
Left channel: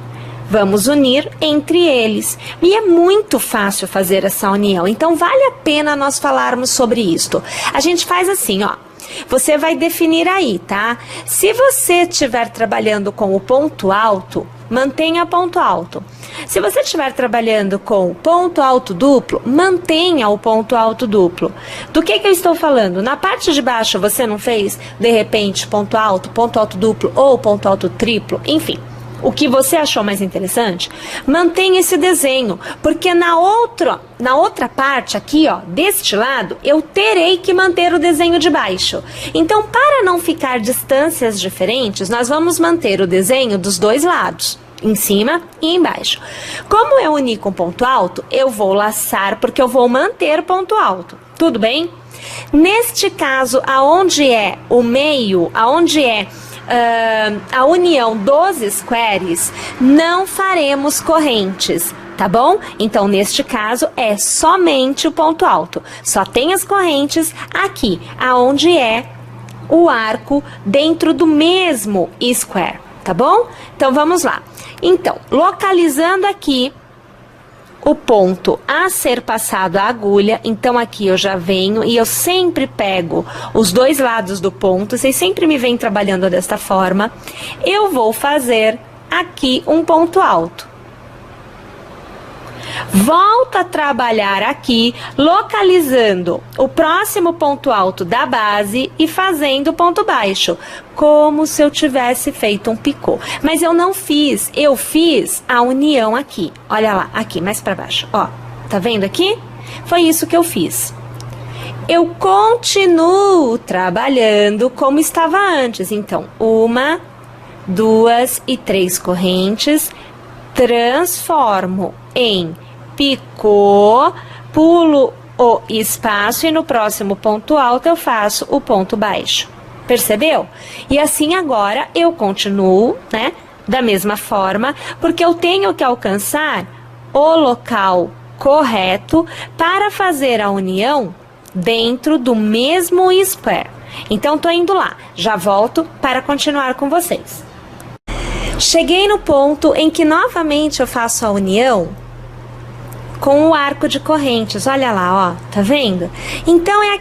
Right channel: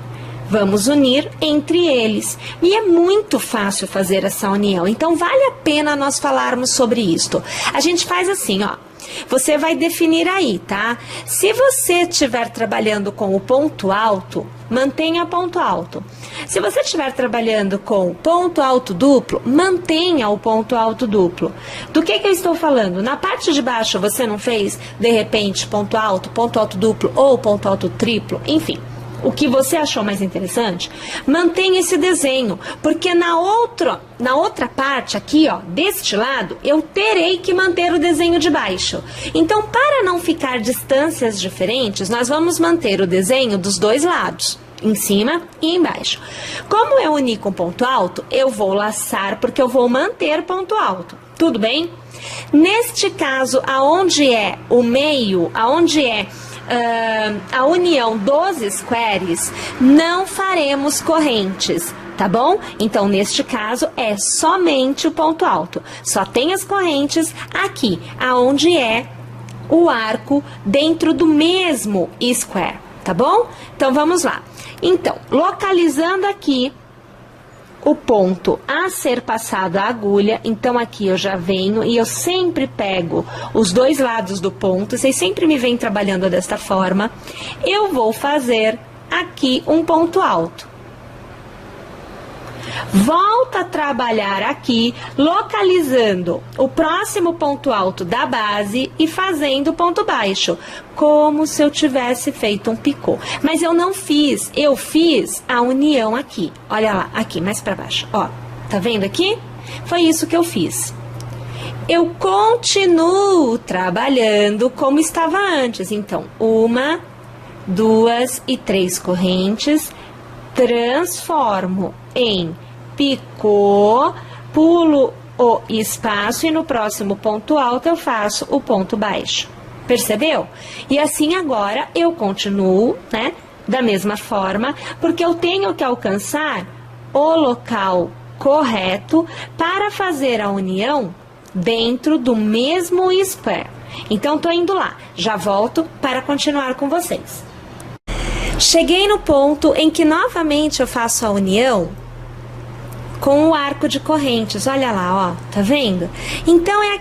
Vamos unir entre eles. E é muito fácil fazer essa união, então vale a pena nós falarmos sobre isto. A gente faz assim, ó. Você vai definir aí, tá? Se você estiver trabalhando com o ponto alto, mantenha ponto alto. Se você estiver trabalhando com ponto alto duplo, mantenha o ponto alto duplo. Do que eu estou falando? Na parte de baixo você não fez, de repente, ponto alto duplo ou ponto alto triplo, enfim. O que você achou mais interessante, mantenha esse desenho, porque na outra parte aqui, ó, deste lado, eu terei que manter o desenho de baixo. Então, para não ficar distâncias diferentes, nós vamos manter o desenho dos dois lados, em cima e embaixo. Como eu uni com ponto alto, eu vou laçar, porque eu vou manter ponto alto. Tudo bem? Neste caso, aonde é o meio, aonde é a união dos squares, não faremos correntes, tá bom? Então, neste caso, é somente o ponto alto. Só tem as correntes aqui, aonde é o arco dentro do mesmo square, tá bom? Então, vamos lá. Então, localizando aqui o ponto a ser passado a agulha, então aqui eu já venho e eu sempre pego os dois lados do ponto, vocês sempre me vêm trabalhando desta forma, eu vou fazer aqui um ponto alto. Volta a trabalhar aqui, localizando o próximo ponto alto da base e fazendo ponto baixo, como se eu tivesse feito um picô. Mas eu não fiz, eu fiz a união aqui. Olha lá, aqui, mais para baixo, ó. Tá vendo aqui? Foi isso que eu fiz. Eu continuo trabalhando como estava antes. Então, 1, 2 e 3 correntes, transformo em picô, pulo o espaço e no próximo ponto alto eu faço o ponto baixo. Percebeu? E assim agora eu continuo, né, da mesma forma, porque eu tenho que alcançar o local correto para fazer a união dentro do mesmo square. Então, tô indo lá. Já volto para continuar com vocês. Cheguei no ponto em que novamente eu faço a união com o arco de correntes, olha lá, ó, tá vendo? Então, é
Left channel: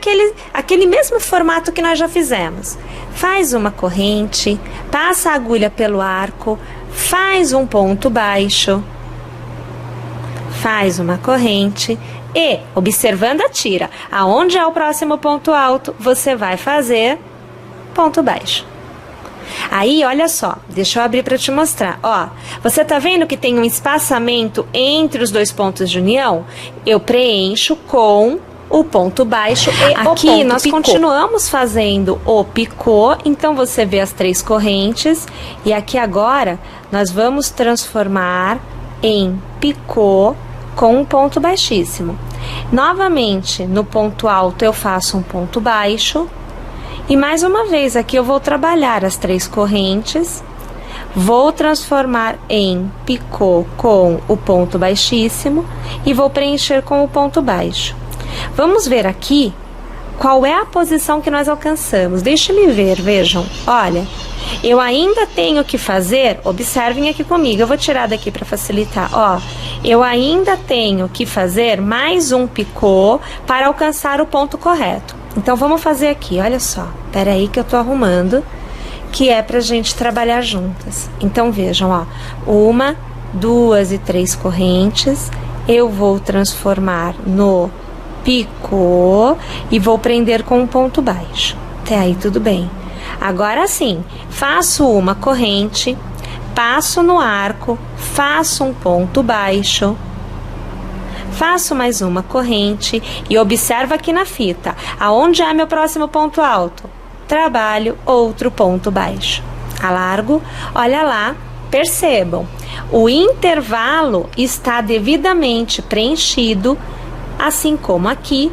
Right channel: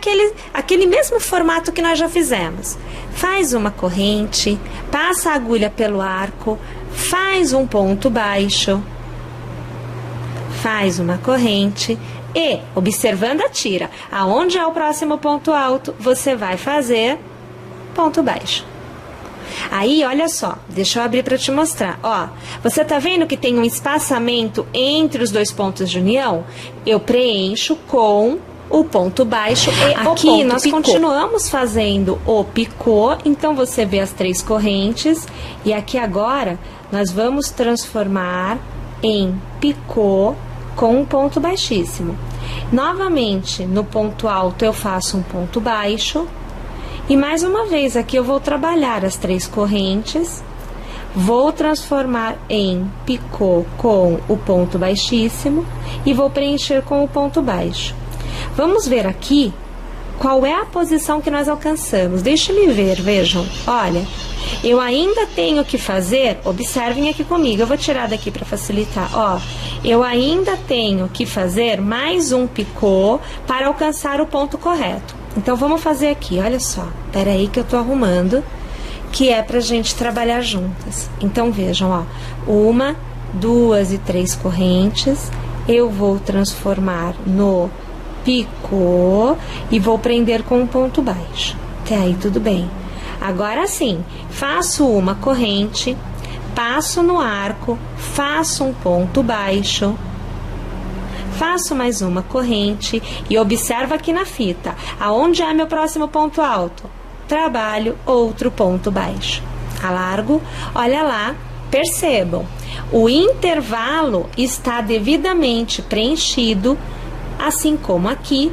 aquele mesmo formato que nós já fizemos. Faz uma corrente, passa a agulha pelo arco, faz um ponto baixo, faz uma corrente e, observando a tira, aonde é o próximo ponto alto, você vai fazer ponto baixo. Aí, olha só, deixa eu abrir para te mostrar, ó, você tá vendo que tem um espaçamento entre os dois pontos de união? Eu preencho com o ponto baixo e aqui o ponto nós picô. Continuamos fazendo o picô, então você vê as 3 correntes e aqui agora nós vamos transformar em picô com um ponto baixíssimo. Novamente, no ponto alto eu faço um ponto baixo. E mais uma vez, aqui eu vou trabalhar as 3 correntes, vou transformar em picô com o ponto baixíssimo e vou preencher com o ponto baixo. Vamos ver aqui qual é a posição que nós alcançamos. Deixe-me ver, vejam, olha, eu ainda tenho que fazer, observem aqui comigo, eu vou tirar daqui para facilitar, ó, eu ainda tenho que fazer mais um picô para alcançar o ponto correto. Então, vamos fazer aqui, olha só, peraí que eu tô arrumando, que é pra gente trabalhar juntas. Então, vejam, ó, 1, 2 e 3 correntes, eu vou transformar no picô e vou prender com um ponto baixo. Até aí tudo bem. Agora sim, faço uma corrente, passo no arco, faço um ponto baixo, faço mais uma corrente e observa aqui na fita, aonde é meu próximo ponto alto? Trabalho outro ponto baixo. Alargo, olha lá, percebam, o intervalo está devidamente preenchido, assim como aqui,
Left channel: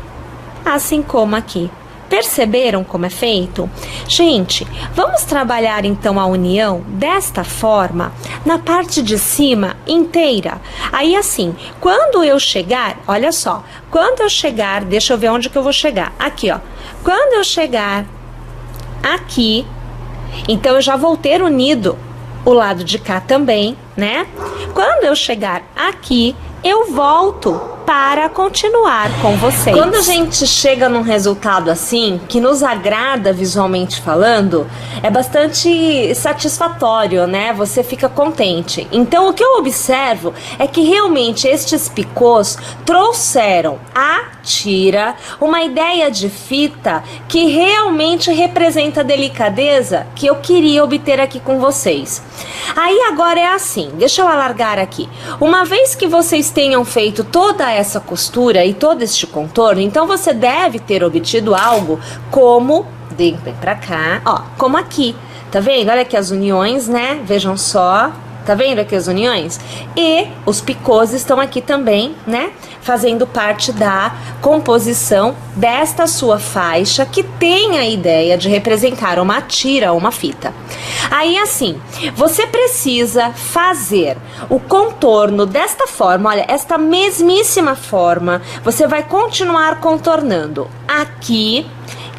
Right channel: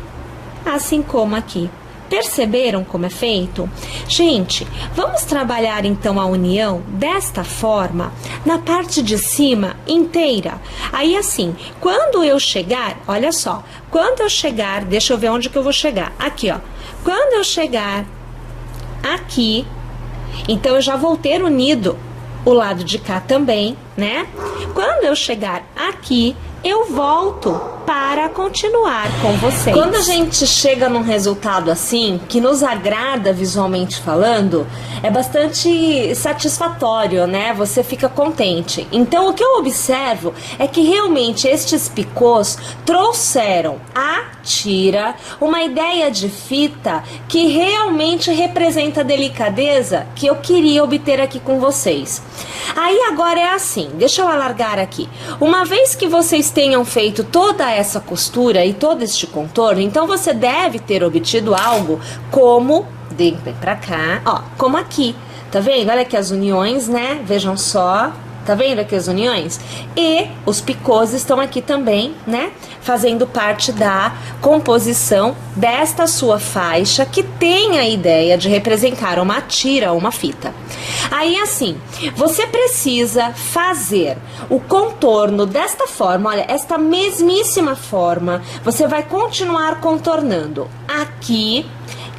assim como aqui. Perceberam como é feito? Gente, vamos trabalhar então a união desta forma na parte de cima inteira. Aí assim, quando eu chegar, olha só, quando eu chegar, deixa eu ver onde que eu vou chegar. Aqui, ó. Quando eu chegar aqui, então eu já vou ter unido o lado de cá também, né? Quando eu chegar aqui, eu volto para continuar com vocês. Quando a gente chega num resultado assim, que nos agrada visualmente falando, é bastante satisfatório, né? Você fica contente. Então, o que eu observo é que realmente estes picôs trouxeram à tira uma ideia de fita que realmente representa a delicadeza que eu queria obter aqui com vocês. Aí agora é assim, deixa eu alargar aqui. Uma vez que vocês tenham feito toda essa costura e todo este contorno, então você deve ter obtido algo como, vem pra cá, ó, como aqui, tá vendo? Olha aqui as uniões, né? Vejam só, tá vendo aqui as uniões? E os picôs estão aqui também, né? Fazendo parte da composição desta sua faixa, que tem a ideia de representar uma tira ou uma fita. Aí assim, você precisa fazer o contorno desta forma, olha, esta mesmíssima forma, você vai continuar contornando aqui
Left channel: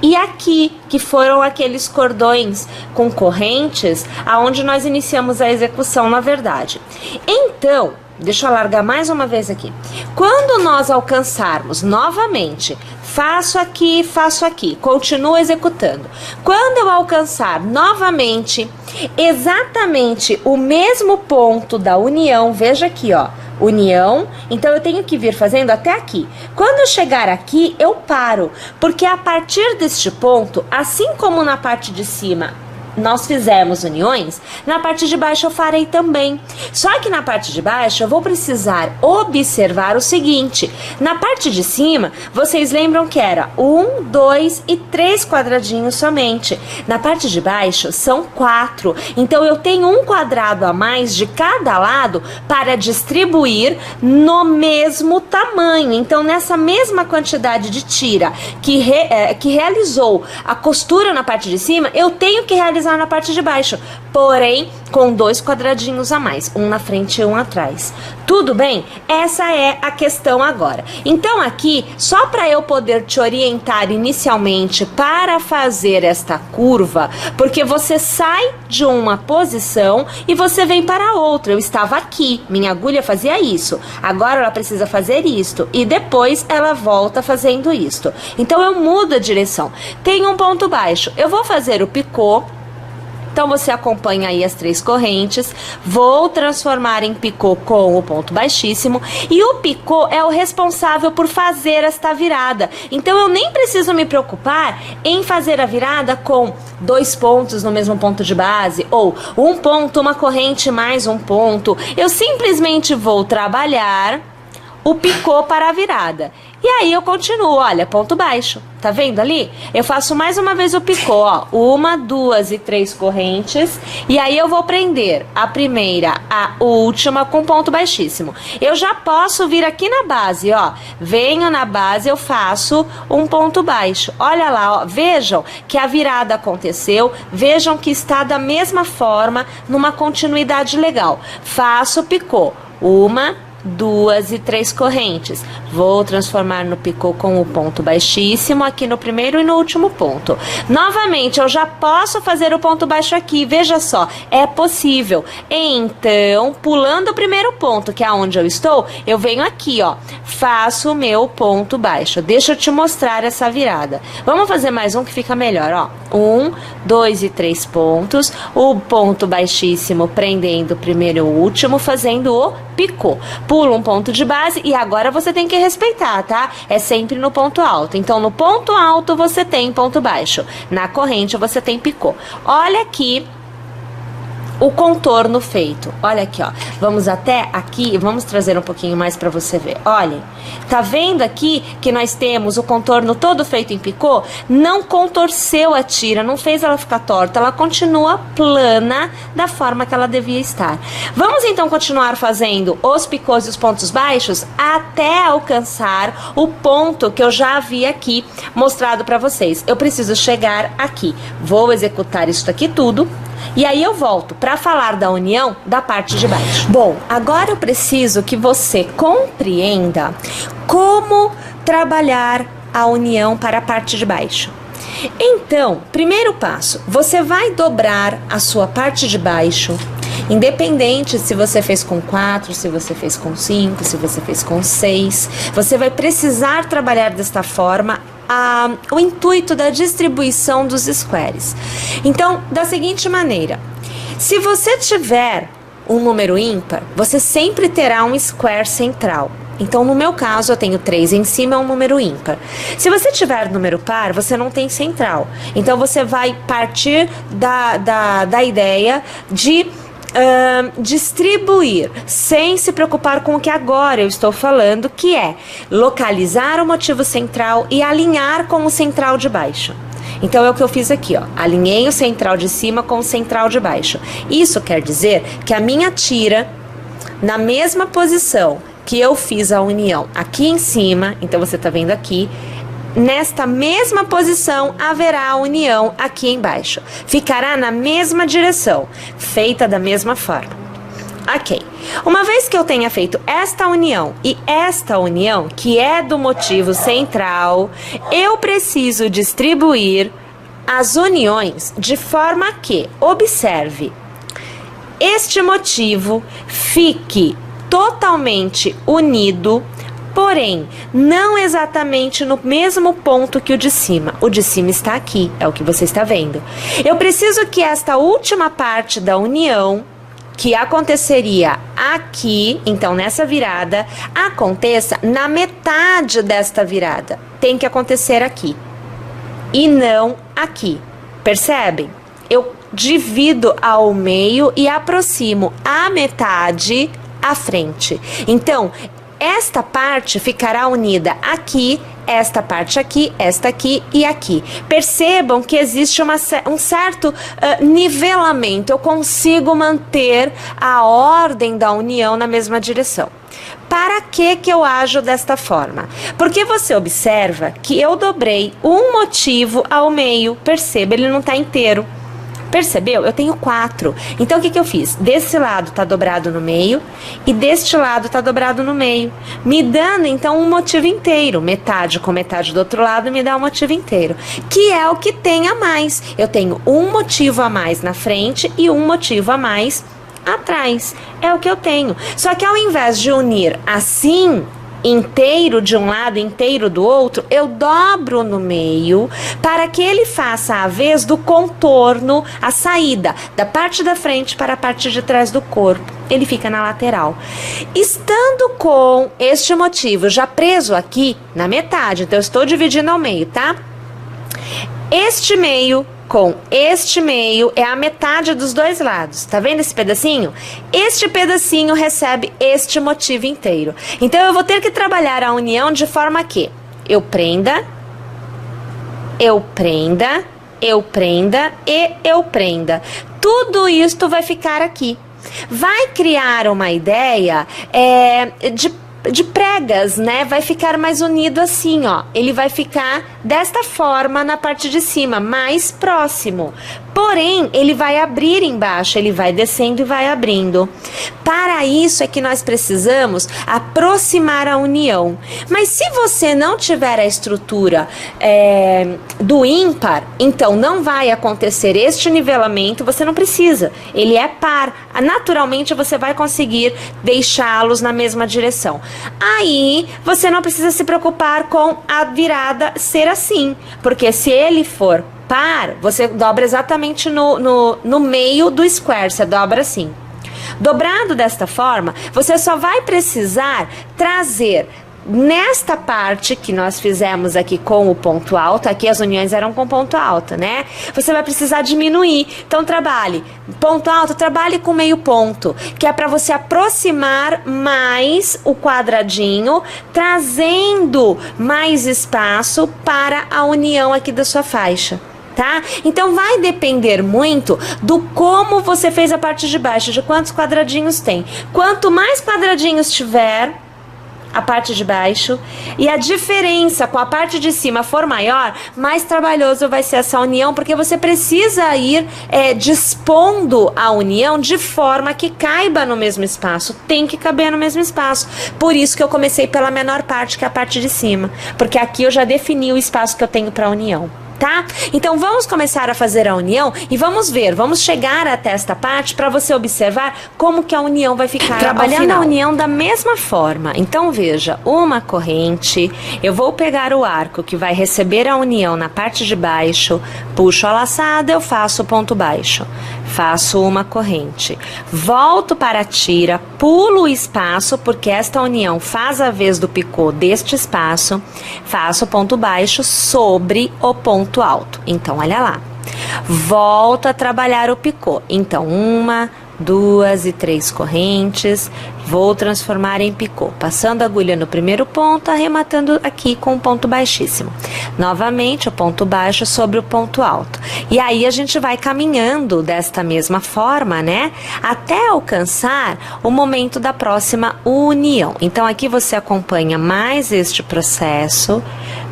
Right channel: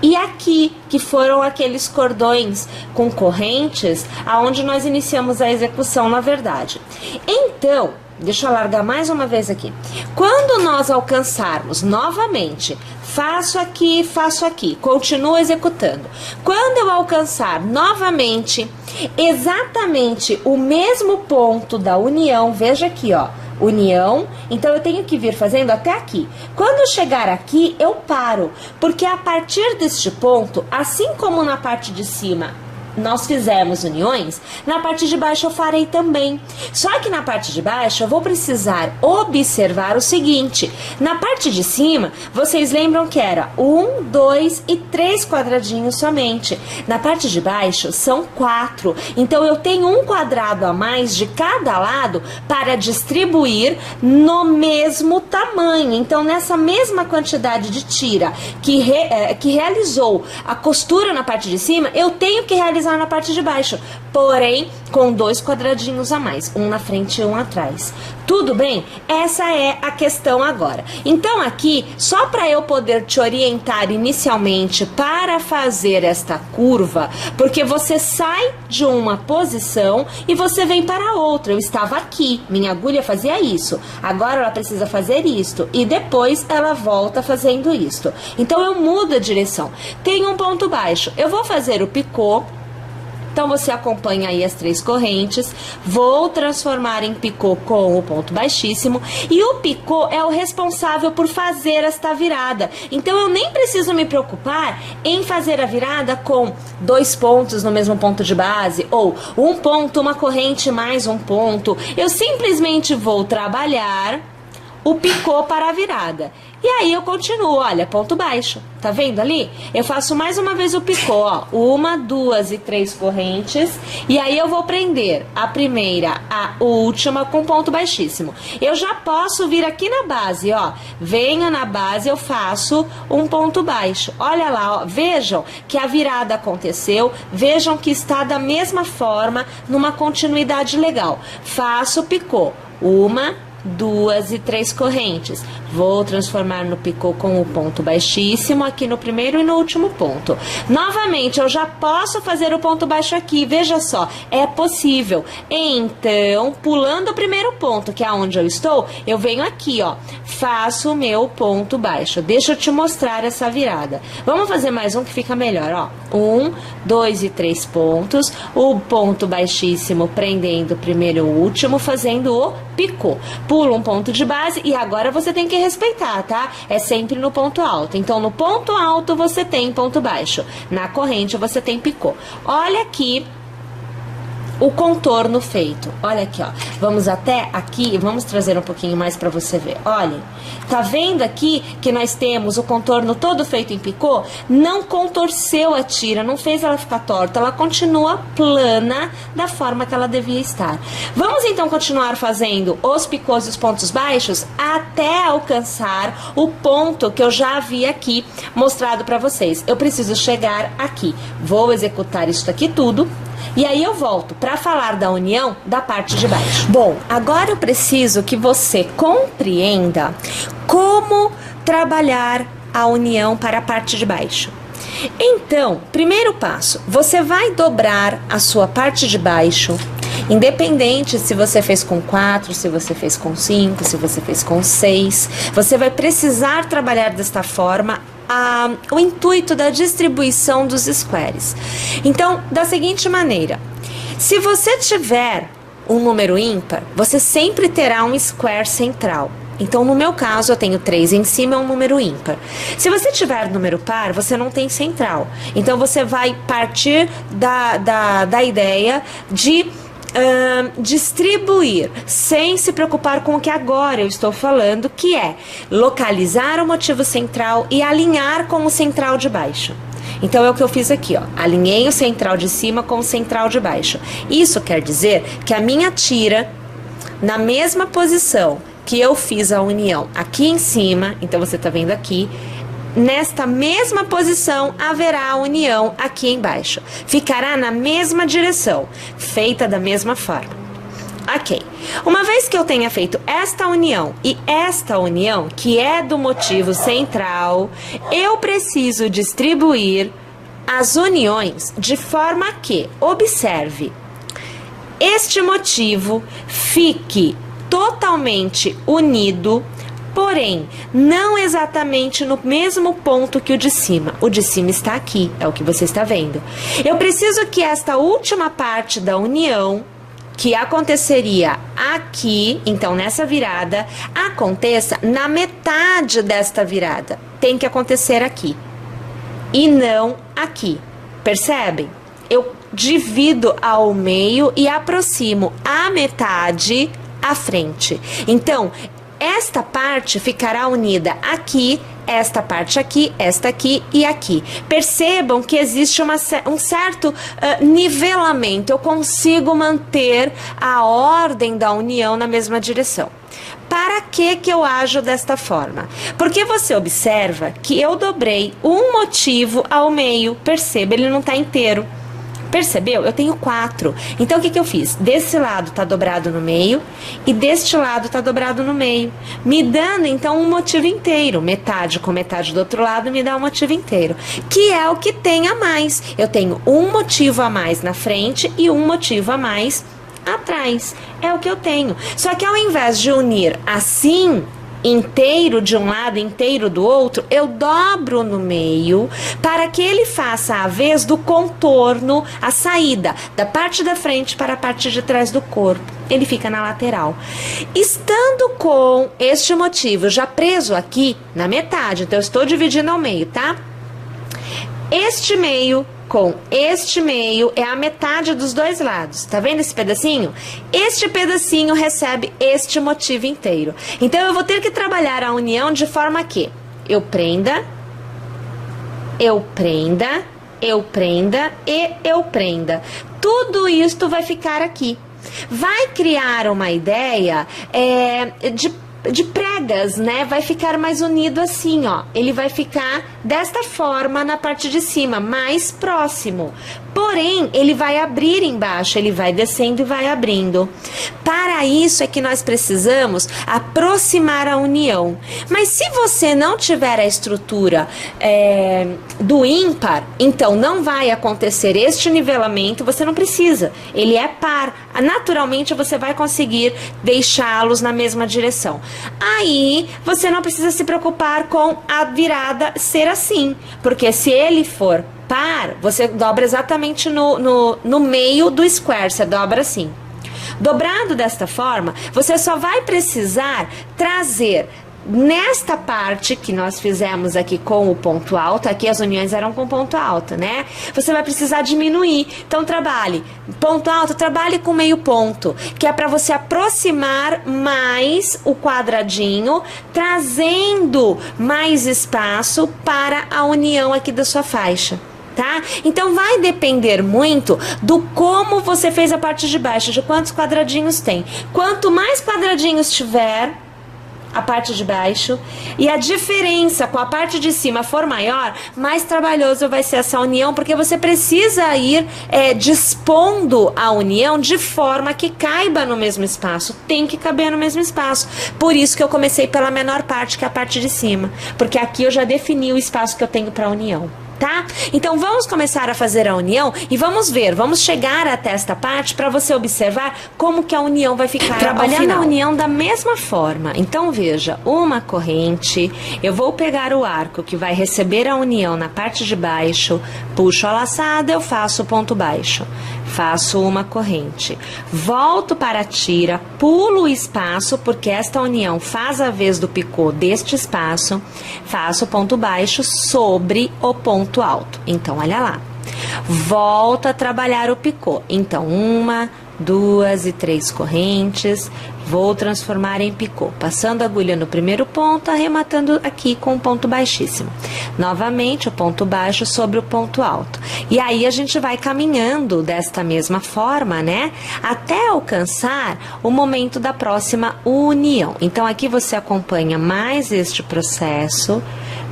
e aqui, que foram aqueles cordões com correntes, aonde nós iniciamos a execução, na verdade. Então, deixa eu alargar mais uma vez aqui. Quando nós alcançarmos novamente, faço aqui, continuo executando. Quando eu alcançar novamente, exatamente o mesmo ponto da união, veja aqui, ó, união, então eu tenho que vir fazendo até aqui. Quando eu chegar aqui, eu paro, porque a partir deste ponto, assim como na parte de cima nós fizemos uniões, na parte de baixo eu farei também. Só que na parte de baixo eu vou precisar observar o seguinte: na parte de cima, vocês lembram que era 1, 2 e 3 quadradinhos somente. Na parte de baixo são 4. Então eu tenho um quadrado a mais de cada lado para distribuir no mesmo tamanho. Então nessa mesma quantidade de tira que realizou a costura na parte de cima, eu tenho que realizar na parte de baixo, porém com 2 quadradinhos a mais, um na frente e um atrás. Tudo bem? Essa é a questão agora. Então aqui, só para eu poder te orientar inicialmente para fazer esta curva, porque você sai de uma posição e você vem para outra. Eu estava aqui, minha agulha fazia isso, agora ela precisa fazer isto e depois ela volta fazendo isto. Então eu mudo a direção. Tem um ponto baixo, eu vou fazer o picô. Então, você acompanha aí as 3 correntes, vou transformar em picô com o ponto baixíssimo, e o picô é o responsável por fazer esta virada. Então, eu nem preciso me preocupar em fazer a virada com 2 pontos no mesmo ponto de base, ou um ponto, uma corrente mais um ponto. Eu simplesmente vou trabalhar o picô para a virada. E aí eu continuo, olha, ponto baixo, tá vendo ali? Eu faço mais uma vez o picô, ó, 1, 2 e 3 correntes, e aí eu vou prender a primeira, a última com ponto baixíssimo. Eu já posso vir aqui na base, ó, venho na base, eu faço um ponto baixo. Olha lá, ó, vejam que a virada aconteceu, vejam que está da mesma forma, numa continuidade legal. Faço o picô, 1, 2 e 3 correntes. Vou transformar no picô com o ponto baixíssimo aqui no primeiro e no último ponto. Novamente, eu já posso fazer o ponto baixo aqui, veja só, é possível. Então, pulando o primeiro ponto, que é onde eu estou, eu venho aqui, ó, faço o meu ponto baixo. Deixa eu te mostrar essa virada. Vamos fazer mais um que fica melhor, ó. 1, 2 e 3 pontos, o ponto baixíssimo prendendo o primeiro e o último, fazendo o picô. Pula um ponto de base e agora você tem que respeitar, tá? É sempre no ponto alto. Então, no ponto alto você tem ponto baixo. Na corrente você tem picô. Olha aqui o contorno feito. Olha aqui, ó. Vamos até aqui, vamos trazer um pouquinho mais para você ver. Olhem, tá vendo aqui que nós temos o contorno todo feito em picô? Não contorceu a tira, não fez ela ficar torta, ela continua plana da forma que ela devia estar. Vamos então continuar fazendo os picôs e os pontos baixos até alcançar o ponto que eu já havia aqui mostrado para vocês. Eu preciso chegar aqui. Vou executar isso aqui tudo. E aí eu volto para falar da união da parte de baixo. Bom, agora eu preciso que você compreenda como trabalhar a união para a parte de baixo. Então, primeiro passo, você vai dobrar a sua parte de baixo, independente se você fez com 4, se você fez com 5, se você fez com 6, você vai precisar trabalhar desta forma o intuito da distribuição dos squares. Então, da seguinte maneira, se você tiver um número ímpar, você sempre terá um square central. Então, no meu caso, eu tenho 3 em cima, é um número ímpar. Se você tiver número par, você não tem central. Então, você vai partir da ideia de distribuir, sem se preocupar com o que agora eu estou falando, que é localizar o motivo central e alinhar com o central de baixo. Então é o que eu fiz aqui, ó. Alinhei o central de cima com o central de baixo. Isso quer dizer que a minha tira, na mesma posição que eu fiz a união aqui em cima, então você tá vendo aqui, nesta mesma posição haverá a união aqui embaixo. Ficará na mesma direção, feita da mesma forma. Ok. Uma vez que eu tenha feito esta união e esta união, que é do motivo central, eu preciso distribuir as uniões de forma que, observe, este motivo fique totalmente unido, porém, não exatamente no mesmo ponto que o de cima. O de cima está aqui, é o que você está vendo. Eu preciso que esta última parte da união, que aconteceria aqui, então nessa virada, aconteça na metade desta virada. Tem que acontecer aqui e não aqui. Percebem? Eu divido ao meio e aproximo a metade à frente. Então, esta parte ficará unida aqui, esta parte aqui, esta aqui e aqui. Percebam que existe um certo nivelamento. Eu consigo manter a ordem da união na mesma direção. Para que eu ajo desta forma? Porque você observa que eu dobrei um motivo ao meio. Perceba, ele não está inteiro. Percebeu? Eu tenho 4. Então, o que eu fiz? Desse lado tá dobrado no meio e deste lado tá dobrado no meio, me dando, então, um motivo inteiro. Metade com metade do outro lado me dá um motivo inteiro, que é o que tem a mais. Eu tenho um motivo a mais na frente e um motivo a mais atrás. É o que eu tenho. Só que ao invés de unir assim, inteiro de um lado, inteiro do outro, eu dobro no meio para que ele faça a vez do contorno, a saída da parte da frente para a parte de trás do corpo. Ele fica na lateral. Estando com este motivo já preso aqui na metade, então eu estou dividindo ao meio, tá? Este meio com este meio é a metade dos dois lados. Tá vendo esse pedacinho? Este pedacinho recebe este motivo inteiro. Então, eu vou ter que trabalhar a união de forma que eu prenda, eu prenda, eu prenda e eu prenda. Tudo isto vai ficar aqui. Vai criar uma ideia de pregas, né? Vai ficar mais unido assim, ó. Ele vai ficar desta forma na parte de cima, mais próximo. Porém, ele vai abrir embaixo, ele vai descendo e vai abrindo. Para isso é que nós precisamos aproximar a união. Mas se você não tiver a estrutura do ímpar, então não vai acontecer este nivelamento, você não precisa. Ele é par. Naturalmente você vai conseguir deixá-los na mesma direção. Aí você não precisa se preocupar com a virada ser assim, porque se ele for par, você dobra exatamente no meio do square, você dobra assim. Dobrado desta forma, você só vai precisar trazer nesta parte que nós fizemos aqui com o ponto alto, aqui as uniões eram com ponto alto, né? Você vai precisar diminuir. Então, trabalhe ponto alto, trabalhe com meio ponto, que é para você aproximar mais o quadradinho, trazendo mais espaço para a união aqui da sua faixa. Tá? Então vai depender muito do como você fez a parte de baixo, de quantos quadradinhos tem. Quanto mais quadradinhos tiver a parte de baixo e a diferença com a parte de cima for maior, mais trabalhoso vai ser essa união, porque você precisa ir dispondo a união de forma que caiba no mesmo espaço, tem que caber no mesmo espaço. Por isso que eu comecei pela menor parte, que é a parte de cima, porque aqui eu já defini o espaço que eu tenho para a união. Tá? Então vamos começar a fazer a união e vamos ver, vamos chegar até esta parte para você observar como que a união vai ficar trabalhando a união da mesma forma. Então veja, uma corrente, eu vou pegar o arco que vai receber a união na parte de baixo, puxo a laçada, eu faço o ponto baixo, faço uma corrente, volto para a tira, pulo o espaço, porque esta união faz a vez do picô deste espaço, faço o ponto baixo sobre o ponto alto. Então, olha lá. Volto a trabalhar o picô. Então, 1, 2 e 3 correntes. Vou transformar em picô, passando a agulha no primeiro ponto, arrematando aqui com um ponto baixíssimo. Novamente, o ponto baixo sobre o ponto alto. E aí a gente vai caminhando desta mesma forma, né? Até alcançar o momento da próxima união. Então, aqui você acompanha mais este processo,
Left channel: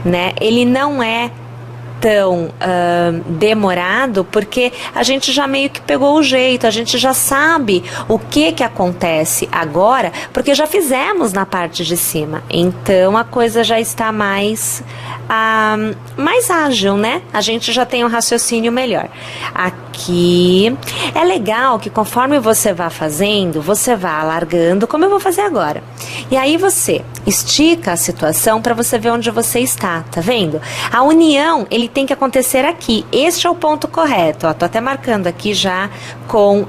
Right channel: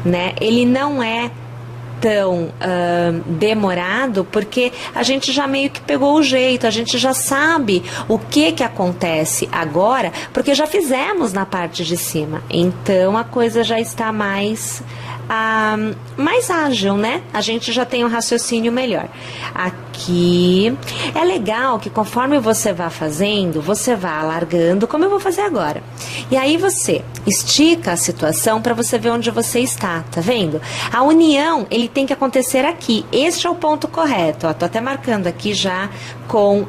né? Ele não é tão demorado, porque a gente já meio que pegou o jeito, a gente já sabe o que acontece agora, porque já fizemos na parte de cima, então a coisa já está mais ágil, né? A gente já tem um raciocínio melhor. Aqui é legal que conforme você vá fazendo, você vá alargando, como eu vou fazer agora. E aí você estica a situação para você ver onde você está, tá vendo? A união, ele tem que acontecer aqui. Este é o ponto correto, ó, tô até marcando aqui já com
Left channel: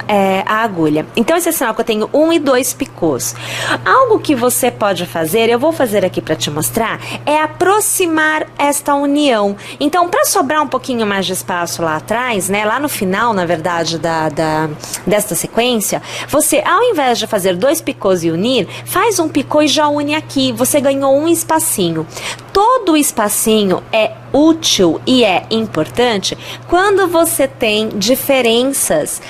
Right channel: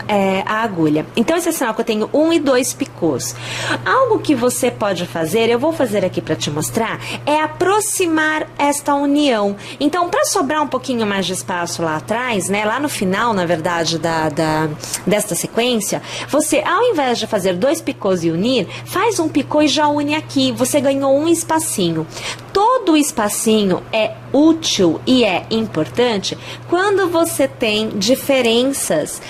a agulha. Então esse é sinal que eu tenho 1 e 2 picôs. Algo que você pode fazer, eu vou fazer aqui para te mostrar, é aproximar esta união. Então, para sobrar um pouquinho mais de espaço lá atrás, né, lá no final, na verdade, desta sequência, você, ao invés de fazer 2 picôs e unir, faz um picô e já une aqui. Você ganhou um espacinho. Todo espacinho é útil e é importante quando você tem diferenças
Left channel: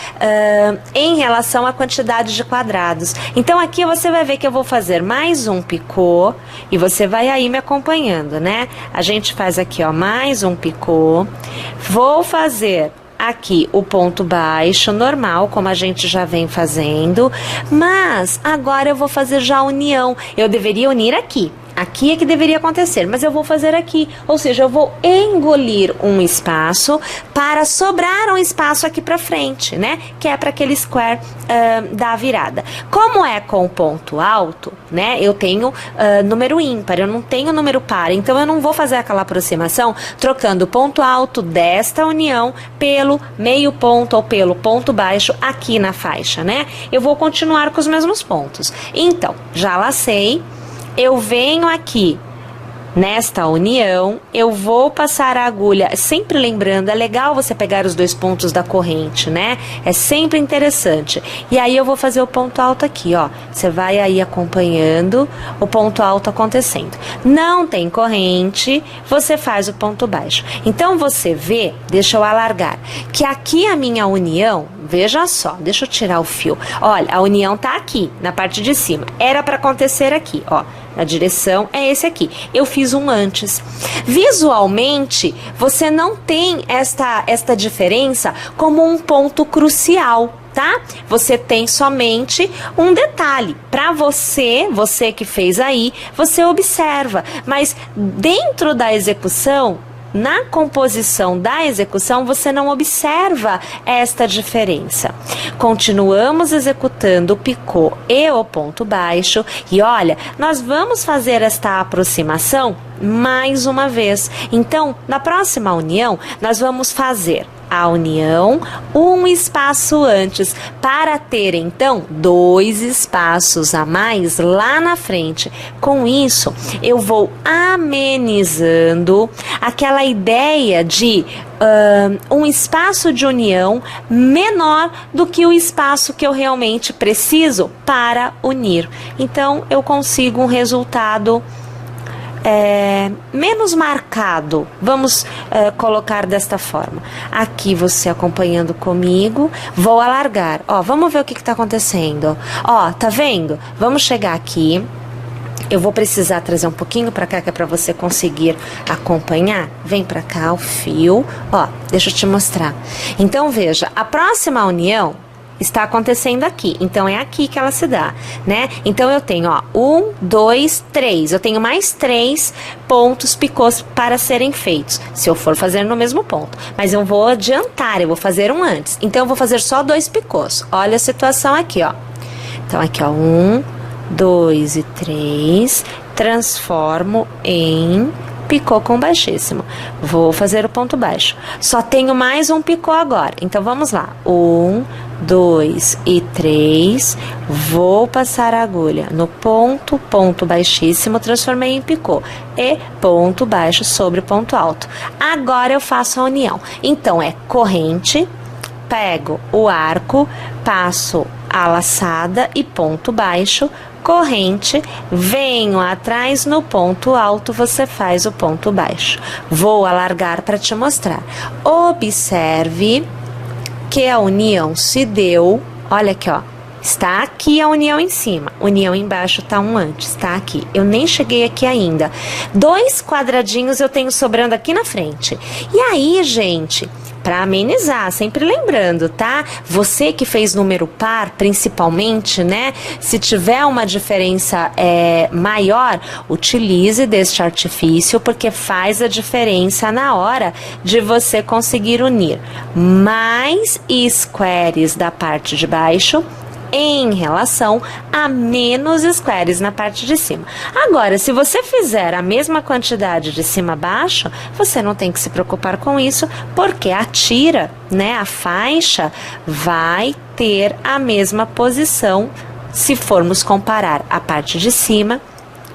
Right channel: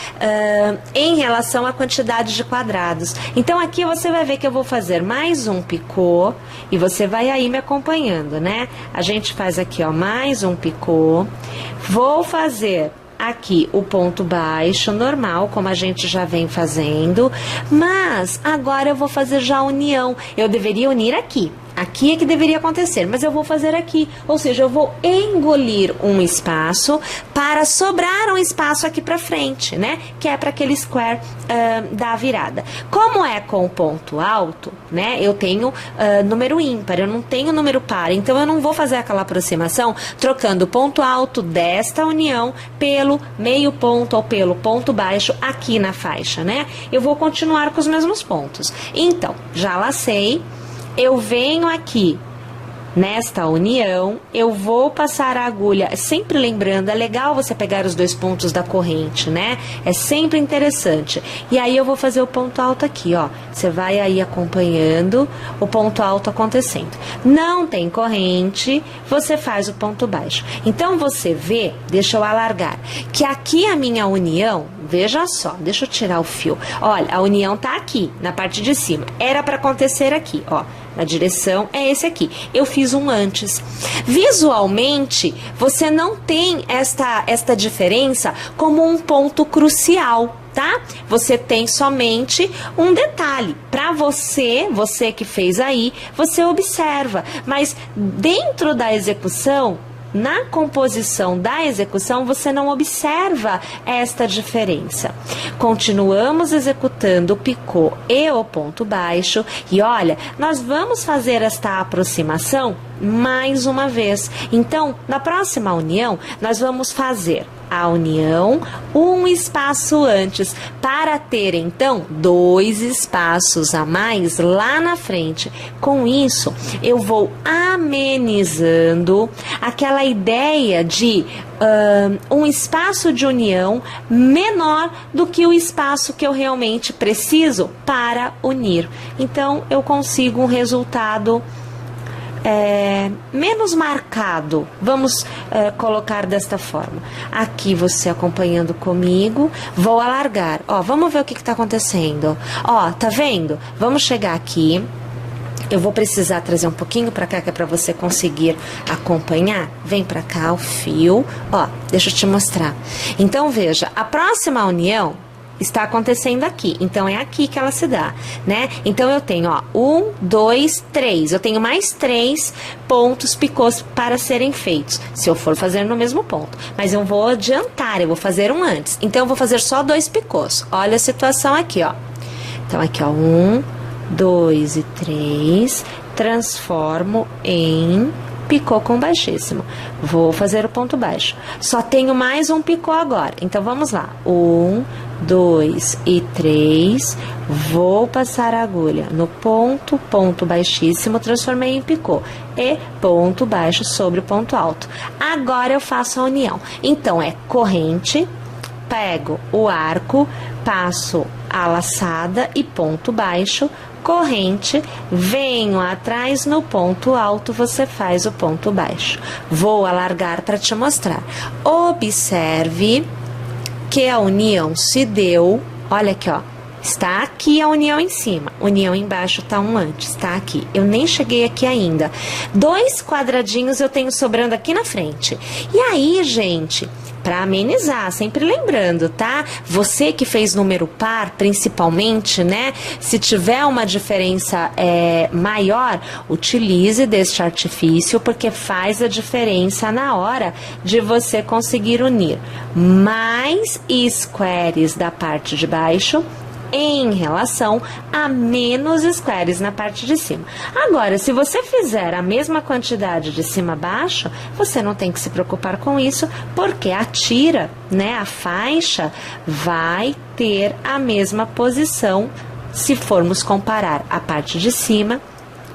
em relação à quantidade de quadrados. Então aqui você vai ver que eu vou fazer mais um picô e você vai aí me acompanhando, né? A gente faz aqui, ó, mais um picô. Vou fazer aqui o ponto baixo normal, como a gente já vem fazendo, mas agora eu vou fazer já a união. Eu deveria unir aqui. Aqui é que deveria acontecer, mas eu vou fazer aqui, ou seja, eu vou engolir um espaço para sobrar um espaço aqui para frente, né? Que é para aquele square da virada. Como é com ponto alto, né? Eu tenho número ímpar, eu não tenho número par, então eu não vou fazer aquela aproximação trocando o ponto alto desta união pelo meio ponto ou pelo ponto baixo aqui na faixa, né? Eu vou continuar com os mesmos pontos. Então, já lacei. Eu venho aqui nesta união, eu vou passar a agulha, sempre lembrando, é legal você pegar os 2 pontos da corrente, né? É sempre interessante. E aí eu vou fazer o ponto alto aqui, ó. Você vai aí acompanhando o ponto alto acontecendo. Não tem corrente, você faz o ponto baixo. Então você vê, deixa eu alargar, que aqui a minha união, veja só, deixa eu tirar o fio. Olha, a união tá aqui, na parte de cima. Era para acontecer aqui, ó. na direção, é esse aqui. Eu fiz um antes. Visualmente, você não tem esta diferença como um ponto crucial, tá? Você tem somente um detalhe. Para você que fez aí, você observa. Mas dentro da execução, na composição da execução, você não observa esta diferença. Continuamos executando o picô e o ponto baixo. E olha, nós vamos fazer esta aproximação mais uma vez. Então, na próxima união, nós vamos fazer a união um espaço antes, para ter então 2 espaços a mais lá na frente. Com isso, eu vou amenizando aquela ideia de um espaço de união menor do que o espaço que eu realmente preciso para unir. Então, eu consigo um resultado menos marcado. Vamos colocar desta forma. Aqui você acompanhando comigo, vou alargar. Ó, vamos ver o que está acontecendo. Ó, tá vendo? Vamos chegar aqui. Eu vou precisar trazer um pouquinho para cá, que é para você conseguir acompanhar. Vem para cá o fio. Ó, deixa eu te mostrar. Então, veja, a próxima união está acontecendo aqui, então é aqui que ela se dá, né? Então eu tenho, ó, 1, 2, 3, eu tenho mais 3 pontos picôs para serem feitos, se eu for fazer no mesmo ponto, mas eu vou adiantar, eu vou fazer um antes, então eu vou fazer só 2 picôs. Olha a situação aqui, ó. Então aqui, ó, 1, 2 e 3, transformo em picô com baixíssimo. Vou fazer o ponto baixo. Só tenho mais um picô agora. Então, vamos lá. 1, 2 e 3. Vou passar a agulha no ponto, ponto baixíssimo, transformei em picô. E ponto baixo sobre ponto alto. Agora, eu faço a união. Então, é corrente, pego o arco, passo a laçada e ponto baixo, corrente, venho atrás no ponto alto, você faz o ponto baixo. Vou alargar para te mostrar. Observe que a união se deu, olha aqui, ó. Está aqui a união em cima, união embaixo tá um antes, tá aqui. Eu nem cheguei aqui ainda. 2 quadradinhos eu tenho sobrando aqui na frente. E aí, gente, para amenizar, sempre lembrando, tá? Você que fez número par, principalmente, né? Se tiver uma diferença maior, utilize deste artifício, porque faz a diferença na hora de você conseguir unir mais squares da parte de baixo em relação a menos squares na parte de cima. Agora, se você fizer a mesma quantidade de cima a baixo, você não tem que se preocupar com isso, porque a tira, né, a faixa, vai ter a mesma posição se formos comparar a parte de cima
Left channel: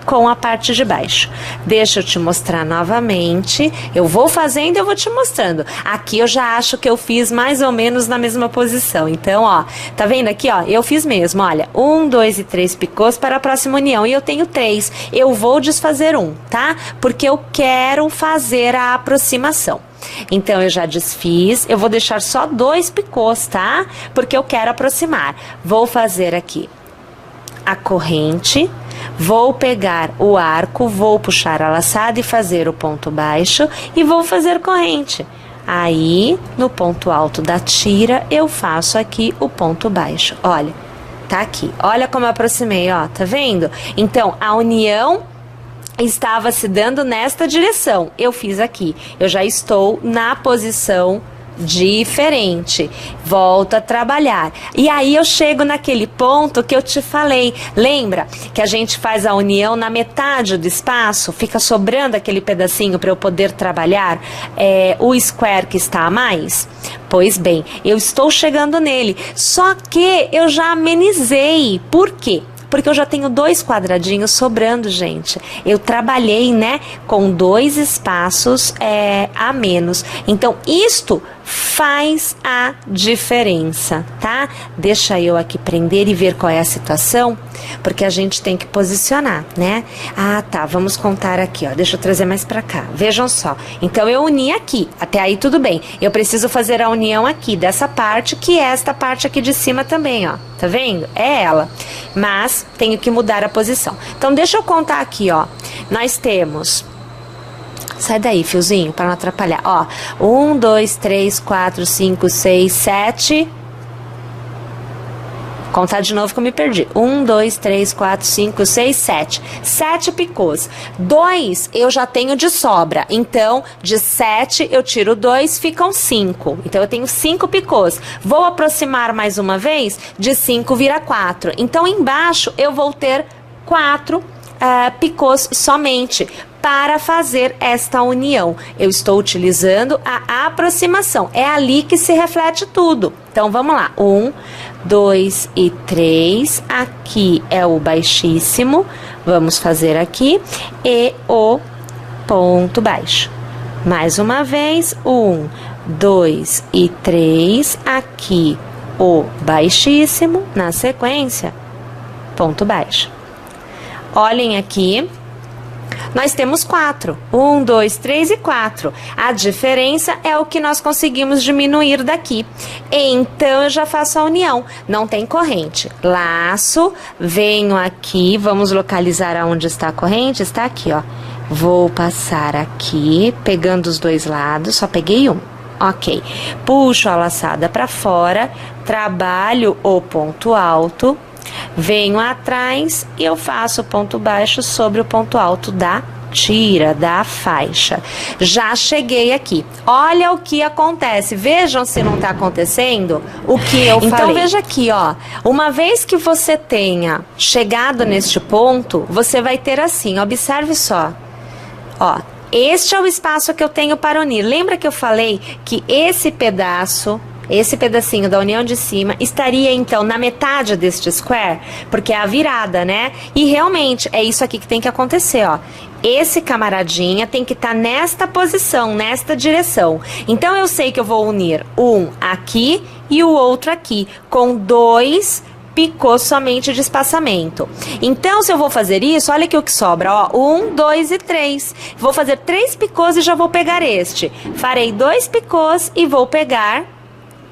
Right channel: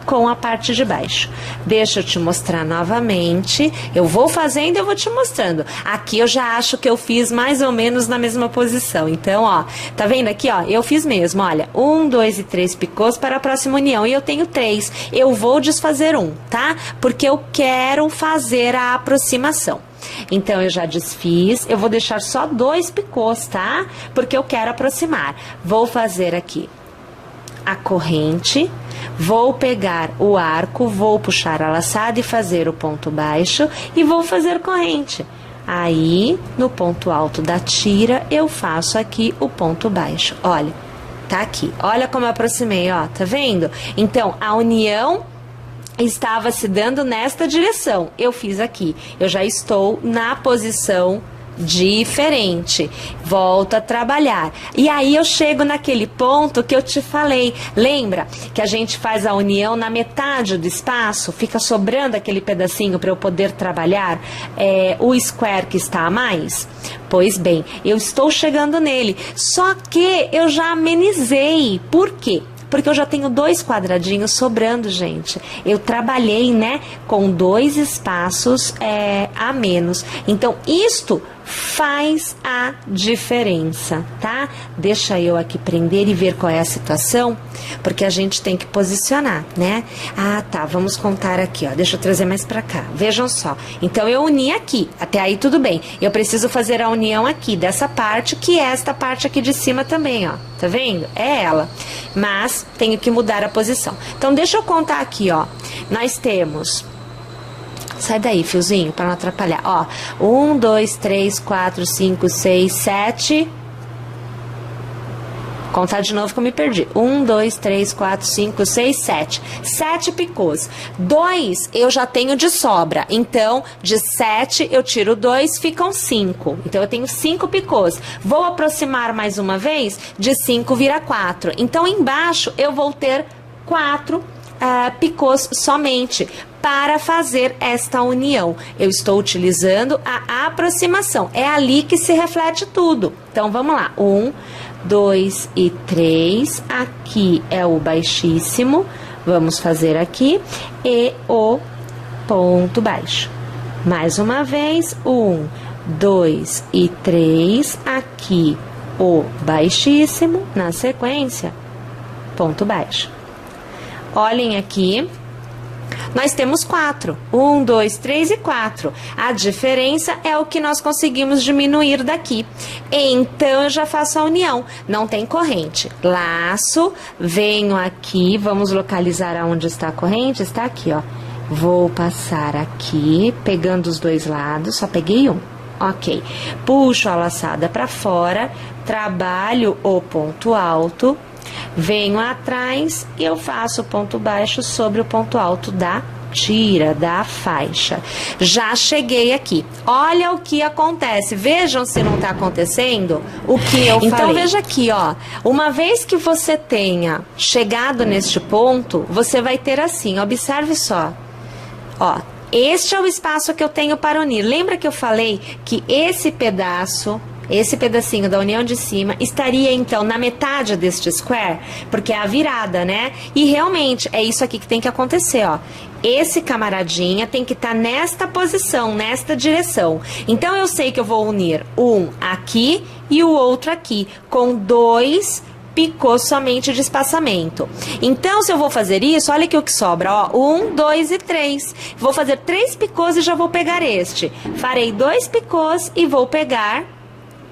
com a parte de baixo. Deixa eu te mostrar novamente. Eu vou fazendo e eu vou te mostrando. Aqui eu já acho que eu fiz mais ou menos na mesma posição. Então, ó, tá vendo aqui, ó? Eu fiz mesmo, olha. 1, 2 e 3 picôs para a próxima união. E eu tenho 3. Eu vou desfazer um, tá? Porque eu quero fazer a aproximação. Então, eu já desfiz. Eu vou deixar só 2 picôs, tá? Porque eu quero aproximar. Vou fazer aqui a corrente, vou pegar o arco, vou puxar a laçada e fazer o ponto baixo e vou fazer corrente. Aí, no ponto alto da tira, eu faço aqui o ponto baixo. Olha, tá aqui. Olha como eu aproximei, ó, tá vendo? Então, a união estava se dando nesta direção. Eu fiz aqui. Eu já estou na posição diferente, volto a trabalhar, e aí eu chego naquele ponto que eu te falei. Lembra que a gente faz a união na metade do espaço, fica sobrando aquele pedacinho para eu poder trabalhar o square que está a mais? Pois bem, eu estou chegando nele, só que eu já amenizei. Por quê? Porque eu já tenho 2 quadradinhos sobrando, gente. Eu trabalhei, né, com 2 espaços a menos. Então, isto faz a diferença, tá? Deixa eu aqui prender e ver qual é a situação, porque a gente tem que posicionar, né? Ah, tá, vamos contar aqui, ó, deixa eu trazer mais pra cá, vejam só, então eu uni aqui, até aí tudo bem, eu preciso fazer a união aqui, dessa parte, que é esta parte aqui de cima também, ó, tá vendo? É ela, mas tenho que mudar a posição. Então deixa eu contar aqui, ó, nós temos... Sai daí, fiozinho, para não atrapalhar. Ó, 1, 2, 3, 4, 5, 6, 7. Contar de novo que eu me perdi. 1, 2, 3, 4, 5, 6, 7. 7 picôs. 2 eu já tenho de sobra. Então, de 7 eu tiro 2, ficam 5. Então, eu tenho 5 picôs. Vou aproximar mais uma vez, de 5 vira 4. Então, embaixo eu vou ter 4 picôs somente para fazer esta união. Eu estou utilizando a aproximação. É ali que se reflete tudo. Então, vamos lá. 1, 2 e 3. Aqui é o baixíssimo. Vamos fazer aqui. E o ponto baixo. Mais uma vez. 1, 2 e 3. Aqui o baixíssimo. Na sequência, ponto baixo. Olhem aqui, nós temos 4. 1, 2, 3 e 4. A diferença é o que nós conseguimos diminuir daqui. Então, eu já faço a união. Não tem corrente. Laço, venho aqui, vamos localizar aonde está a corrente. Está aqui, ó. Vou passar aqui, pegando os dois lados, só peguei um. Ok. Puxo a laçada para fora, trabalho o ponto alto. Venho atrás e eu faço o ponto baixo sobre o ponto alto da tira, da faixa. Já cheguei aqui. Olha o que acontece. Vejam se não tá acontecendo o que eu falei. Então, veja aqui, ó. Uma vez que você tenha chegado neste ponto, você vai ter assim, observe só. Ó, este é o espaço que eu tenho para unir. Lembra que eu falei que esse pedacinho da união de cima estaria, então, na metade deste square, porque é a virada, né? E realmente, é isso aqui que tem que acontecer, ó. Esse camaradinha tem que estar nesta posição, nesta direção. Então, eu sei que eu vou unir um aqui e o outro aqui, com 2 picôs somente de espaçamento. Então, se eu vou fazer isso, olha aqui o que sobra, ó, 1, 2 e 3. Vou fazer 3 picôs e já vou pegar este. Farei 2 picôs e vou pegar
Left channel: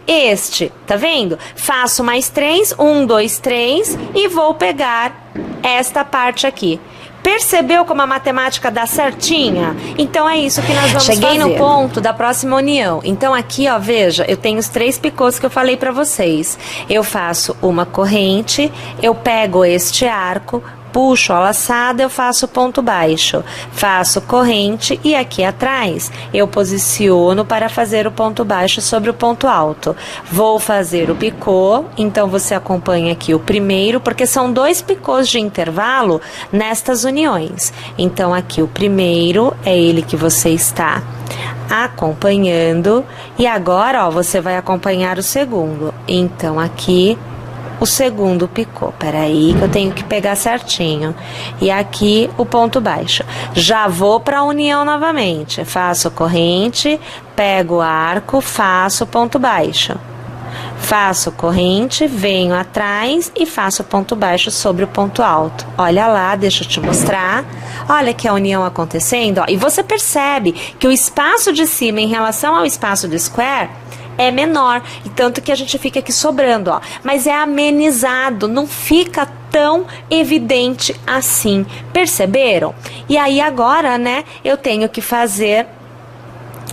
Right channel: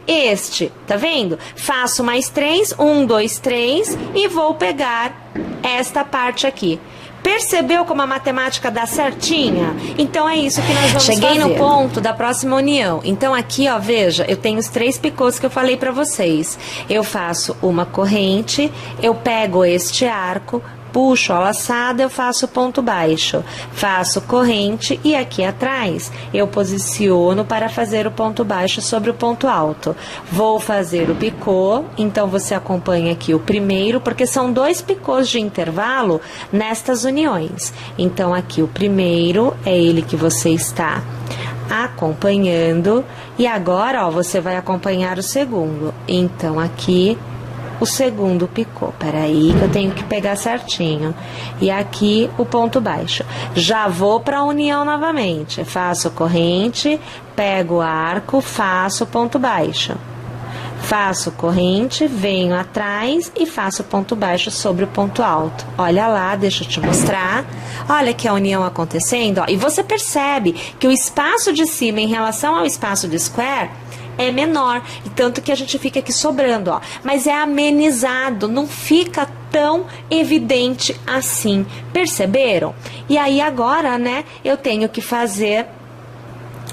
este, tá vendo? Faço mais 3, 1, 2, 3 e vou pegar esta parte aqui. Percebeu como a matemática dá certinha? Então é isso que nós vamos fazer. Cheguei no ponto da próxima união. Então aqui, ó, veja, eu tenho os 3 picôs que eu falei pra vocês. Eu faço uma corrente, eu pego este arco, puxo a laçada, eu faço ponto baixo, faço corrente e aqui atrás eu posiciono para fazer o ponto baixo sobre o ponto alto. Vou fazer o picô, então você acompanha aqui o primeiro, porque são 2 picôs de intervalo nestas uniões. Então aqui o primeiro é ele que você está acompanhando e agora, ó, você vai acompanhar o segundo. Então aqui o segundo picô, peraí que eu tenho que pegar certinho, e aqui o ponto baixo. Já vou para a união novamente, faço corrente, pego o arco, faço ponto baixo, faço corrente, venho atrás e faço ponto baixo sobre o ponto alto. Olha lá, deixa eu te mostrar. Olha que a união acontecendo, ó, e você percebe que o espaço de cima em relação ao espaço do square é menor, e tanto que a gente fica aqui sobrando, ó. Mas é amenizado, não fica tão evidente assim. Perceberam? E aí agora, né, eu tenho que fazer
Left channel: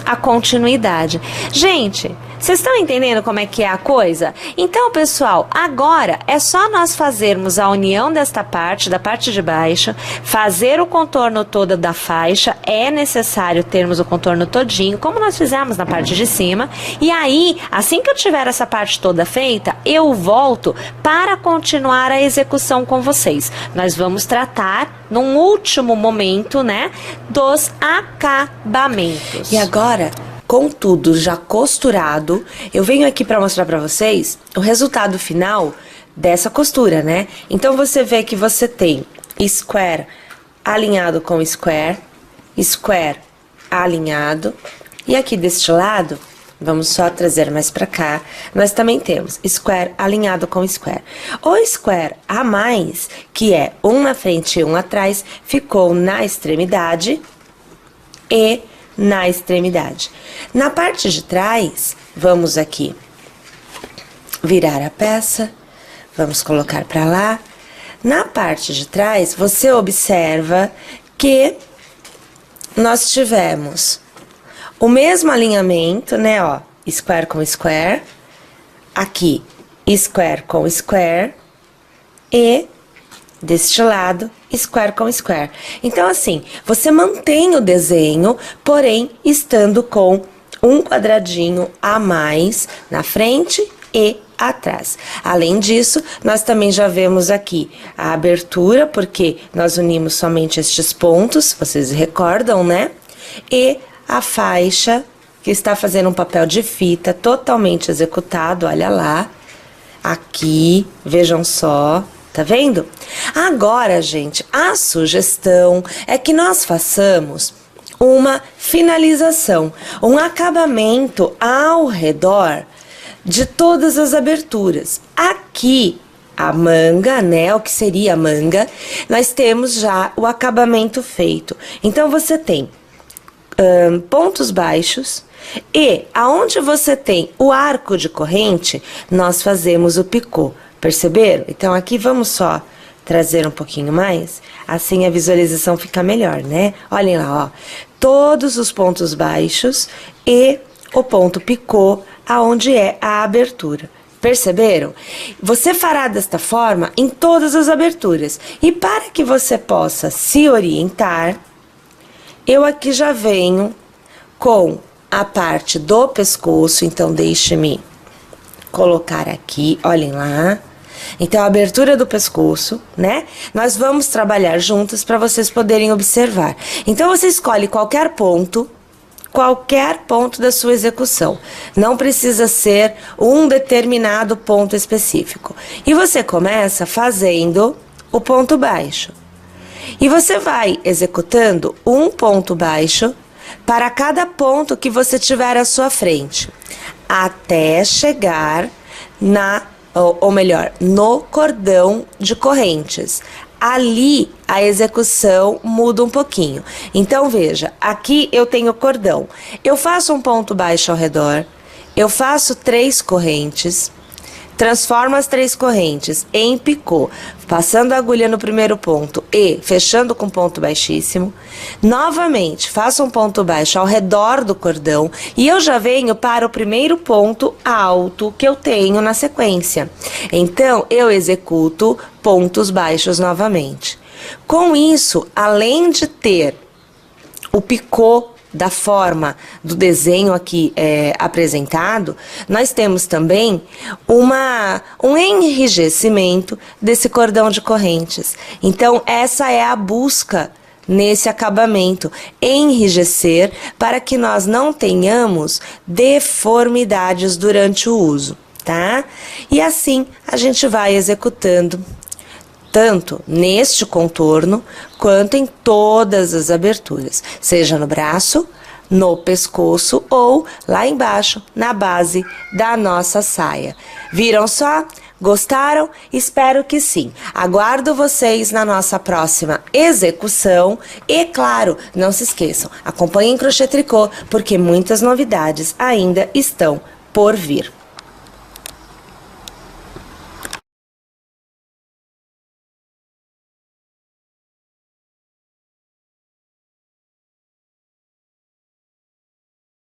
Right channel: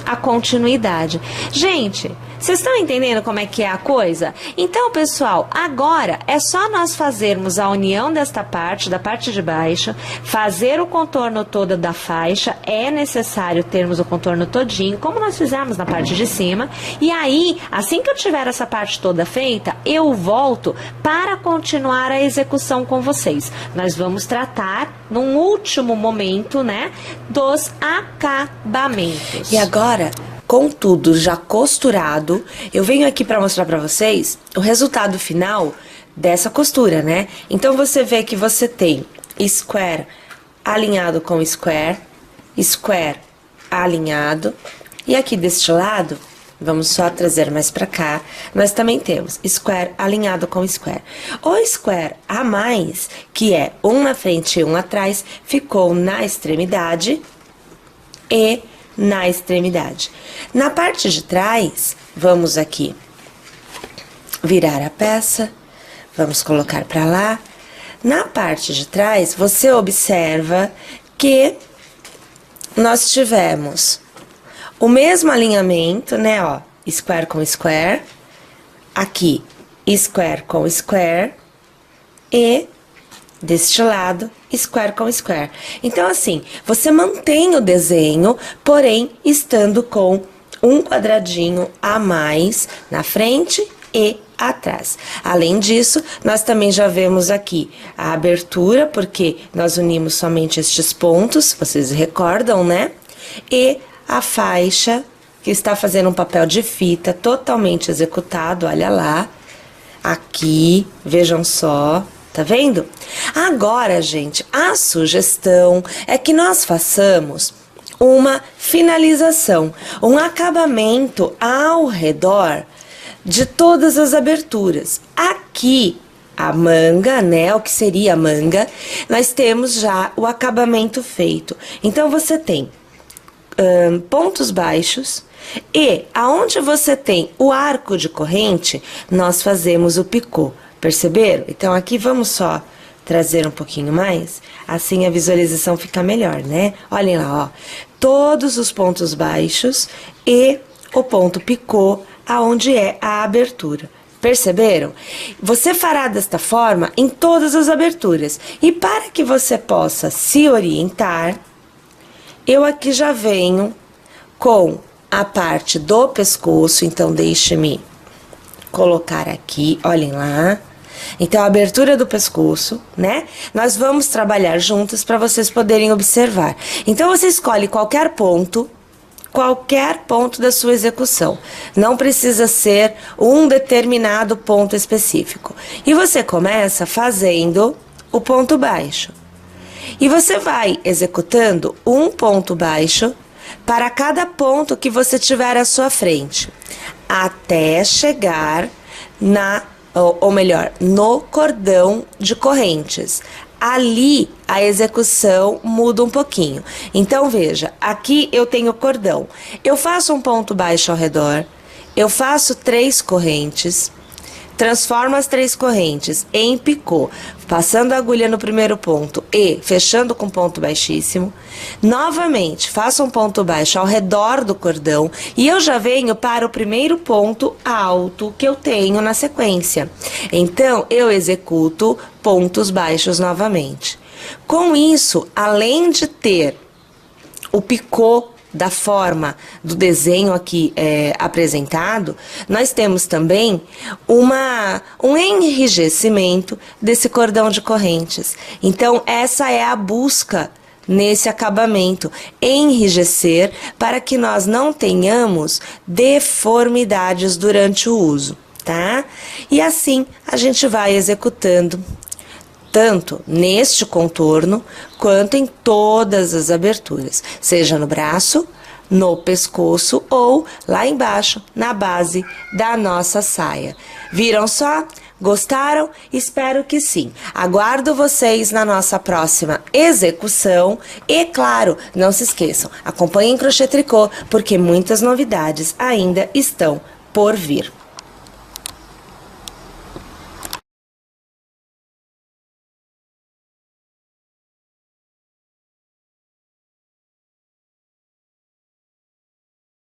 a continuidade. Gente, vocês estão entendendo como é que é a coisa? Então, pessoal, agora é só nós fazermos a união desta parte, da parte de baixo, fazer o contorno todo da faixa, é necessário termos o contorno todinho, como nós fizemos na parte de cima, e aí, assim que eu tiver essa parte toda feita, eu volto para continuar a execução com vocês. Nós vamos tratar, num último momento, né, dos acabamentos. E agora, com tudo já costurado, eu venho aqui para mostrar para vocês o resultado final dessa costura, né? Então, você vê que você tem square alinhado com square, square alinhado, e aqui deste lado vamos só trazer mais pra cá, nós também temos square alinhado com square. O square a mais, que é um na frente e um atrás, ficou na extremidade e na extremidade. Na parte de trás, vamos aqui virar a peça, vamos colocar pra lá. Na parte de trás, você observa que nós tivemos o mesmo alinhamento, né, ó, square com square, aqui, square com square, e deste lado, square com square. Então, assim, você mantém o desenho, porém, estando com um quadradinho a mais na frente e atrás. Além disso, nós também já vemos aqui a abertura, porque nós unimos somente estes pontos, vocês recordam, né? E a faixa, que está fazendo um papel de fita totalmente executado, olha lá. Aqui, vejam só, tá vendo? Agora, gente, a sugestão é que nós façamos uma finalização, um acabamento ao redor de todas as aberturas. Aqui, a manga, né, o que seria a manga, nós temos já o acabamento feito. Então, você tem pontos baixos e aonde você tem o arco de corrente, nós fazemos o picô. Perceberam? Então, aqui vamos só trazer um pouquinho mais, assim a visualização fica melhor, né? Olhem lá, ó, todos os pontos baixos e o ponto picô, aonde é a abertura. Perceberam? Você fará desta forma em todas as aberturas. E para que você possa se orientar, eu aqui já venho com a parte do pescoço, então deixe-me colocar aqui, olhem lá. Então, a abertura do pescoço, né? Nós vamos trabalhar juntos para vocês poderem observar. Então, você escolhe qualquer ponto da sua execução. Não precisa ser um determinado ponto específico. E você começa fazendo o ponto baixo. E você vai executando um ponto baixo para cada ponto que você tiver à sua frente, até chegar no cordão de correntes. Ali a execução muda um pouquinho. Então, veja, aqui eu tenho cordão. Eu faço um ponto baixo ao redor, eu faço 3 correntes, transformo as 3 correntes em picô, passando a agulha no primeiro ponto e fechando com ponto baixíssimo. Novamente, faço um ponto baixo ao redor do cordão e eu já venho para o primeiro ponto alto que eu tenho na sequência. Então, eu executo pontos baixos novamente. Com isso, além de ter o picô da forma do desenho aqui apresentado, nós temos também um enrijecimento desse cordão de correntes. Então, essa é a busca nesse acabamento, enrijecer para que nós não tenhamos deformidades durante o uso, tá? E assim a gente vai executando tanto neste contorno, quanto em todas as aberturas, seja no braço, no pescoço ou lá embaixo, na base da nossa saia. Viram só? Gostaram? Espero que sim. Aguardo vocês na nossa próxima execução e, claro, não se esqueçam, acompanhem Crochê Tricô, porque muitas novidades ainda estão por vir.